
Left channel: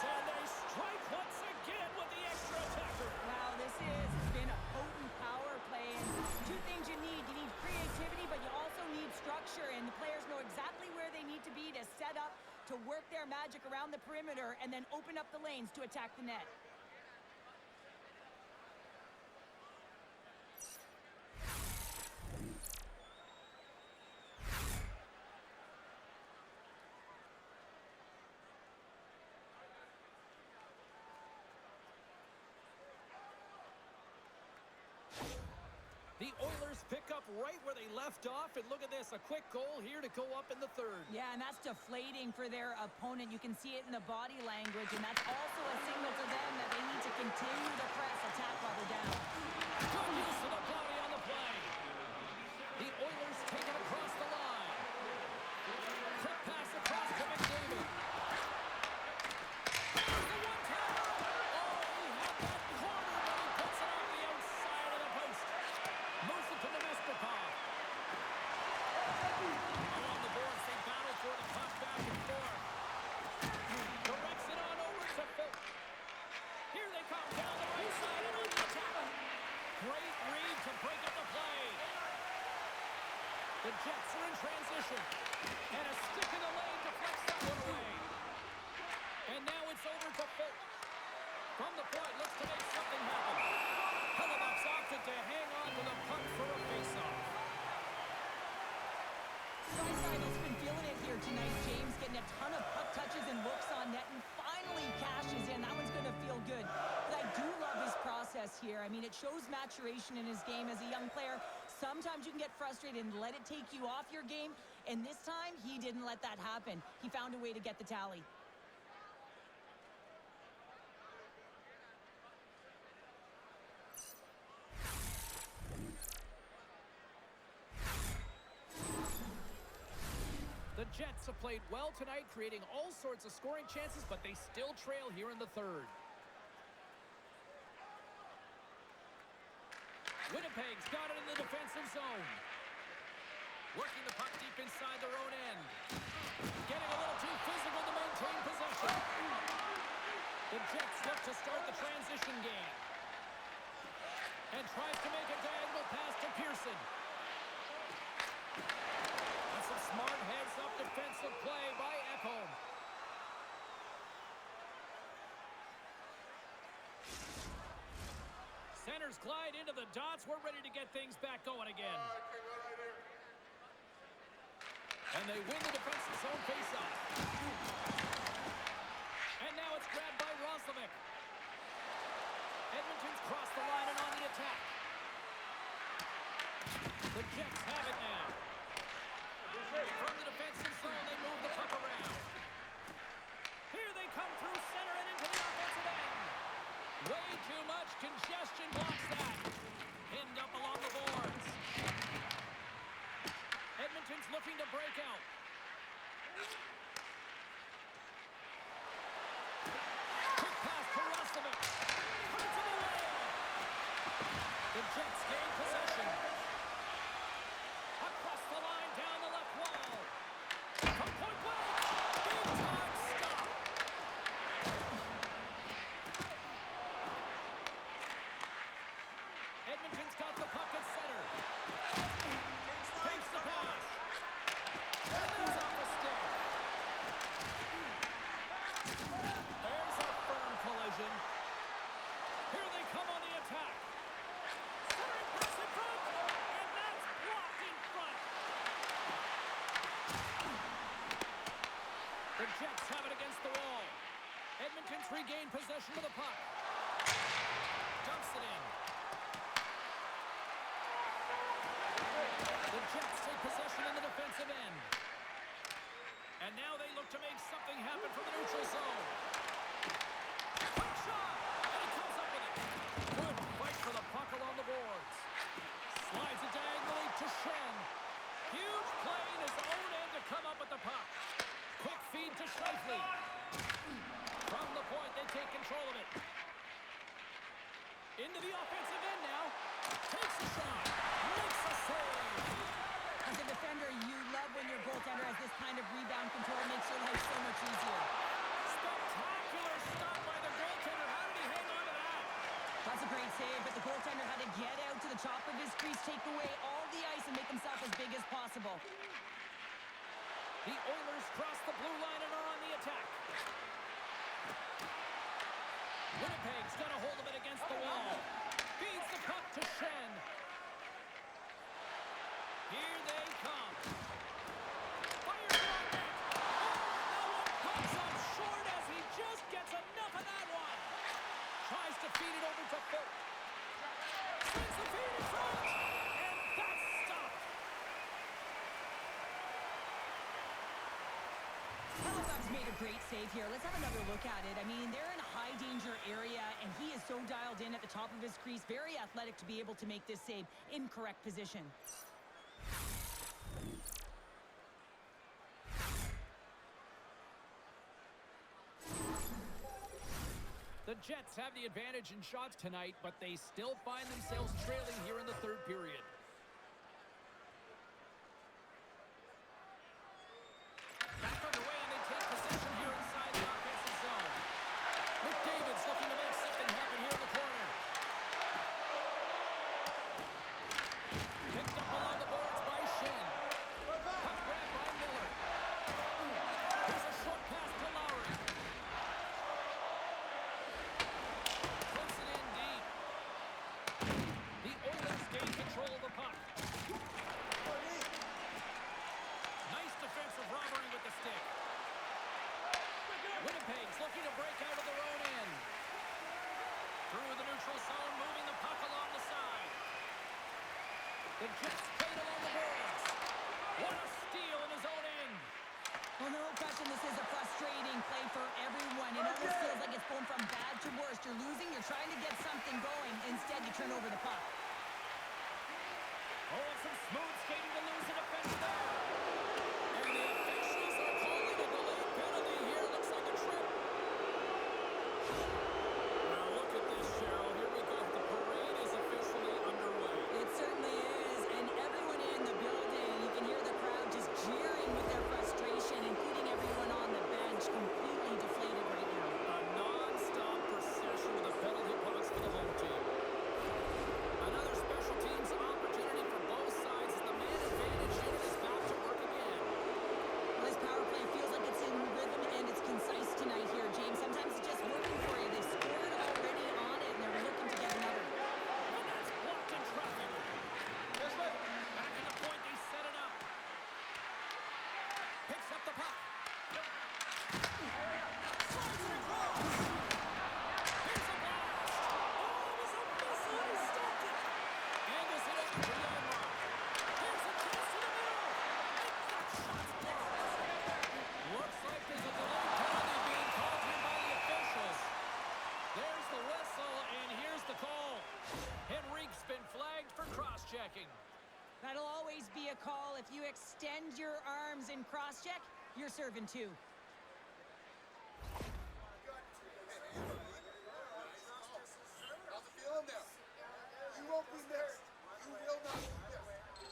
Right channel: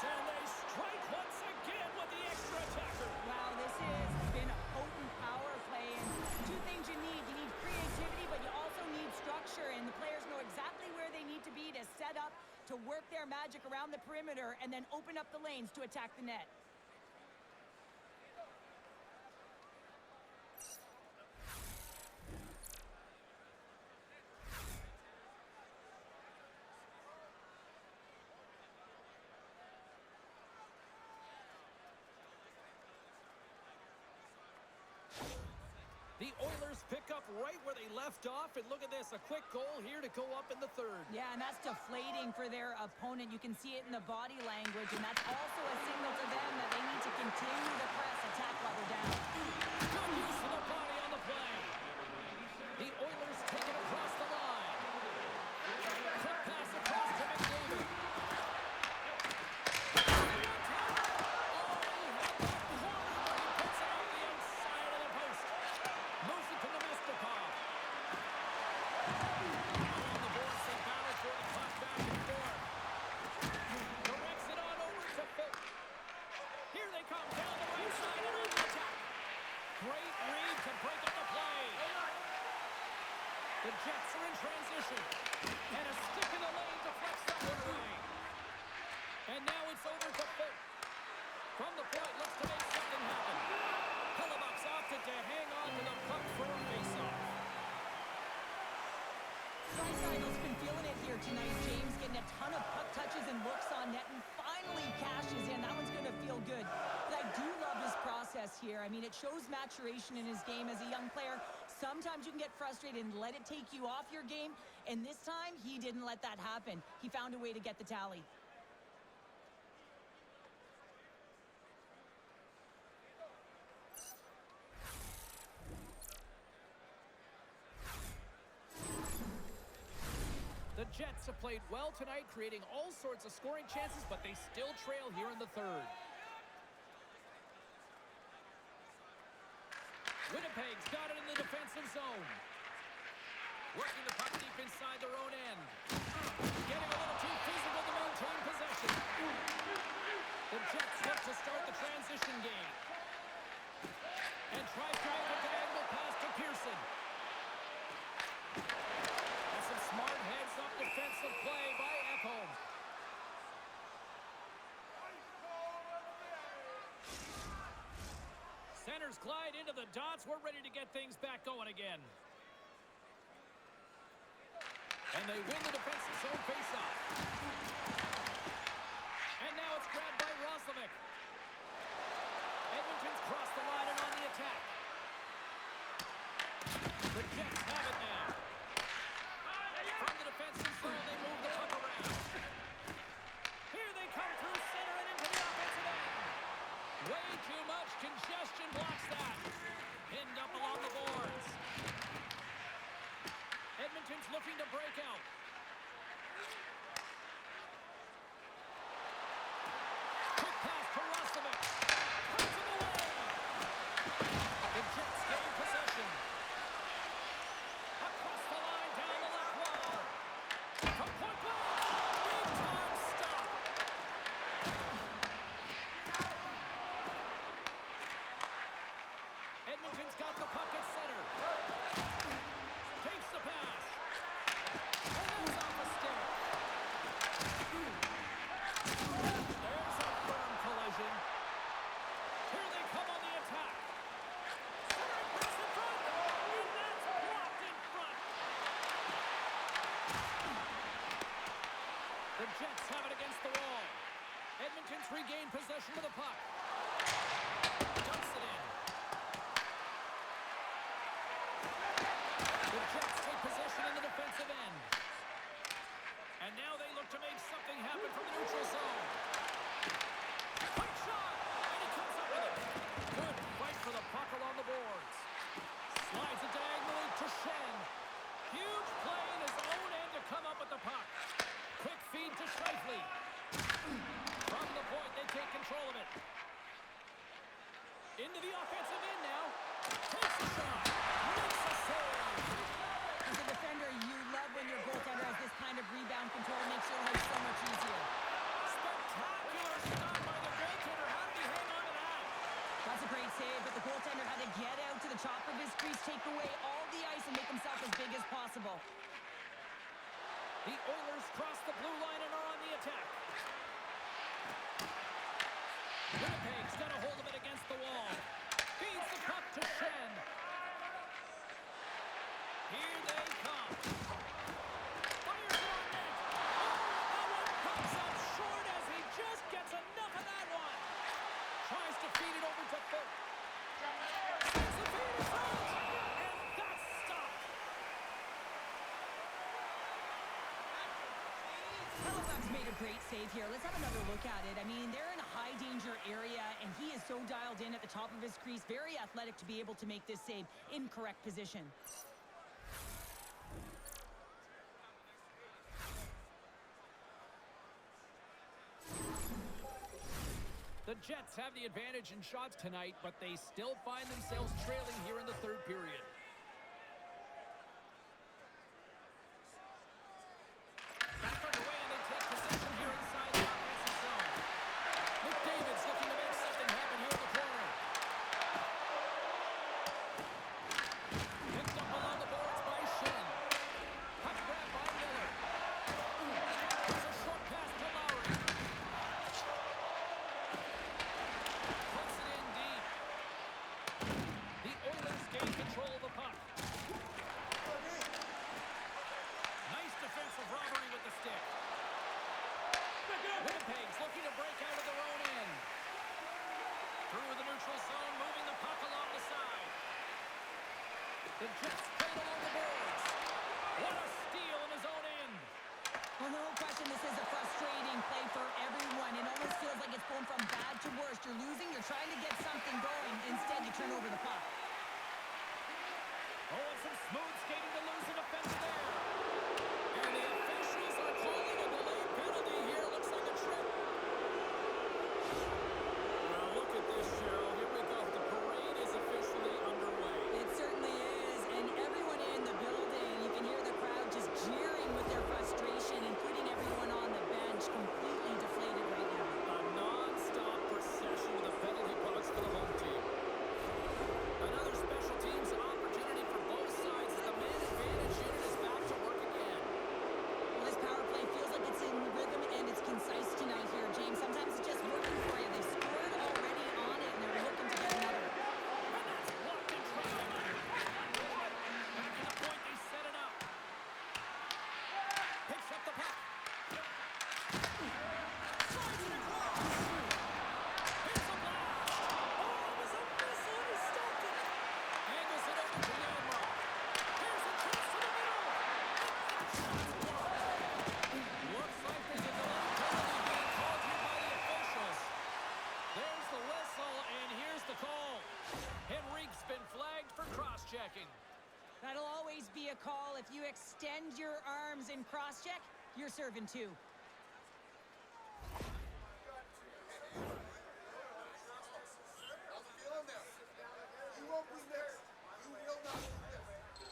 And they strike once again with the extra attacker. Wow, this has been a potent power play, and two things you need. You need creativity, but you also need structure, and the players know exactly where they need to be to set up, to work their magic around the perimeter, and then open up the lanes to attack the net. The Oilers pick up right where they left off, and look at this, a quick goal here to go up in the third. Yeah, and that's deflating for their opponent. You can see it in the body language, and that's also a signal to them that they need to continue to press, attack while they're down. Good use of the body on the play. The Oilers take it across the line. Quick pass across to McDavid. The one-timer. Oh, he had that corner, but he puts it on the outside of the post. Moves it to Nemestikov. Along the boards, they battle for the puck back and forth. Directs it on over to Phil. Here they come down the right side and on the attack. Great read to break up the play. The Jets are in transition. And a stick in the lane deflects that one away. And now it's over to Phil. From the point, looks to make something happen. Hellebuck's opted to hang on to the puck for a face-off. Draisaitl's been feeling it here tonight, James, getting a ton of puck touches and looks on net, and finally cashes in. That one's going to feel good. But I do love his process here. I mean, it shows maturation in his game as a young player. Sometimes you can get frustrated and let it take you off your game, and this time he didn't let that happen. He found a way to get the tally. The Jets have played well tonight, creating all sorts of scoring chances, but they still trail here in the third. Winnipeg's got it in the defensive zone. Working the puck deep inside their own end. Getting a little too physical to maintain possession. The Jets look to start the transition game. And tries to make a diagonal pass to Pearson. That's some smart heads-up defensive play by Ekholm. Centers glide into the dots. We're ready to get things back going again. And they win the defensive zone faceoff. And now it's grabbed by Roslovic. Edmonton's crossed the line and on the attack. The Jets have it now. From the defensive zone, they move the puck around. Here they come through center and into the offensive end. Way too much congestion blocks that. Pinned up along the boards. Edmonton's looking to break out. Quick pass to Roslovic. Puts him away. The Jets gain possession. Across the line, down the left wall. From point blank. Big time stop. Edmonton's got the puck at center. Takes the pass. And there's off a stick. There's a firm collision. Here they come on the attack. Centering pass in front. And that's blocked in front. The Jets have it against the wall. Edmonton's regained possession of the puck. Dumps it in. The Jets take possession in the defensive end. And now they look to make something happen from the neutral zone. Quick shot! And he comes up with it. Good fight for the puck along the boards. Slides it diagonally to Shen. Huge play in his own end to come up with the puck. Quick feed to Scheifele. From the point, they take control of it. Into the offensive end now. Takes a shot. Makes a save. As a defender, you love when your goaltender has this kind of rebound control. It makes your life so much easier. Spectacular stop by the goaltender. How did he hang on to that? That's a great save, but the goaltender had to get out to the top of his crease, take away all the ice, and make himself as big as possible. The Oilers cross the blue line and are on the attack. Winnipeg's got a hold of it against the wall. Feeds the puck to Shen. Here they come. Fires it on net. Oh, that one comes up short as he just gets enough of that one. Tries to feed it over to Foot. Sends the feed in front. And that's stopped. Halifax made a great save here. Let's have another look at it. I mean, they're in a high danger area, and he is so dialed in at the top of his crease. Very athletic to be able to make this save in correct position. The Jets have the advantage in shots tonight, but they still find themselves trailing here in the third period. Back underway, and they take possession here inside the offensive zone. McDavid's looking to make something happen here in the corner. Picked up along the boards by Shen. Puck grabbed by Miller. There's a short pass to Lowry. Puts it in deep. The Oilers gain control of the puck. neutral zone, moving the puck along the side. The Jets played along the boards. What a steal in his own end. Well, no question, this is a frustrating play for everyone. It almost feels like it's going from bad to worse. You're losing, you're trying to get something going. Instead, you turn over the puck. Oh, and some smooth skating to lose a defense there. And the officials are calling a delayed penalty here. Looks like a trip. Well, look at this, Cheryl. Here we go. The parade is officially underway. It certainly is, and everyone in the building, you can hear the crowd just jeering with their frustration, including everyone on the bench, completely deflated right now. A non-stop procession with the penalty box for the home team. Another special teams opportunity for both sides as the man advantage unit is back to work again. Well, this power play feels like it's in rhythm and it's concise tonight here, James. Sometimes it's just working for you. They scored already on it, and they're looking to get another. And that's blocked in traffic. Back at the point, they set it up. Picks up the puck. Slides it across. Here's a blast. Oh, it was a missile, and he stopped it. Angles it over to Yanmark. Here's a chance to the middle. And that shot's blocked. Looks like there's a delayed penalty being called here by the officials. There's the whistle, and here's the call. Henrique's been flagged for cross-checking. That'll always be a call. If you extend your arms in cross-check, you're serving two. How's it feeling there? You won't be next. You will not be next.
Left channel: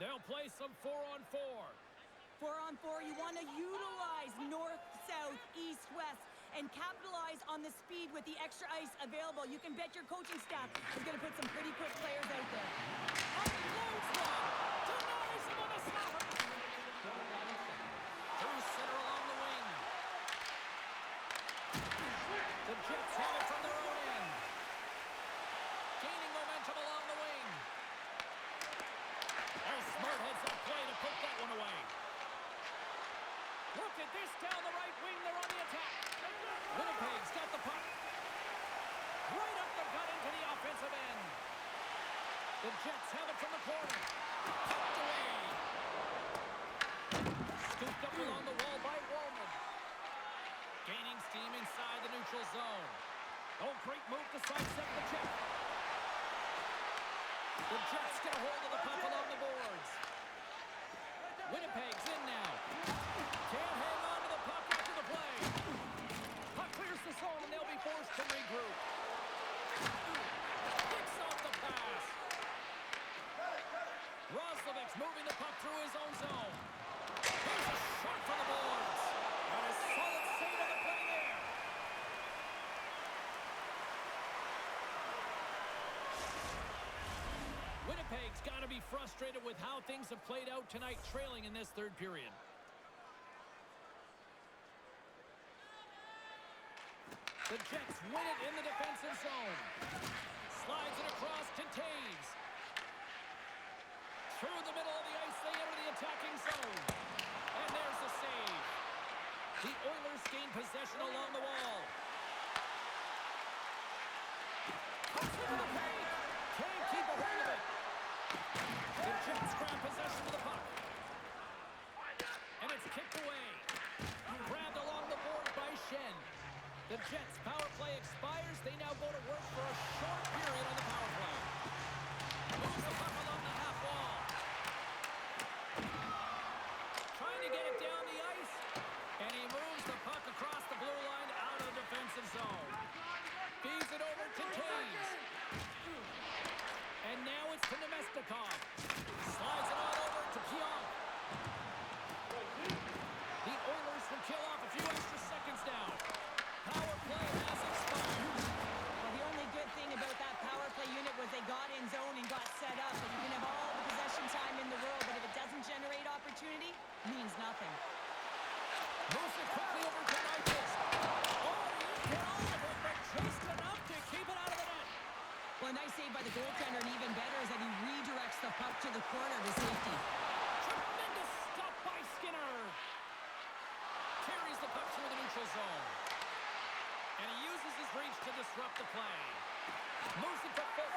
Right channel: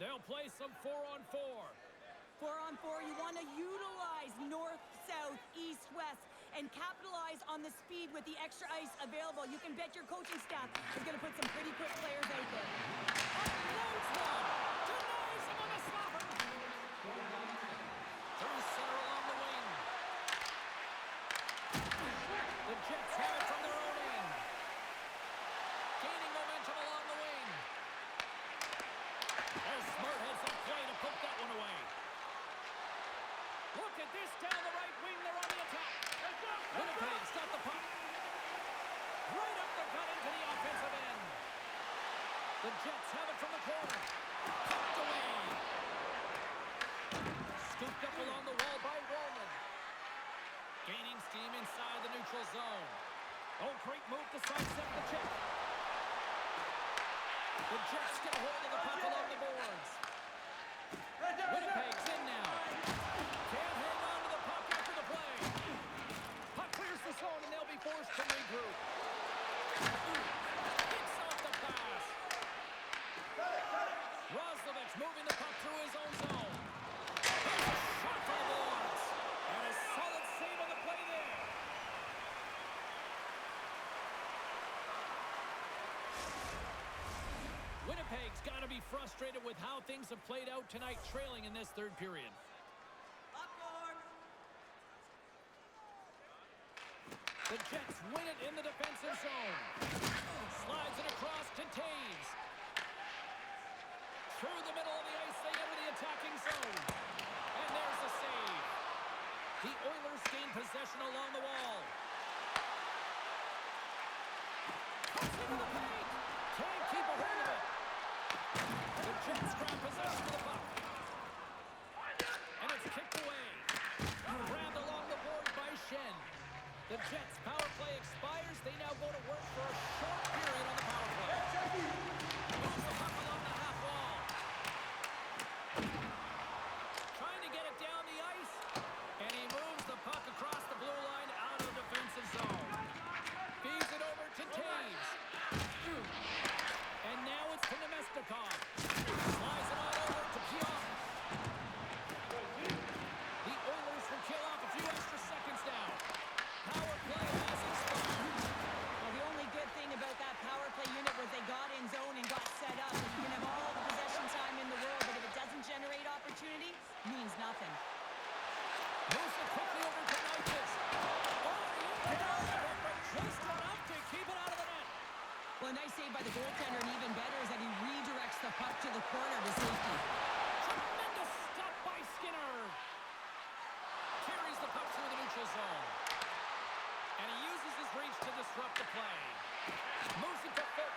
They'll play some 4-on-4. 4-on-4, you want to utilize north, south, east, west, and capitalize on the speed with the extra ice available. You can bet your coaching staff is going to put some pretty quick players out there. Unloads one. Denies him on the slapper. Through center along the wing. The Jets have it from their own end. Gaining momentum along the wing. Oh, smart heads up play to put that one away. Look at this down the right wing. They're on the attack. Winnipeg's got the puck. Right up the gut into the offensive end. The Jets have it from the corner. Pumped away. Scooped up along the wall by Wallman. Gaining steam inside the neutral zone. Oh, great move to sidestep the check. The Jets get a hold of the puck along the boards. Winnipeg's in now. Can't hang on to the puck after the play. Puck clears the zone and they'll be forced to regroup. Picks off the pass. Roslovich moving the puck through his own zone. Here's a shot for the boards. And a solid save on the play there. Winnipeg's got to be frustrated with how things have played out tonight, trailing in this third period. The Jets win it in the defensive zone. Slides it across to Taves. Through the middle of the ice, they enter the attacking zone. And there's the save. The Oilers gain possession along the wall. Cuts into the paint. Can't keep a hold of it. The Jets grab possession of the puck. And it's kicked away. Grabbed along the board by Shen. The Jets' power play expires. They now go to work for a short period on the power play. Moves the puck along the half wall. Trying to get it down the ice. And he moves the puck across the blue line out of the defensive zone. Feeds it over to Taves. And now it's to Nemestikov. Slides it on over to Pionk. The Oilers will kill off a few extra seconds now. Power play has expired. Well, the only good thing about that power play unit was they got in zone and got set up. And you can have all the possession time in the world, but if it doesn't generate opportunity, it means nothing. Moves it quickly over to Nyquist. Oh, he didn't get all of it, but just enough to keep it out of the net. Well, a nice save by the goaltender, and even better is that he redirects the puck to the corner to safety. Tremendous stop by Skinner. Carries the puck through the neutral zone. And he uses his reach to disrupt the play. Moves it to full.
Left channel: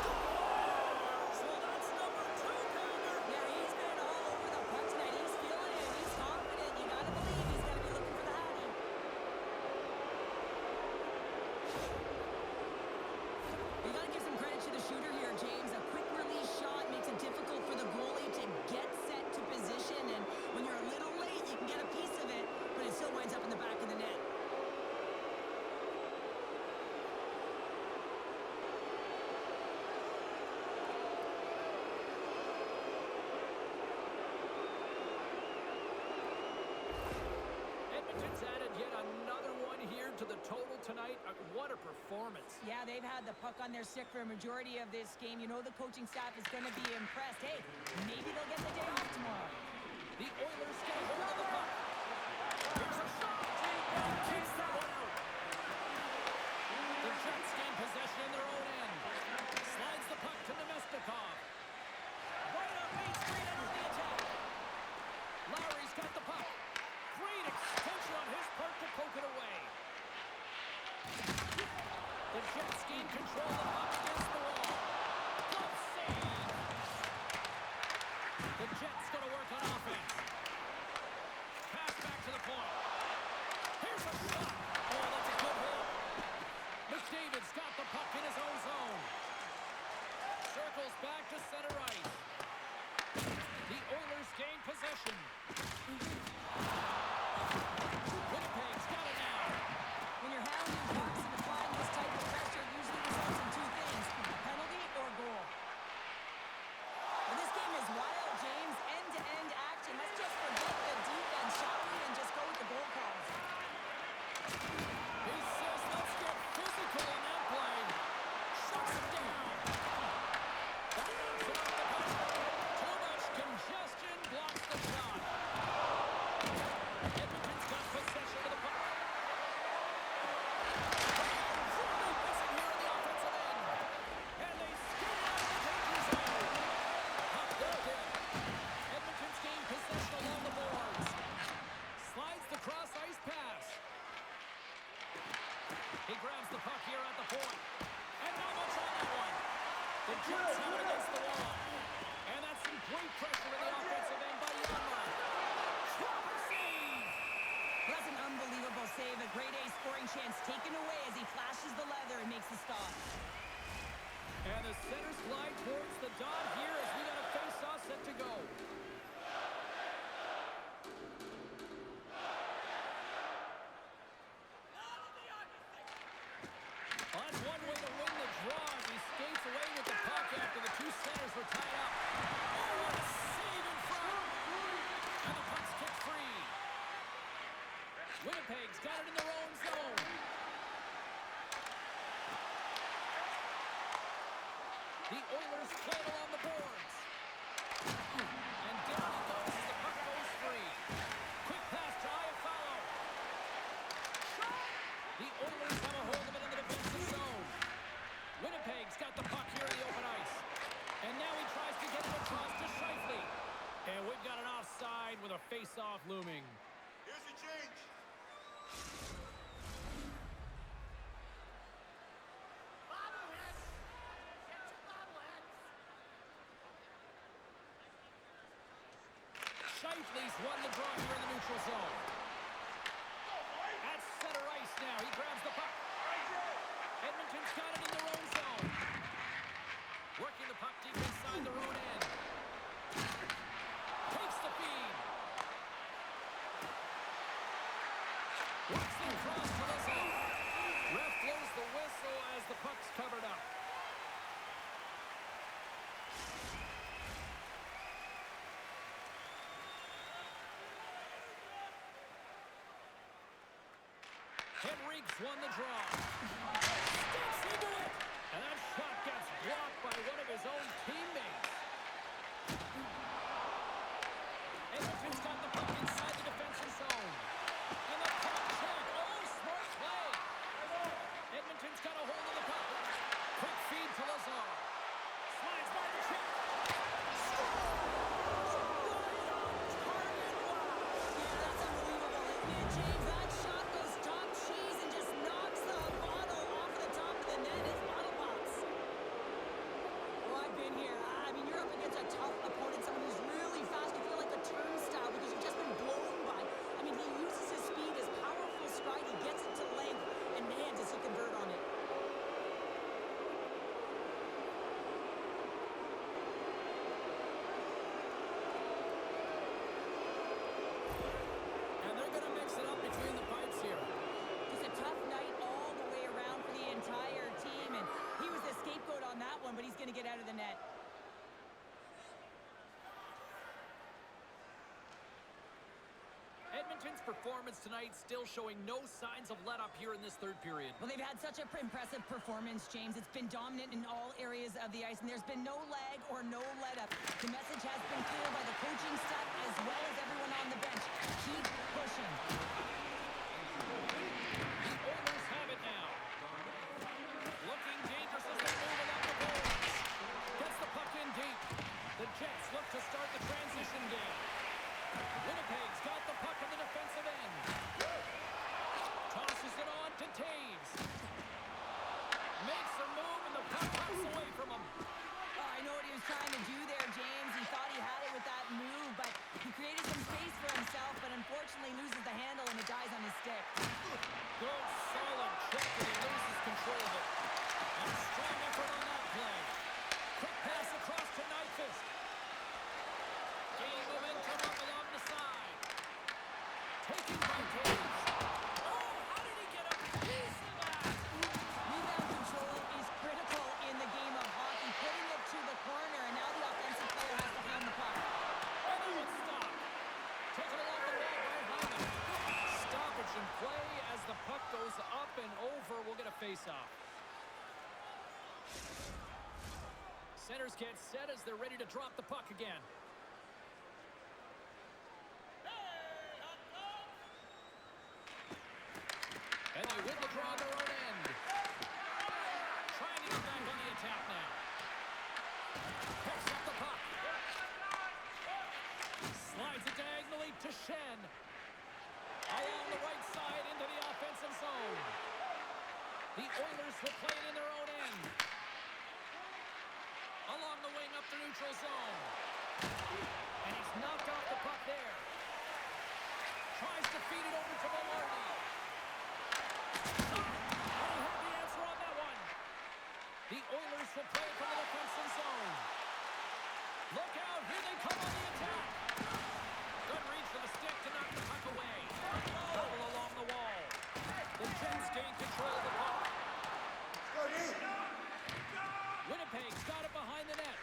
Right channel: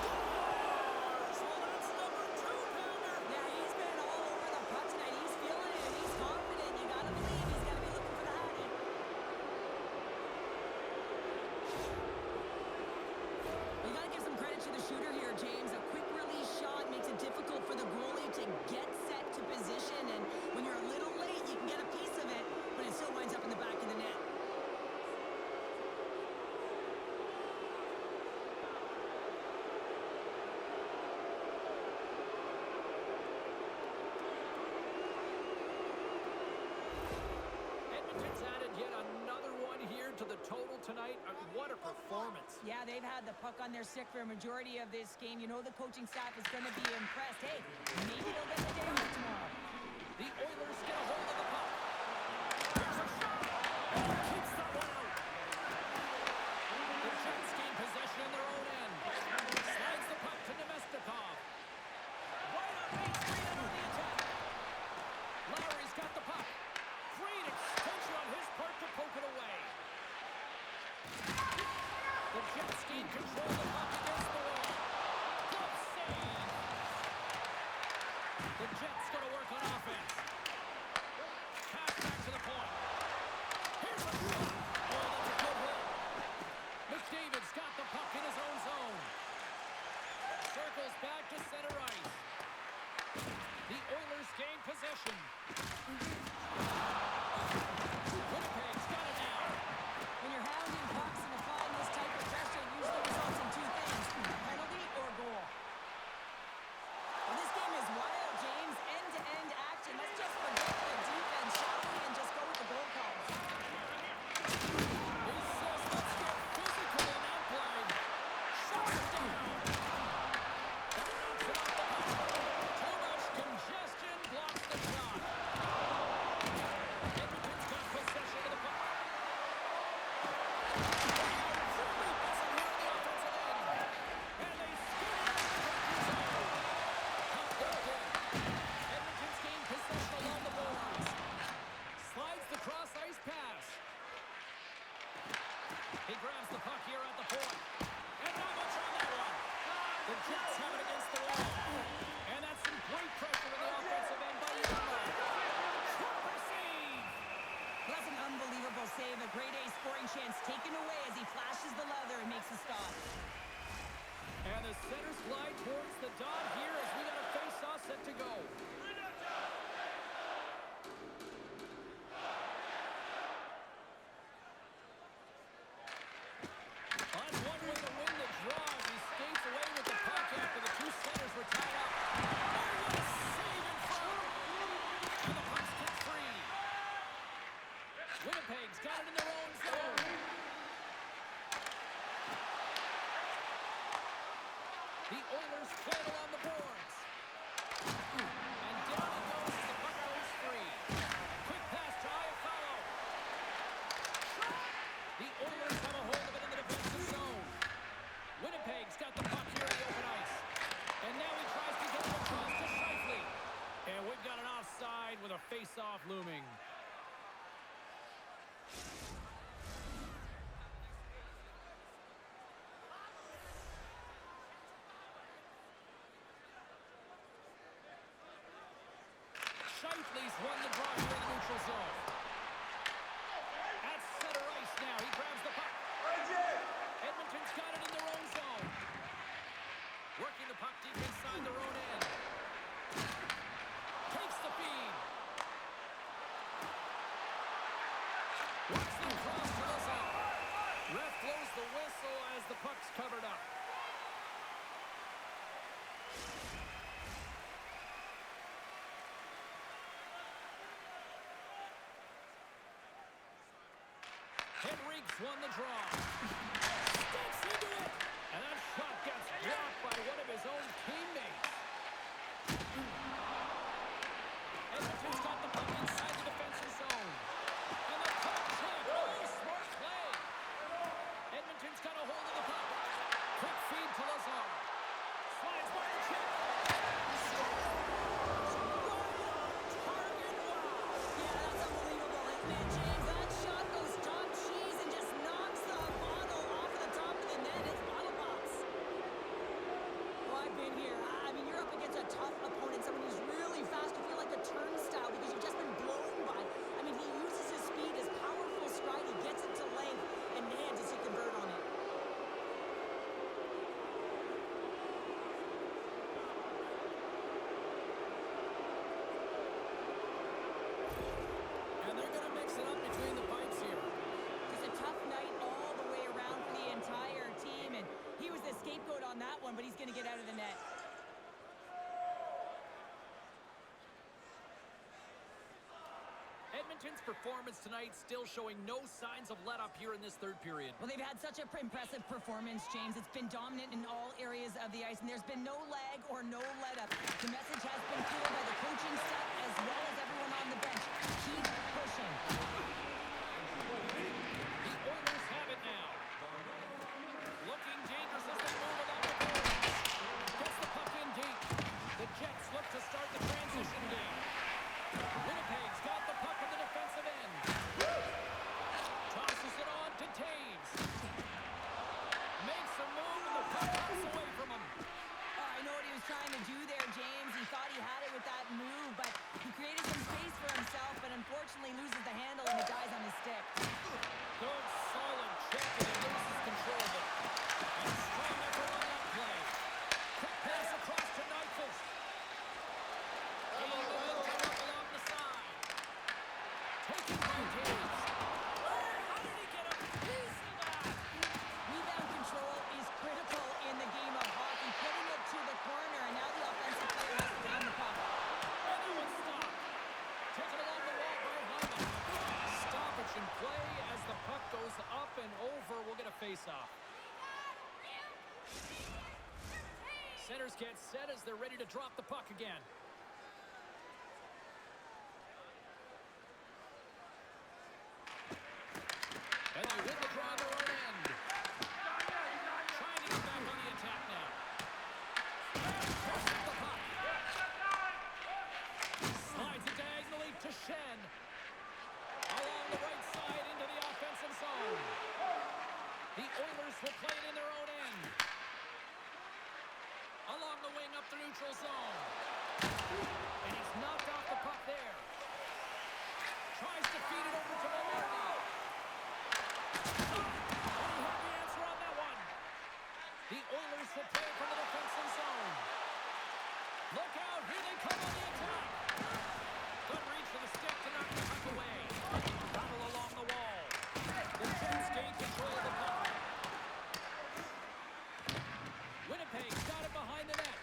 Scores! Well, that's number 2-pounder. Yeah, he's been all over the puck tonight. He's feeling it, and he's confident. You got to believe he's going to be looking for the Hattie. You got to give some credit to the shooter here, James. A quick release shot makes it difficult for the goalie to get set to position, and when you're a little late, you can get a piece of it, but it still winds up in the back of the net. Edmonton's added yet another one here to the total tonight. What a performance. Yeah, they've had the puck on their stick for a majority of this game. You know the coaching staff is going to be impressed. Hey, maybe they'll get the day off tomorrow. The Oilers get a hold of the puck. Here's a shot. And he keeps that one out. The Jets gain possession in their own end. Slides the puck to Nemestikov. Right on Main Street and on the attack. Lowry's got the puck. Great extension on his part to poke it away. The Jets gain control of the puck against the wall. Glove save. The Jets going to work on offense. Pass back to the point. Here's a shot. Oh, that's a good hit. McDavid's got the puck in his own zone. Circles back to center ice. The Oilers gain possession. Winnipeg's got it now. When you're hounding pucks and applying this type of pressure, it usually results in two things, a penalty or goal. Well, this game is wild, James. End-to-end action. Let's just forget the defense, shall we, and just go with the goal calls. He says, let's get physical in that play. Shuts him down. That knocks it off the puck. Too much congestion blocks the shot. Edmonton's got possession of the puck. Truly buzzing here in the offensive end. And they skid it out of the danger zone. Puck dumped in. Edmonton's gained possession along the boards. Slides the cross-ice pass. He grabs the puck here at the point. And not much on that one. The Jets have it against the wall. And that's some great pressure in the offensive end by Yama. Proper save. Well, that's an unbelievable save. A grade A scoring chance taken away as he flashes the leather and makes the stop. And the centers glide towards the dot here as we got a face-off set to go. On one way to win the draw as he skates away with the puck after the two centers were tied up. Oh, what a save in front! And the puck's kicked free. Winnipeg's got it in their own zone. The Oilers play it along the boards. And down it goes as the puck goes free. Quick pass to Iafallo. The Oilers have a hold of it in the defensive zone. Winnipeg's got the puck here in the open ice. And now he tries to get it across to Scheifele. And we've got an offside with a face-off looming. Here's the change. Scheifele's won the draw here in the neutral zone. At center ice now. He grabs the puck. Edmonton's got it in their own zone. Working the puck deep inside their own end. Takes the feed. Works the cross to the zone. Ref blows the whistle as the puck's covered up. Henrique's won the draw. Steps into it. And that shot gets blocked by one of his own teammates. Edmonton's got the puck inside the defensive zone. And the puck check. Oh, smart play. Edmonton's got a hold of the puck. Quick feed to Lazar. Slides by the check. Scores! Right on target. Wow. Yeah, that's unbelievable, isn't it, James? scapegoat on that one, but he's going to get out of the net. Edmonton's performance tonight still showing no signs of let-up here in this third period. Well, they've had such an impressive performance, James. It's been dominant in all areas of the ice, and there's been no lag or no let-up. The message has been clear by the coaching staff as well as everyone on the bench. Keep pushing. The Oilers have it now. Looking dangerous as they move along the boards. Gets the puck in deep. The Jets look to start the transition game. Winnipeg's got the puck in the defensive end. Tosses it on to Taves. Makes a move and the puck hops away from him. Oh, I know what he was trying to do there, James. He thought he had it with that move, but he created some space for himself, but unfortunately loses the handle and it dies on his stick. Good, solid check, and he loses control of it. And strong effort on that play. Quick pass across to Nyquist. Gaining momentum up along the side. Taken by Taves. Oh, how did he get a piece of that? Rebound control is critical in the game of hockey. Putting it to the corner, and now the offensive player has to pound the puck. And that one stopped. Taken along the wall by Hyman. Stoppage in play as the puck goes up and over. We'll get a face-off. Centers get set as they're ready to drop the puck again. And they win the draw on their own end. Trying to get back on the attack now. Picks up the puck. Slides it diagonally to Shen. Along the right side into the offensive zone. The Oilers will play it in their own end. Along the wing up the neutral zone. And he's knocked off the puck there. Tries to feed it over to Velarde. And he had the answer on that one. The Oilers will play it from the defensive zone. Look out, here they come on the attack. Good reach for the stick to knock the puck away. Travel along the wall. The Jets gain control of the puck. Winnipeg's got it behind the net.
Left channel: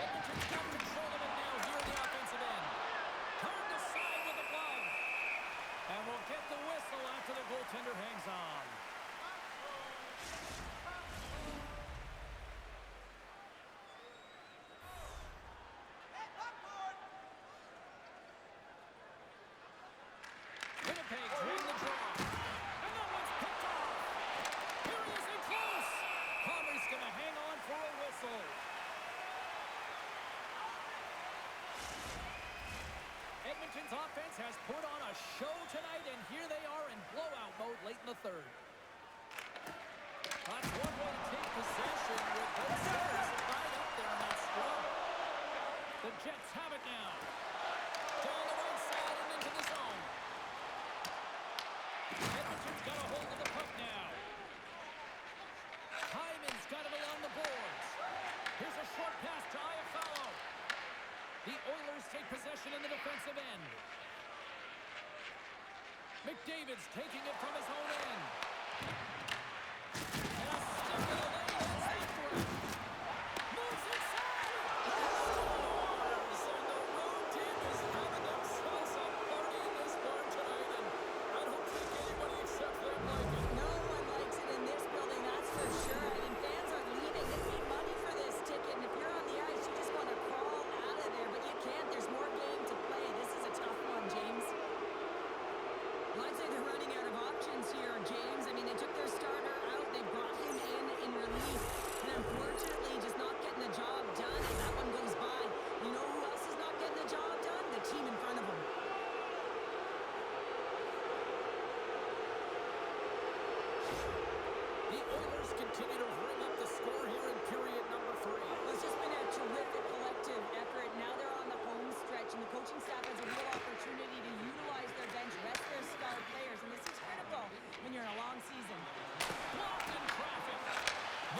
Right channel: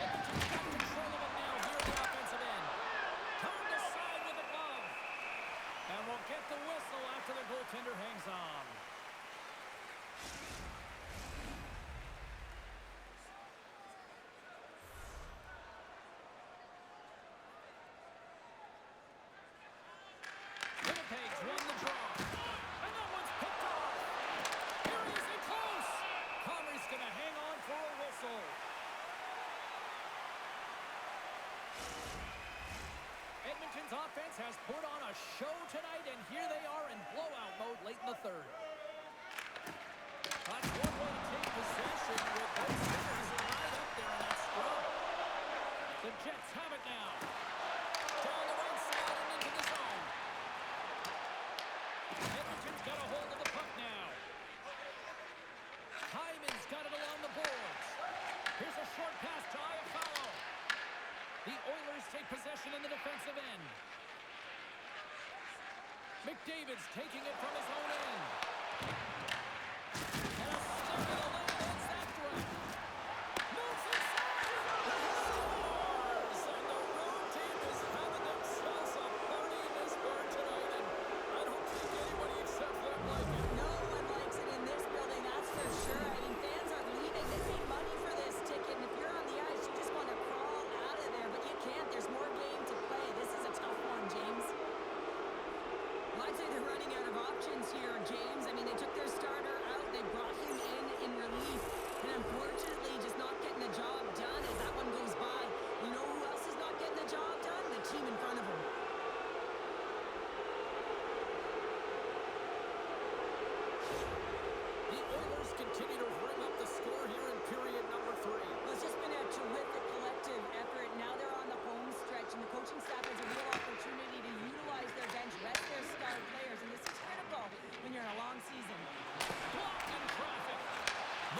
Edmonton's got control of it now here in the offensive end. Turned aside with the glove. And we'll get the whistle after the goaltender hangs on. Winnipeg's won the draw. And that one's picked off. Here he is in close. Comrie's going to hang on for a whistle. Edmonton's offense has put on a show tonight, and here they are in blowout mode late in the third. That's one way to take possession with both centers tied up there in that scrum. The Jets have it now. Down the right side and into the zone. Edmonton's got a hold of the puck now. Hyman's got it along the boards. Here's a short pass to Iafallo. The Oilers take possession in the defensive end. McDavid's taking it from his own end. And a stick in the lane hits after him. Moves inside. Scores! And the road team is having themselves a party in this barn tonight. And I don't think anybody except them like it. No one likes it in this building, that's for sure. I mean, fans are leaving. They paid money for this ticket, and if you're on the ice, you just want to crawl out of there, but you can't. There's more game to play. This is a tough one, James. Well, I'd say they're running out of options here, James. I mean, they took their starter out. They brought him in relief. And unfortunately, just not getting the job done as that one goes by. You know who else is not getting the job done? The team in front of them. The Oilers continue to ring up the score here in period number 3. Well, it's just been a terrific collective effort. Now they're on the home stretch, and the coaching staff has a real opportunity to utilize their bench, rest their star players, and this is critical when you're in a long season. Blocked in traffic.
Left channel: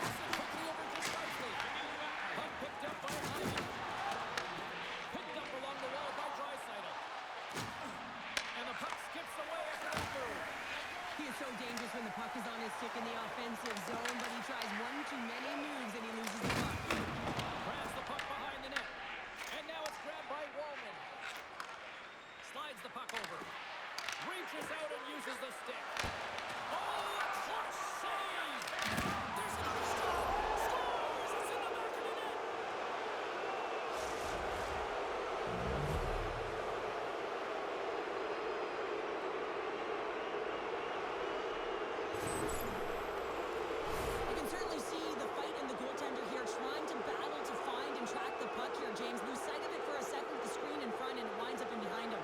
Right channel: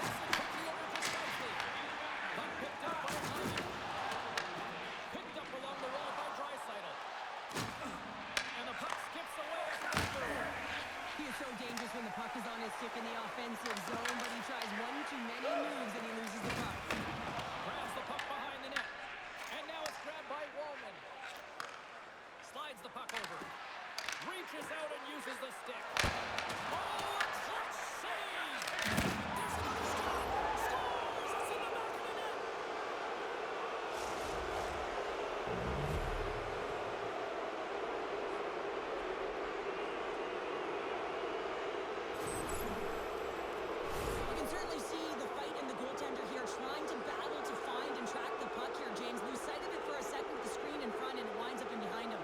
Moves it quickly over to Shifley. Puck picked up by Hyman. Picked up along the wall by Draisaitl. And the puck skips away after that move. He is so dangerous when the puck is on his stick in the offensive zone, but he tries one too many moves and he loses the puck. Grabs the puck behind the net. And now it's grabbed by Wallman. Slides the puck over. Reaches out and uses the stick. Oh, a clutch save! There's another stop! Scores! It's in the back of the net! You can certainly see the fight in the goaltender here, trying to battle to find and track the puck here, James. Lose sight of it for a second with the screen in front, and it winds up in behind him.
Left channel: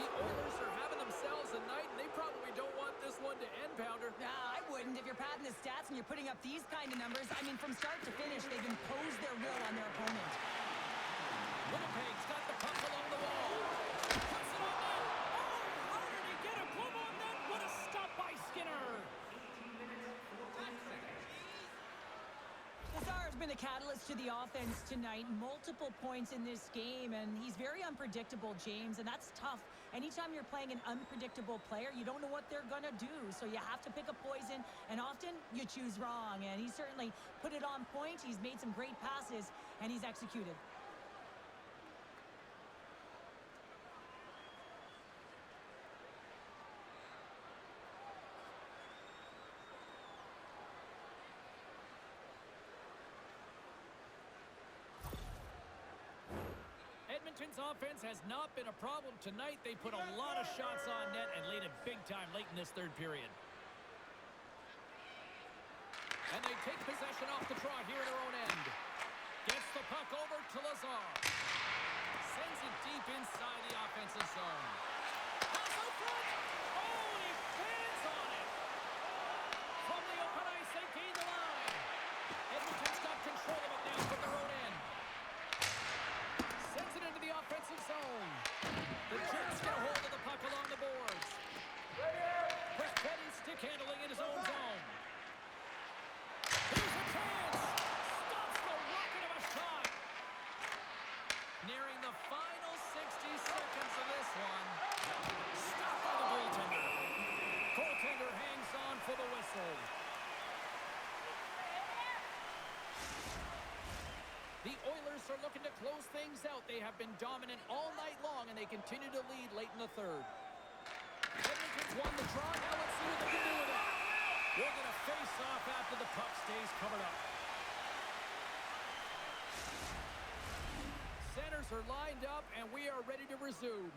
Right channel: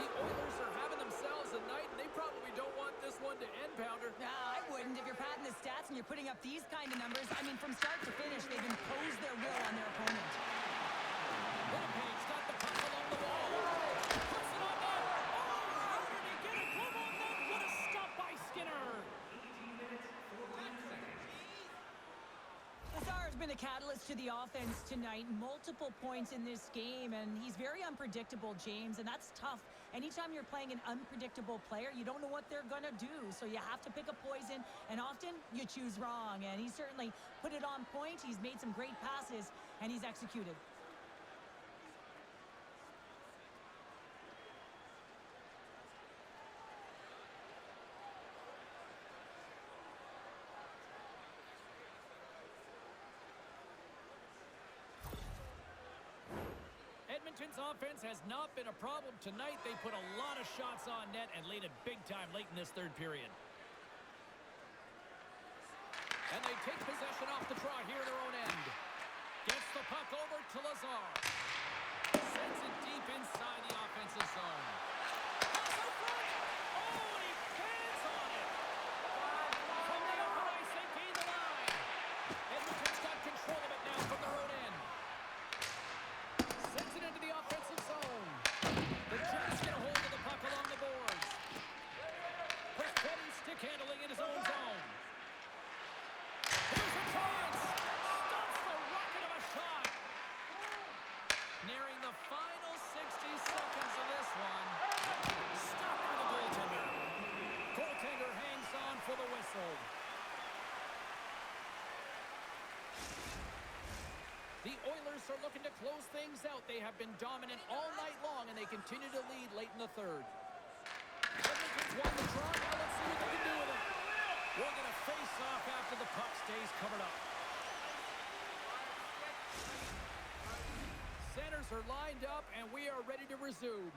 The Oilers are having themselves a night, and they probably don't want this one to end, Pounder. Nah, I wouldn't. If you're padding the stats and you're putting up these kind of numbers, I mean, from start to finish, they've imposed their will on their opponent. Winnipeg's got the puck along the wall. Puts it on net. Oh, how did he get a glove on net? What a stop by Skinner. 18 minutes, 14 seconds. Lazar has been a catalyst to the offense tonight. Multiple points in this game, and he's very unpredictable, James, and that's tough. Anytime you're playing an unpredictable player, you don't know what they're going to do, so you have to pick a poison, and often you choose wrong, and he certainly put it on point. He's made some great passes, and he's executed. Edmonton's offense has not been a problem tonight. They put a lot of shots on net and laid it big time late in this third period. And they take possession off the draw here in their own end. Gets the puck over to Lazar. Sends it deep inside the offensive zone. Pass out front. Oh, and he fans on it. From the open ice, they gain the line. Edmonton's got control of it now from their own end. Sends it into the offensive zone. The Jets get a hold of the puck along the boards. Perfetti stick handling in his own zone. Here's a chance. Stops the rocket of a shot. Nearing the final 60 seconds of this one. Stopped by the goaltender. Goaltender hangs on for the whistle. The Oilers are looking to close things out. They have been dominant all night long, and they continue to lead late in the third. Edmonton's won the draw. Now let's see what they can do with it. We'll get a face-off after the puck stays covered up. Centers are lined up, and we are ready to resume.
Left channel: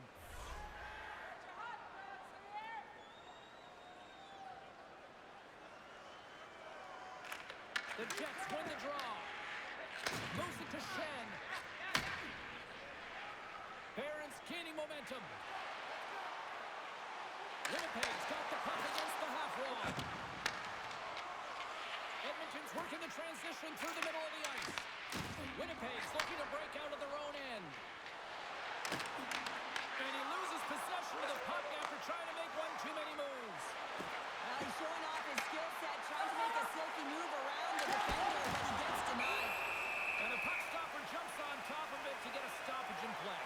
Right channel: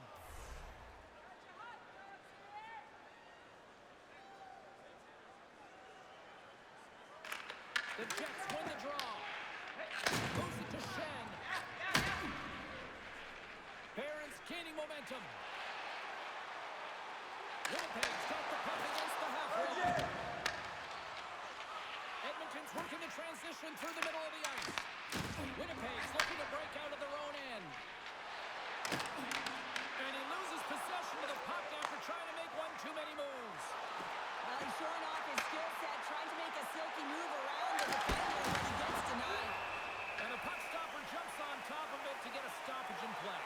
The Jets win the draw. Moves it to Shen. Barron's gaining momentum. Winnipeg's got the puck against the half wall. Edmonton's working the transition through the middle of the ice. Winnipeg's looking to break out of their own end. And he loses possession of the puck after trying to make one too many moves. Well, he's showing off his skill set, trying to make a silky move around the defender, but he gets denied. And the puck stopper jumps on top of it to get a stoppage in play.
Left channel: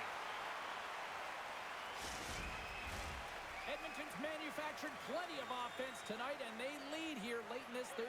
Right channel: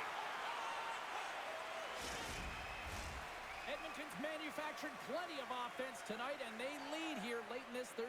Edmonton's manufactured plenty of offense tonight, and they lead here late in this third